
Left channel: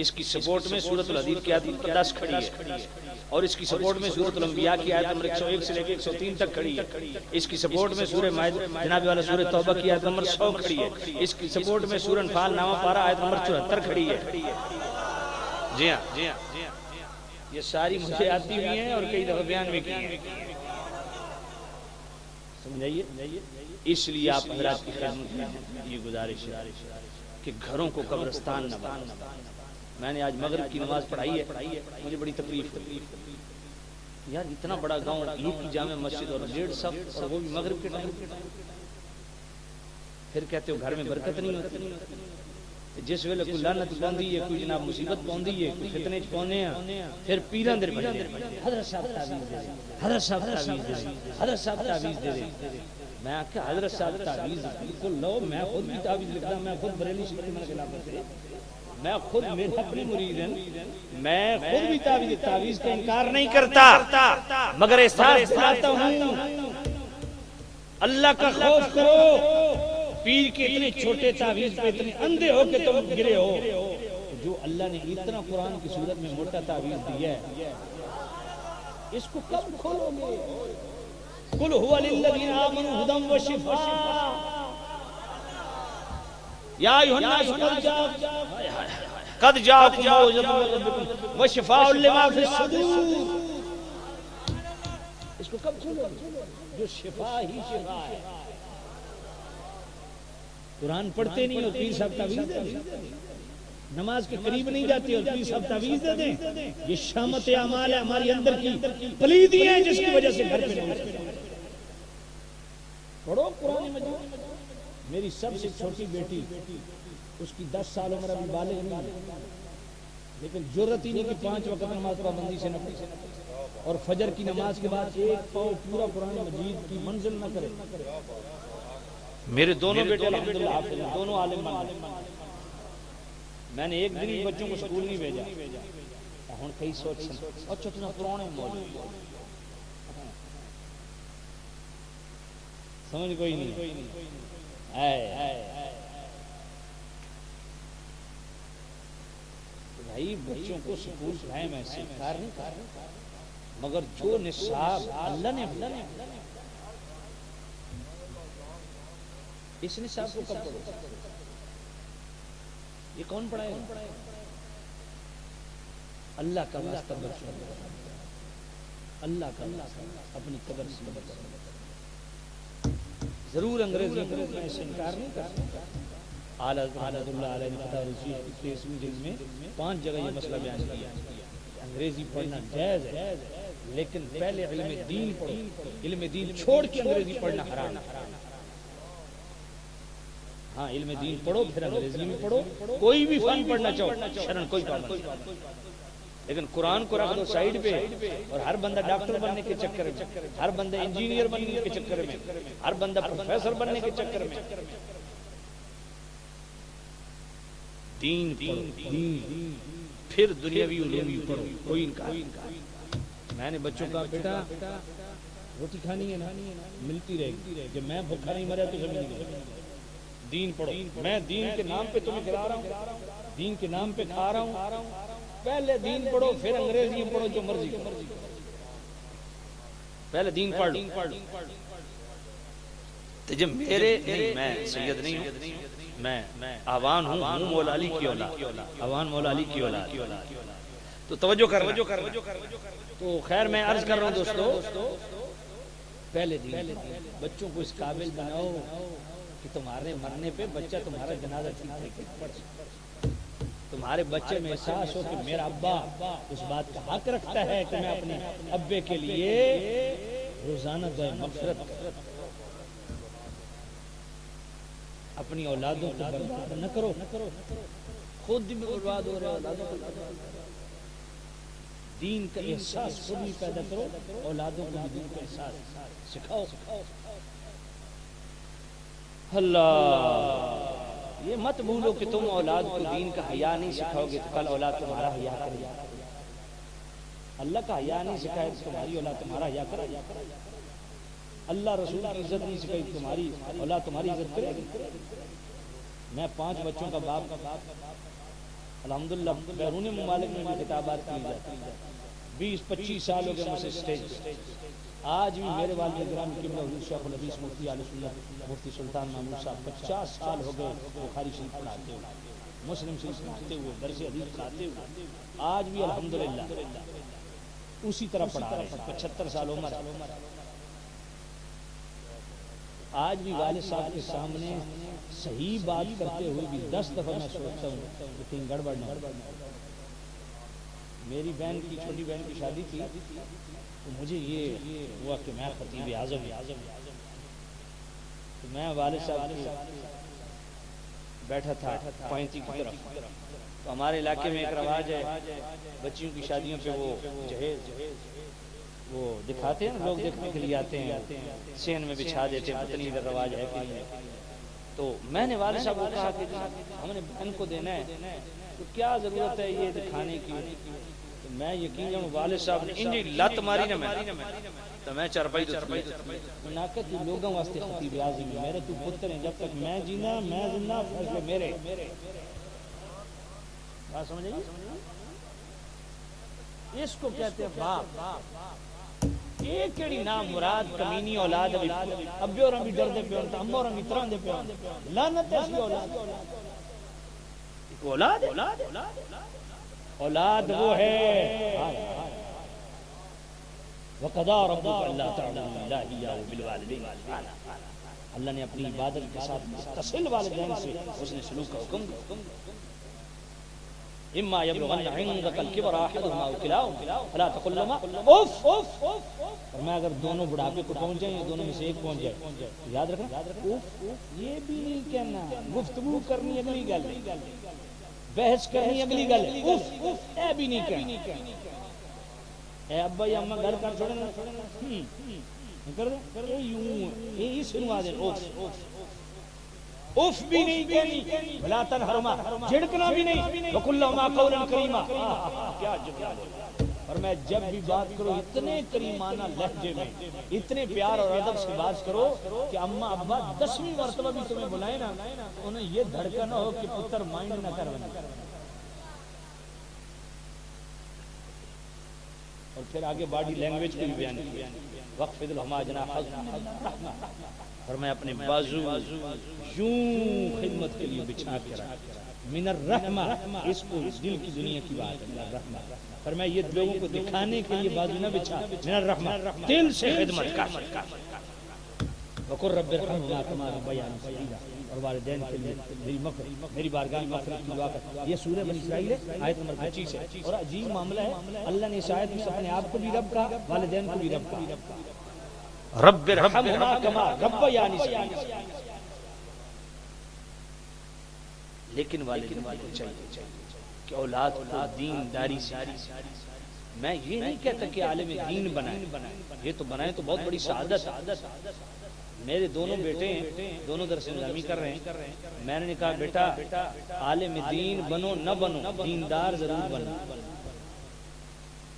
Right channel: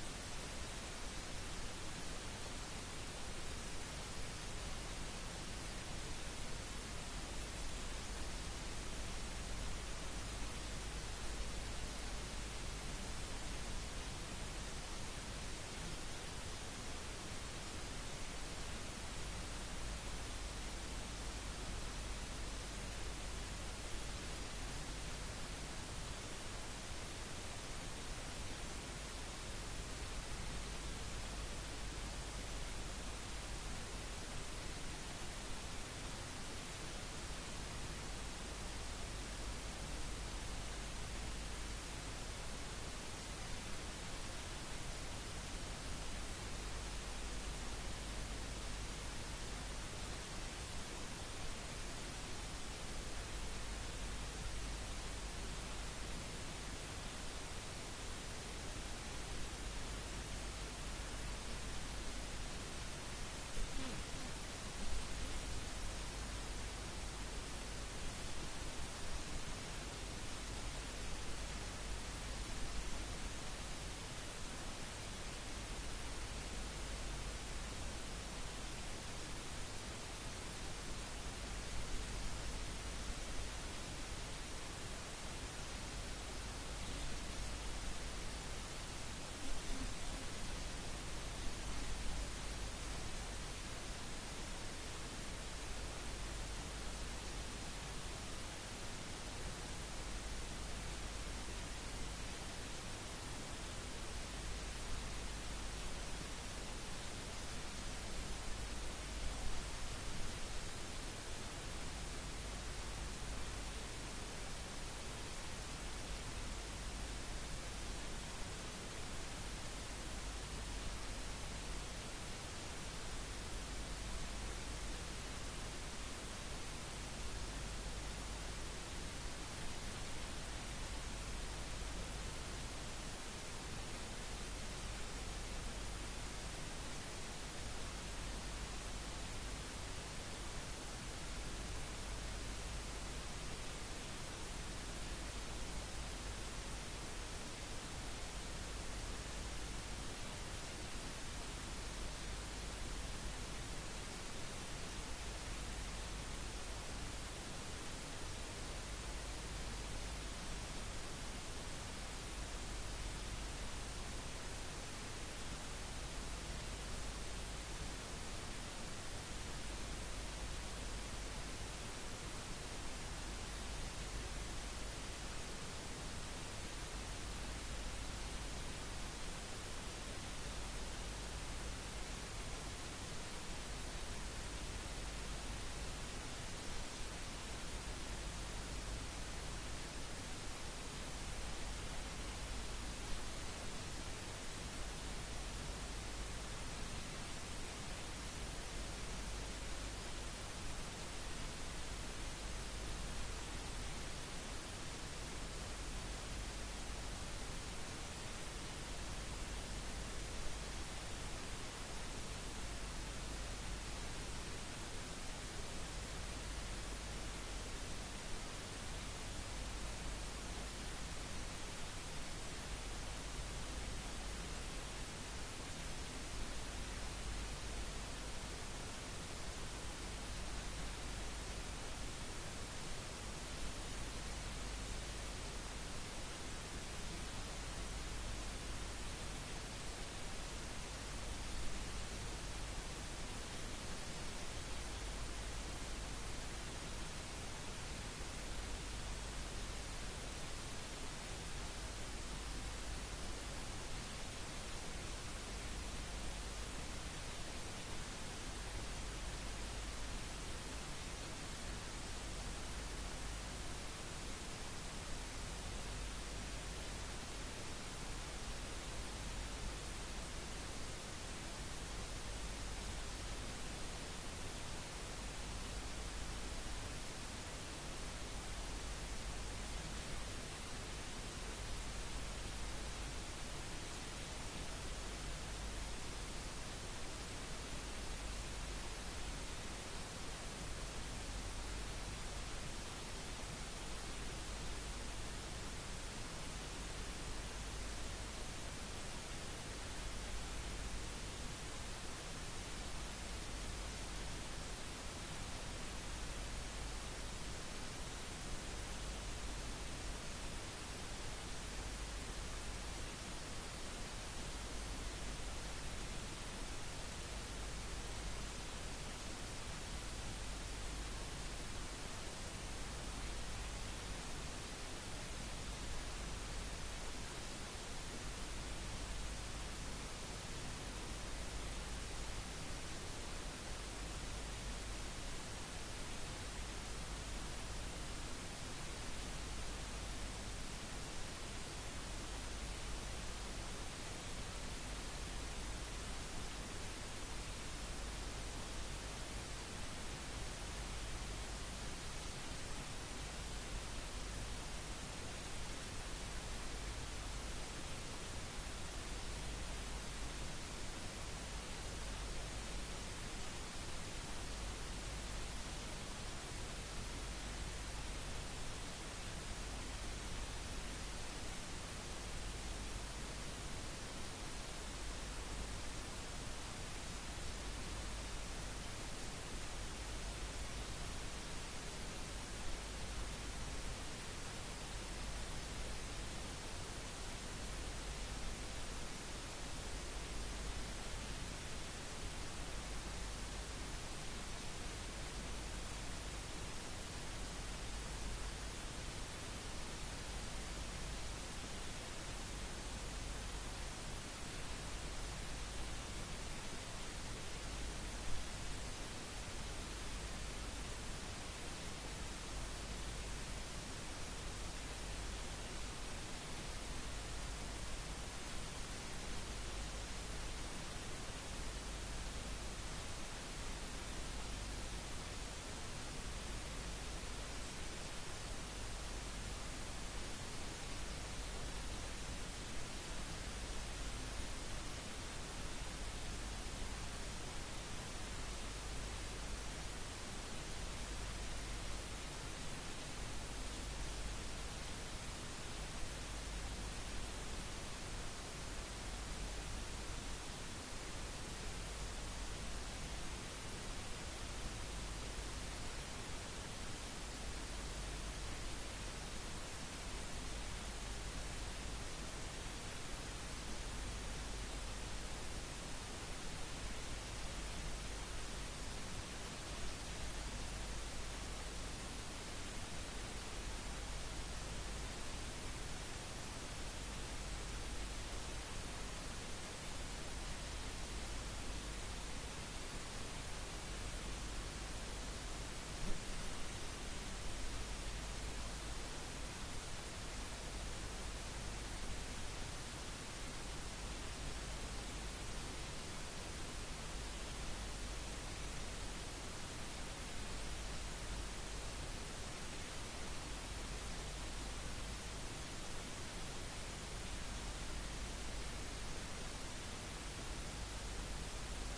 اس کی سپورٹ میں سورۃ الحدید کی آیت نمبر 10 کھڑی ہے، اور اس کی سپورٹ میں سورۃ الانبیاء کی آیت نمبر 101 سے لے کے 103 تک کھڑی ہے. اس کی سپورٹ میں سورہ مائدہ جناب والا سورہ توبہ کی آیت نمبر 100 کھڑی ہے. اس کی سپورٹ میں سورہ انفال نامہ پارہ آیت نمبر 74 کھڑی ہے. جی ہاں، یہ ساری مجھے آتی ہوئی ہیں اور کئی دفعہ بیان بھی کی ہیں. سمجھائیے. اس لیے آپ حضرات کی خدمت میں یہ گزارش ہے کہ گھروں کو قبرستان نہ بنائیں. میں نے آج مغرب کی نماز پڑھائی ہے، مجھے بڑی تکلیف ہوئی یار، اتنا بڑا گاؤں، ایک کی جامع مسجد اور 1.5 صف، اور وہ بھی مغرب کے ٹائم، پھر کہتے ہو گھر میں برکت نہیں ہوتی۔ جس ویلے کوئی لعنت پوندی ہے، کوئی جناب مصیبت پوندی ہے، کوئی فتنے چ پونے ہیں، پھر پیران در پڑھتے ہیں حضرت صاحب تعویذ دے دے، حضرت صاحب تعویذ دے دے، حضرت صاحب تعویذ دے دے۔ میں آخیا حضرت صاحب تعویذ بالکل لو، میں خود بھی تعویذ لکھتا، میں خود بریلی سے میں خلاف کرتے، میں خود میرا اپنی مرید ہیں، میں خود بھی تعویذ کا انکار نہیں کرتا، مگر احساس دلاتا ہوں اللہ کا خوف کرو۔ پیر کے اتنے چھوٹے تعویذ پہ اتنے اندھے ہو کہ تم گرے ہو، جو اللہ نے اتنا قرآن کی صورت میں موٹا تعویذ دیا ہے، اس کو کب کھولو گے؟ قل هو للذین آمنوا هدی وشفاء یا ایھا الناس قد جاءکم موعظۃ من ربکم وشفاء لما فی الصدور۔ اس کو کب کھولو گے؟ جو شفا ہی شفا ہے۔ قرآن پڑھتے نہیں ہو، پیر صاحب تعویذ دے دیں، نماز کے قریب نہیں جاتے ہو، پیر صاحب تعویذ دے دیں۔ یہ شامت اعمال ہے ہماری اندر کی پلیدی ہیں، جس کی وجہ سے گھر پہ نہیں پڑھو قرآن مجید۔ میری سب سے چھوٹی بیٹی، اس کی 10 سال عمر، ابھی بالغ نہیں، لیکن جرأت ہی نہیں کہ 5 وقت نماز پابندی سے نہ پڑھے، اور فجر کی نماز کے بعد ایک پاؤ پورا قرآن مجید کی منزل نہ کرے۔ میرے دونوں بیٹے الحمدللہ حافظ ہیں، دونوں عالم ہیں۔ میں نے ایک دن بچوں کو سکول نہیں بھیجا، ہوں کئی سوچ اچھا اتنا پرانے موجود سمجھ کوئی نہیں بھائی، بچوں کو سکول پڑھائے میں سے کار نہیں، مگر جو نصاب اللہ نے اس نصاب کو کب کرو؟ یہ کون پڑھائے گا؟ اللہ کا واسطہ بچوں، اللہ کا اپنی قدر سے بچوں۔ ضرور انگریزی میں اس سے انکار نہیں کرتا۔ اعلیٰ حضرت اللہ علیہ فتح رشید 23ویں جلد میں 5 جگہ یہ مسئلہ بیان کیا۔ انگریزی پڑھنا جائز ہے، لیکن پہلے علم دین پڑھو، علم دین چھوڑ کے انگریزی پڑھنا حرام۔ ہاں علم دین پڑھو، پھر انگریزی میں پڑھو، کوئی بھی فن پڑھنا چاہو، شرن کوئی بات نہیں، لیکن قرآن کو رکھ دو سائیڈ پہ، اور ہر بندہ ڈاکٹر بننے کے چکر میں، ہر بندہ انجینئر بننے کے چکر میں، ہر بندہ پروفیسر بننے کے چکر میں، دین دین پھر دنیاوی علوم پڑھو، کوئی انکار۔ میں نے بچوں کا بیٹا روٹی کھانی ہے نا، ملتی رہے گی، جب میں بھوکا نہیں مرا تو زمین نہیں، دین پڑھو۔ میں دین کے نام پہ تمہیں کھلا رہا ہوں، دین کے نام پہ کھا رہا ہوں، پہلے دین پڑھو، پھر انگریزی پڑھو، جو مرضی کرو، پہلے دین پڑھ لو۔ تو جب میرے نہیں، میں سید نہیں ہوں، میں آوان ہوں، مولا علی کی اولاد، آوان مولا علی کی اولاد، تو توجہ کرنا۔ تو خیر میں عرض کر رہا ہوں دوستو، پہلے دین بچوں کو اس قابل بناؤ کہ تمہارے مرنے پہ بچہ تمہارا جنازہ پڑھ سکے، تمہارے بچے میں احساس ہو کہ میرا ابا اس بات کا حق رکھتا ہے کہ میں اپنے ابے کے لیے روزانہ دعائے مغفرت، اپنی اولادوں کو برباد نہ کرو، خود بھی برباد ہو رہے اولادوں کو، دین کا احساس خود بھی پیدا کرو، اولادوں کو دین کا احساس سکھاؤ۔ اللہ یہ مت بھولو کہ تم اولاد کو دین کا حیا نہیں سکھاؤ گے تو کل اولاد تمہارا حیا کرے گا۔ اللہ کا حیا نہیں سکھائے تو تمہاری اولاد تمہارا حیا کرے گا۔ اللہ رسول کی عزت نہیں سکھائی تمہاری اولاد تمہاری عزت کرے گی۔ میں 5 بچوں کا باپ، الحمدللہ بیرون ممالک میں بھی خطابات کی جاتی ہیں، 20-25 سال ہو گئے مجھے اسٹیج۔ آج بھی میرے والد گرامی قبلہ حضور شیخ الحدیث مفتی علیہ سنت مفتی سلطان محمود صاحب 50 سال ہو گئے بخاری شریف پڑھاتے ہوئے، مسلم شریف پڑھاتے ہوئے، درس حدیث پڑھاتے ہوئے، آج بھی الحمدللہ اسی طرح پڑھا رہے ہیں، 75 سال عمر۔ آج بھی والد صاحب کے سامنے صحیح بات کرتے ہوئے بھی 10 دفعہ میں سوچتا ہوں کہ کہیں گڑبڑ نہ ہو، میری بہن کی چھوٹی بہن کی شادی تھی تو مجھے یہ ہوا کہ میں خطیب اعظم تو میں والد صاحب کے بیٹھا تھا پوائنٹی کی طرف. تو ہمارے علاقے میں ایک رواج ہے بچیوں کی شادیوں پہ وہ جہیز وہ دکھاتے ہیں لوگ دیکھنے کے لیے آتے ہیں سین میں بچھا دیتے ہیں. پتہ نہیں ادھر رواج ہے کہ نہیں. تو میں نے والد صاحب کو کہا کہ ہم نے ان کو دینا ہے تو کیا ضرورت ہے یہ دکھانے کی. تو میں یقین جب والد صاحب نے انجی لت ماری نا تو میں چارپائی ناقت لوگوں واسطے خطیب اعظم میرے تو پتر ہیں جب تک میں جینا میں زندہ فیصلے میرے. بات سمجھ گئی. اس کو کہتے ہیں باپ. ایک کیڑی نام مراد کمینی اولاد ابے اور ہم ڈردے پہ ہوتا ہم اور ہم طرح دے پہ لعنت ہے اس اولاد. اولاد وہ ہے وقضى ربك الا تعبدوا الا اياه بالوالدين. اللہ نے اپنی عبادت کے ساتھ متصل والدین سے اس نے سلوک کا حکم دیا. اما يبلغن عندك الكبر احدهما او كلاهما فلا تقل لهما اف. اور میں اگر دونوں بڑھاپے کو پہنچ جائیں یا دونوں میں سے ایک پہنچ جائے یاد رکھنا اف یہ بھی نہیں کہنا. گفتگو کرنی اگلی گل بحث کرنی اگلی گل اف اے بھی نہیں کہنا. اے ابا یا اماں گھر کر چھوڑنا کر دو یوں یہ اس نوا دے اف بھی نہیں کہنی. لا تنہرما جھڑکنا بھی نہیں. وقل لهما قولا کریما. کیا جواب ہے. اور میں جب بھی بات کروں اتنے کریمانہ لہجے میں اتنے پیار اور ادب سے بات کرو کہ اماں ابا 10ویں مرتبہ بھی تمہیں بلائیں نا انہیں یہ دھڑکا نہ ہو کہ پتر مائنڈ نہ کر بنے. اور پھر آگے باڈی لینگویج کی بیان کی. وقفض لهما جناح الرحمہ. اور میں اپنے بازو یوں خدمت کے لیے بچھا کر من الرحمہ. اس کو دل کی دنیا کی بات ہے الرحمہ. اور میں یہ لوگوں کو دکھانے کے لیے بازو نہ بچھا من الرحمہ دل سے خدمت کر. وقل رب ارحمهما كما ربياني صغيرا. اور والدین کے لیے میری بارگاہ میں مغفرت کی دعا کر. یہ سورہ بنی اسرائیل ہے آیت نمبر 25 ہے. اور عجیب معاملہ ہے اللہ نے اس آیت میں اپنے آپ کو بھی رب کہا والدین کو بھی رب کہا. رب ارحمهما كما ربياني صغيرا. لیکن والدین کو چاہیے کہ اولاد کو دینداری سے. میں یہ نہیں کہتا کہ عالم دین بنائیں یہ تو بنائیں تو بہت بڑی سعادت. میرے دونوں بیٹے ہیں دونوں درس نظامی کر رہے ہیں. میں نے کہا بیٹا عالم دین بنو نہ بنو دیندار ضرور بنو.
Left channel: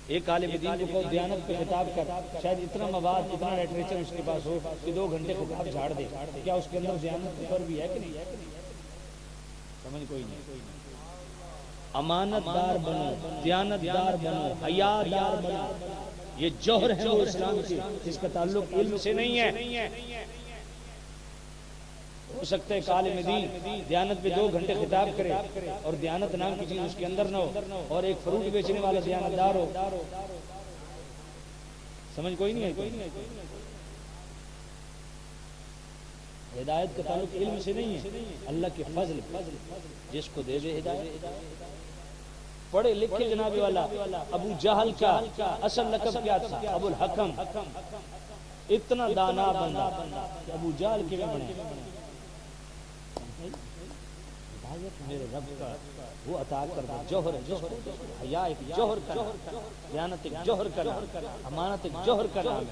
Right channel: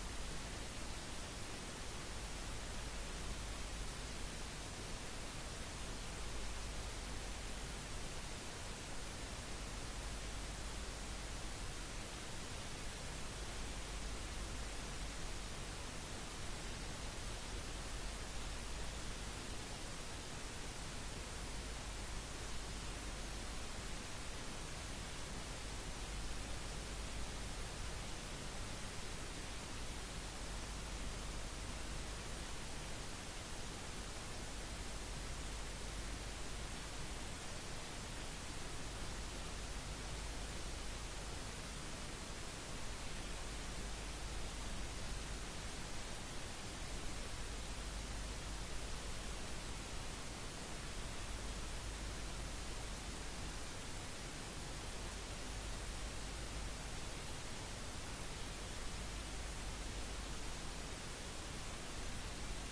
ایک عالم دین کو کہو دیانت پہ خطاب کر شاید اتنا مواد اتنا لٹریچر اس کے پاس ہو کہ 2 گھنٹے کو آپ جھاڑ دے. کیا اس کے اندر دیانت پر بھی ہے کہ نہیں ہے؟ سمجھ کوئی نہیں. امانت دار بنو دیانت دار بنو حیا دار بنو. یہ جوہر ہے وہ اسلام کی جس کا تعلق علم سے نہیں ہے. ہو سکتا ہے کہ عالم دین دیانت پہ 2 گھنٹے خطاب کرے اور دیانت نام کی چیز اس کے اندر نہ ہو اور ایک فروٹ بیچنے والا دیانت دار ہو. سمجھ کوئی نہیں ہے. ہدایت کا تعلق علم سے نہیں ہے اللہ کے فضل جس کو دے دے ہدایت. پڑھے لکھے جناب والا ابو جہل کا اصل لقب کیا تھا ابو الحکم. اتنا دانا بندہ ابو جہل کے بنے. میرے رب کا وہ عطا کر دے جوہر ہے. حیا ایک جوہر کا نام, دیانت ایک جوہر کا نام, امانت ایک جوہر کا نام.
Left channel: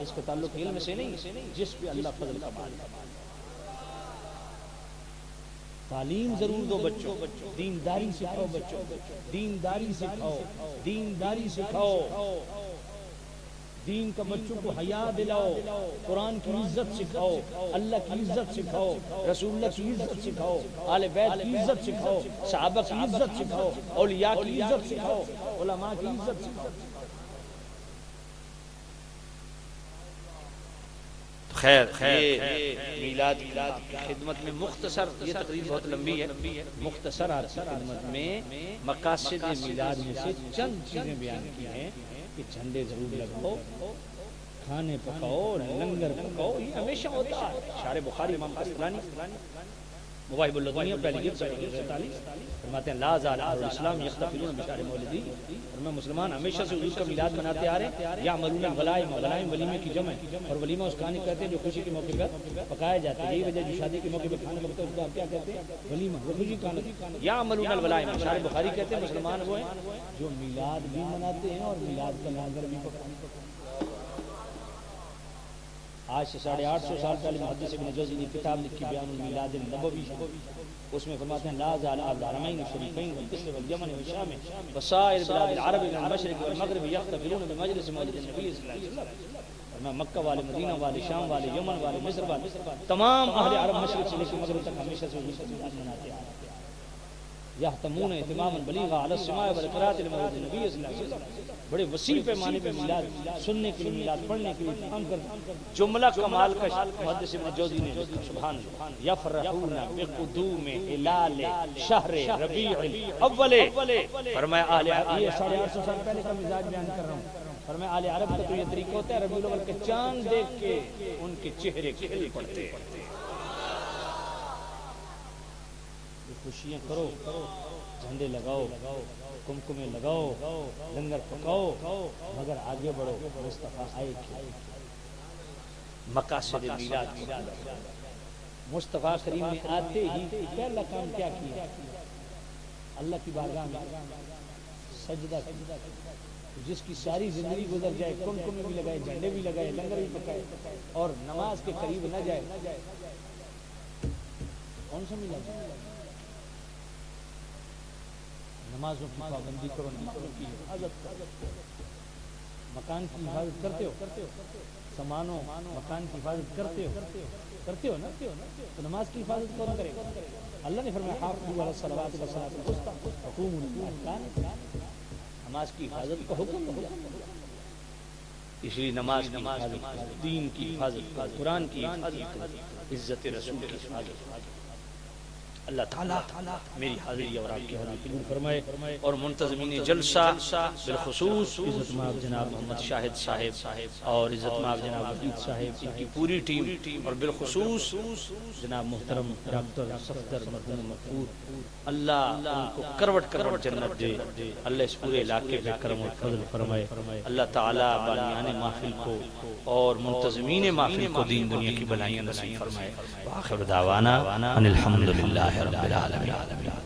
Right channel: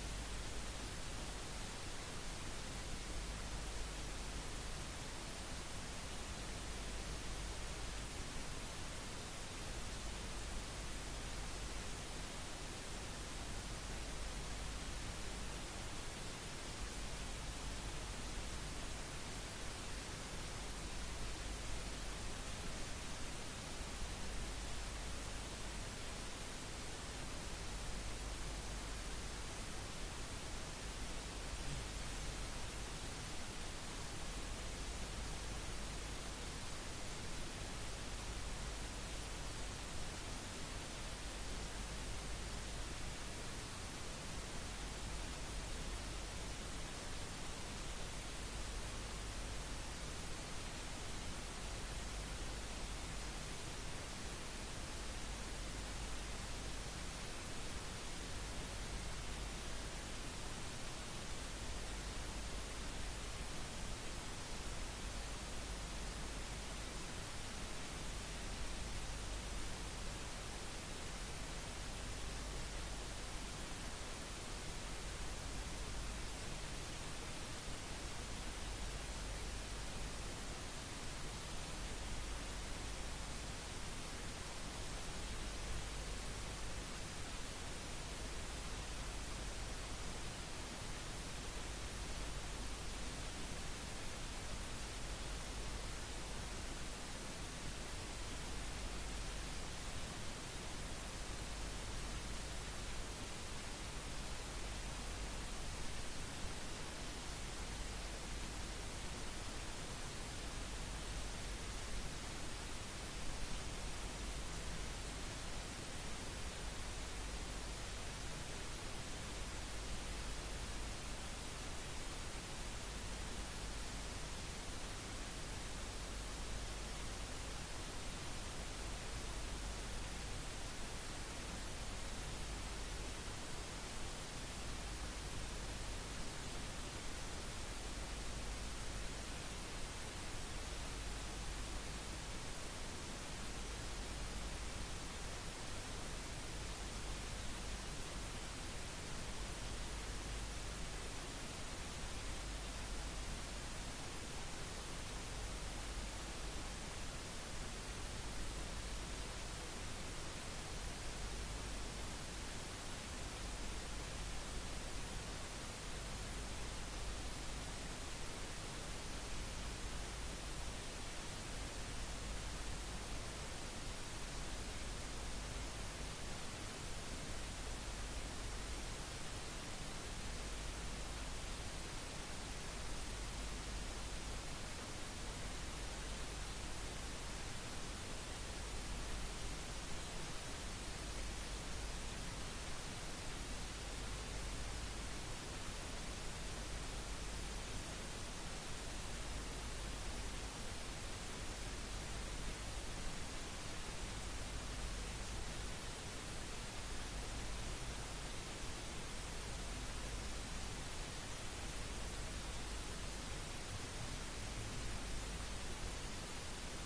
اس کا تعلق علم سے نہیں جس پہ اللہ فضل کا مالک. تعلیم ضرور دو بچوں, دینداری سکھاؤ بچوں, دینداری سکھاؤ, دینداری سکھاؤ. دین کا بچوں کو حیا دلاؤ, قرآن کی عزت سکھاؤ, اللہ کی عزت سکھاؤ, رسول اللہ کی عزت سکھاؤ, آل بیت کی عزت سکھاؤ, صحابہ کی عزت سکھاؤ, اولیاء کی عزت سکھاؤ, علماء کی عزت سکھاؤ. خیر میلاد کی خدمت میں مختصر, یہ تقریر بہت لمبی ہے, مختصر آپ کی خدمت میں مقاصد میلاد میں سے چند چیزیں بیان کی ہیں کہ جھنڈے ضرور لگاؤ, کھانے پکاؤ, لنگر پکاؤ. یہ ہمیشہ ہوتا ہے. شارح بخاری امام قسطلانی مواہب اللدنیہ پہلی جلد 43 فرماتے ہیں لا زال اہل الاسلام یختفلون بشار مولدی، اور میں مسلمان ہمیشہ سے حضور کا میلاد مناتے آ رہے ہیں. یعملون الولائم، ولائم ولیمے کی جمع ہے، اور ولیمہ اس کھانے کہتے ہیں جو خوشی کے موقع پر پکایا جاتا ہے. یہی وجہ جو شادی کے موقع پر کھانا لگتا ہے اس کو آپ کیا کہتے ہیں؟ ولیمہ، وہ خوشی کھانا. یعملون الولائم، اشار بخاری کہتے ہیں مسلمان وہ ہیں جو میلاد بھی مناتے ہیں اور میلاد کا لانگر بھی پکاتے ہیں. آج سے 850 سال پہلے محدث ابن جوزی نے کتاب لکھی بیان المیلاد النبوی، اس میں فرماتے ہیں لا زال الحرمین الشریفین والمصر والیمن والشام وسائر بلاد العرب من المشرق والمغرب یحتفلون بمجلس مولد النبی صلی اللہ علیہ وسلم. میں مکہ والے، مدینہ والے، شام والے، یمن والے، مصر والے، تمام اہل عرب مشرق سے لے کے مغرب تک ہمیشہ سے حضور کا میلاد مناتے ہیں. یحتمون اہتماما بلیغا علی السماع والقراءۃ لمولد النبی صلی اللہ علیہ وسلم. بڑے وسیع پیمانے پہ میلاد سننے کے لیے، میلاد پڑھنے کے لیے کام کرتے. جملہ کمال کا محدث ابن جوزی نے سبحان اللہ، یفرحون بقدوم ہلال شہر ربیع الاول. فرمایا اہل یہ 850 سال پہلے کا مزاج بیان کر رہا ہوں. فرمایا اہل عرب کا تو یہ طریقہ ہوتا ہے ربیع الاول کے چاند دیکھ کے ان کے چہرے کھل پڑتے ہیں. خوشیاں کرو، جھنڈے لگاؤ، کمکمے لگاؤ، لنگر پکاؤ، مگر آگے بڑھو. مصطفیٰ آئے مقاصد میلاد. مصطفیٰ کریم نے آتے ہی پہلا کام کیا کیا؟ اللہ کی بارگاہ میں سجدہ کیا. جس کی ساری زندگی گزر جائے، کمکمے بھی لگائے، جھنڈے بھی لگائے، لنگر بھی پکائے، اور نماز کے قریب نہ جائے، کون سا میلاد؟ نمازوں کی پابندی کرو، نمازوں کی حفاظت کرو، مکان کی حفاظت کرتے ہو، سامانوں مکان کی حفاظت کرتے ہو نا، تو نماز کی حفاظت کون کرے گا؟ اللہ نے فرمایا حافظوا علی الصلوات والصلاۃ الوسطی وقوموا للہ. نماز کی حفاظت کا حکم ہے. اس لیے نماز کی حفاظت، دین کی حفاظت، قرآن کی حفاظت، عزت رسول کی حفاظت. اللہ تعالیٰ میری حاضری اور آپ کی حاضری قبول فرمائے، اور منتظمین جلسہ بالخصوص عزت مآب جناب محمد شاہد صاحب اور عزت مآب جناب عبید صاحب، ان کی پوری ٹیم، اور بالخصوص جناب محترم ڈاکٹر صفدر مرحوم مقبول، اللہ ان کو کروٹ کروٹ جنت دے. اللہ اس پورے علاقے پہ کرم و فضل فرمائے. اللہ تعالیٰ بانیان محفل کو اور منتظمین محفل کو دین دنیا کی بلائیاں نصیب فرمائے. وآخر دعوانا ان الحمد للہ رب العالمین.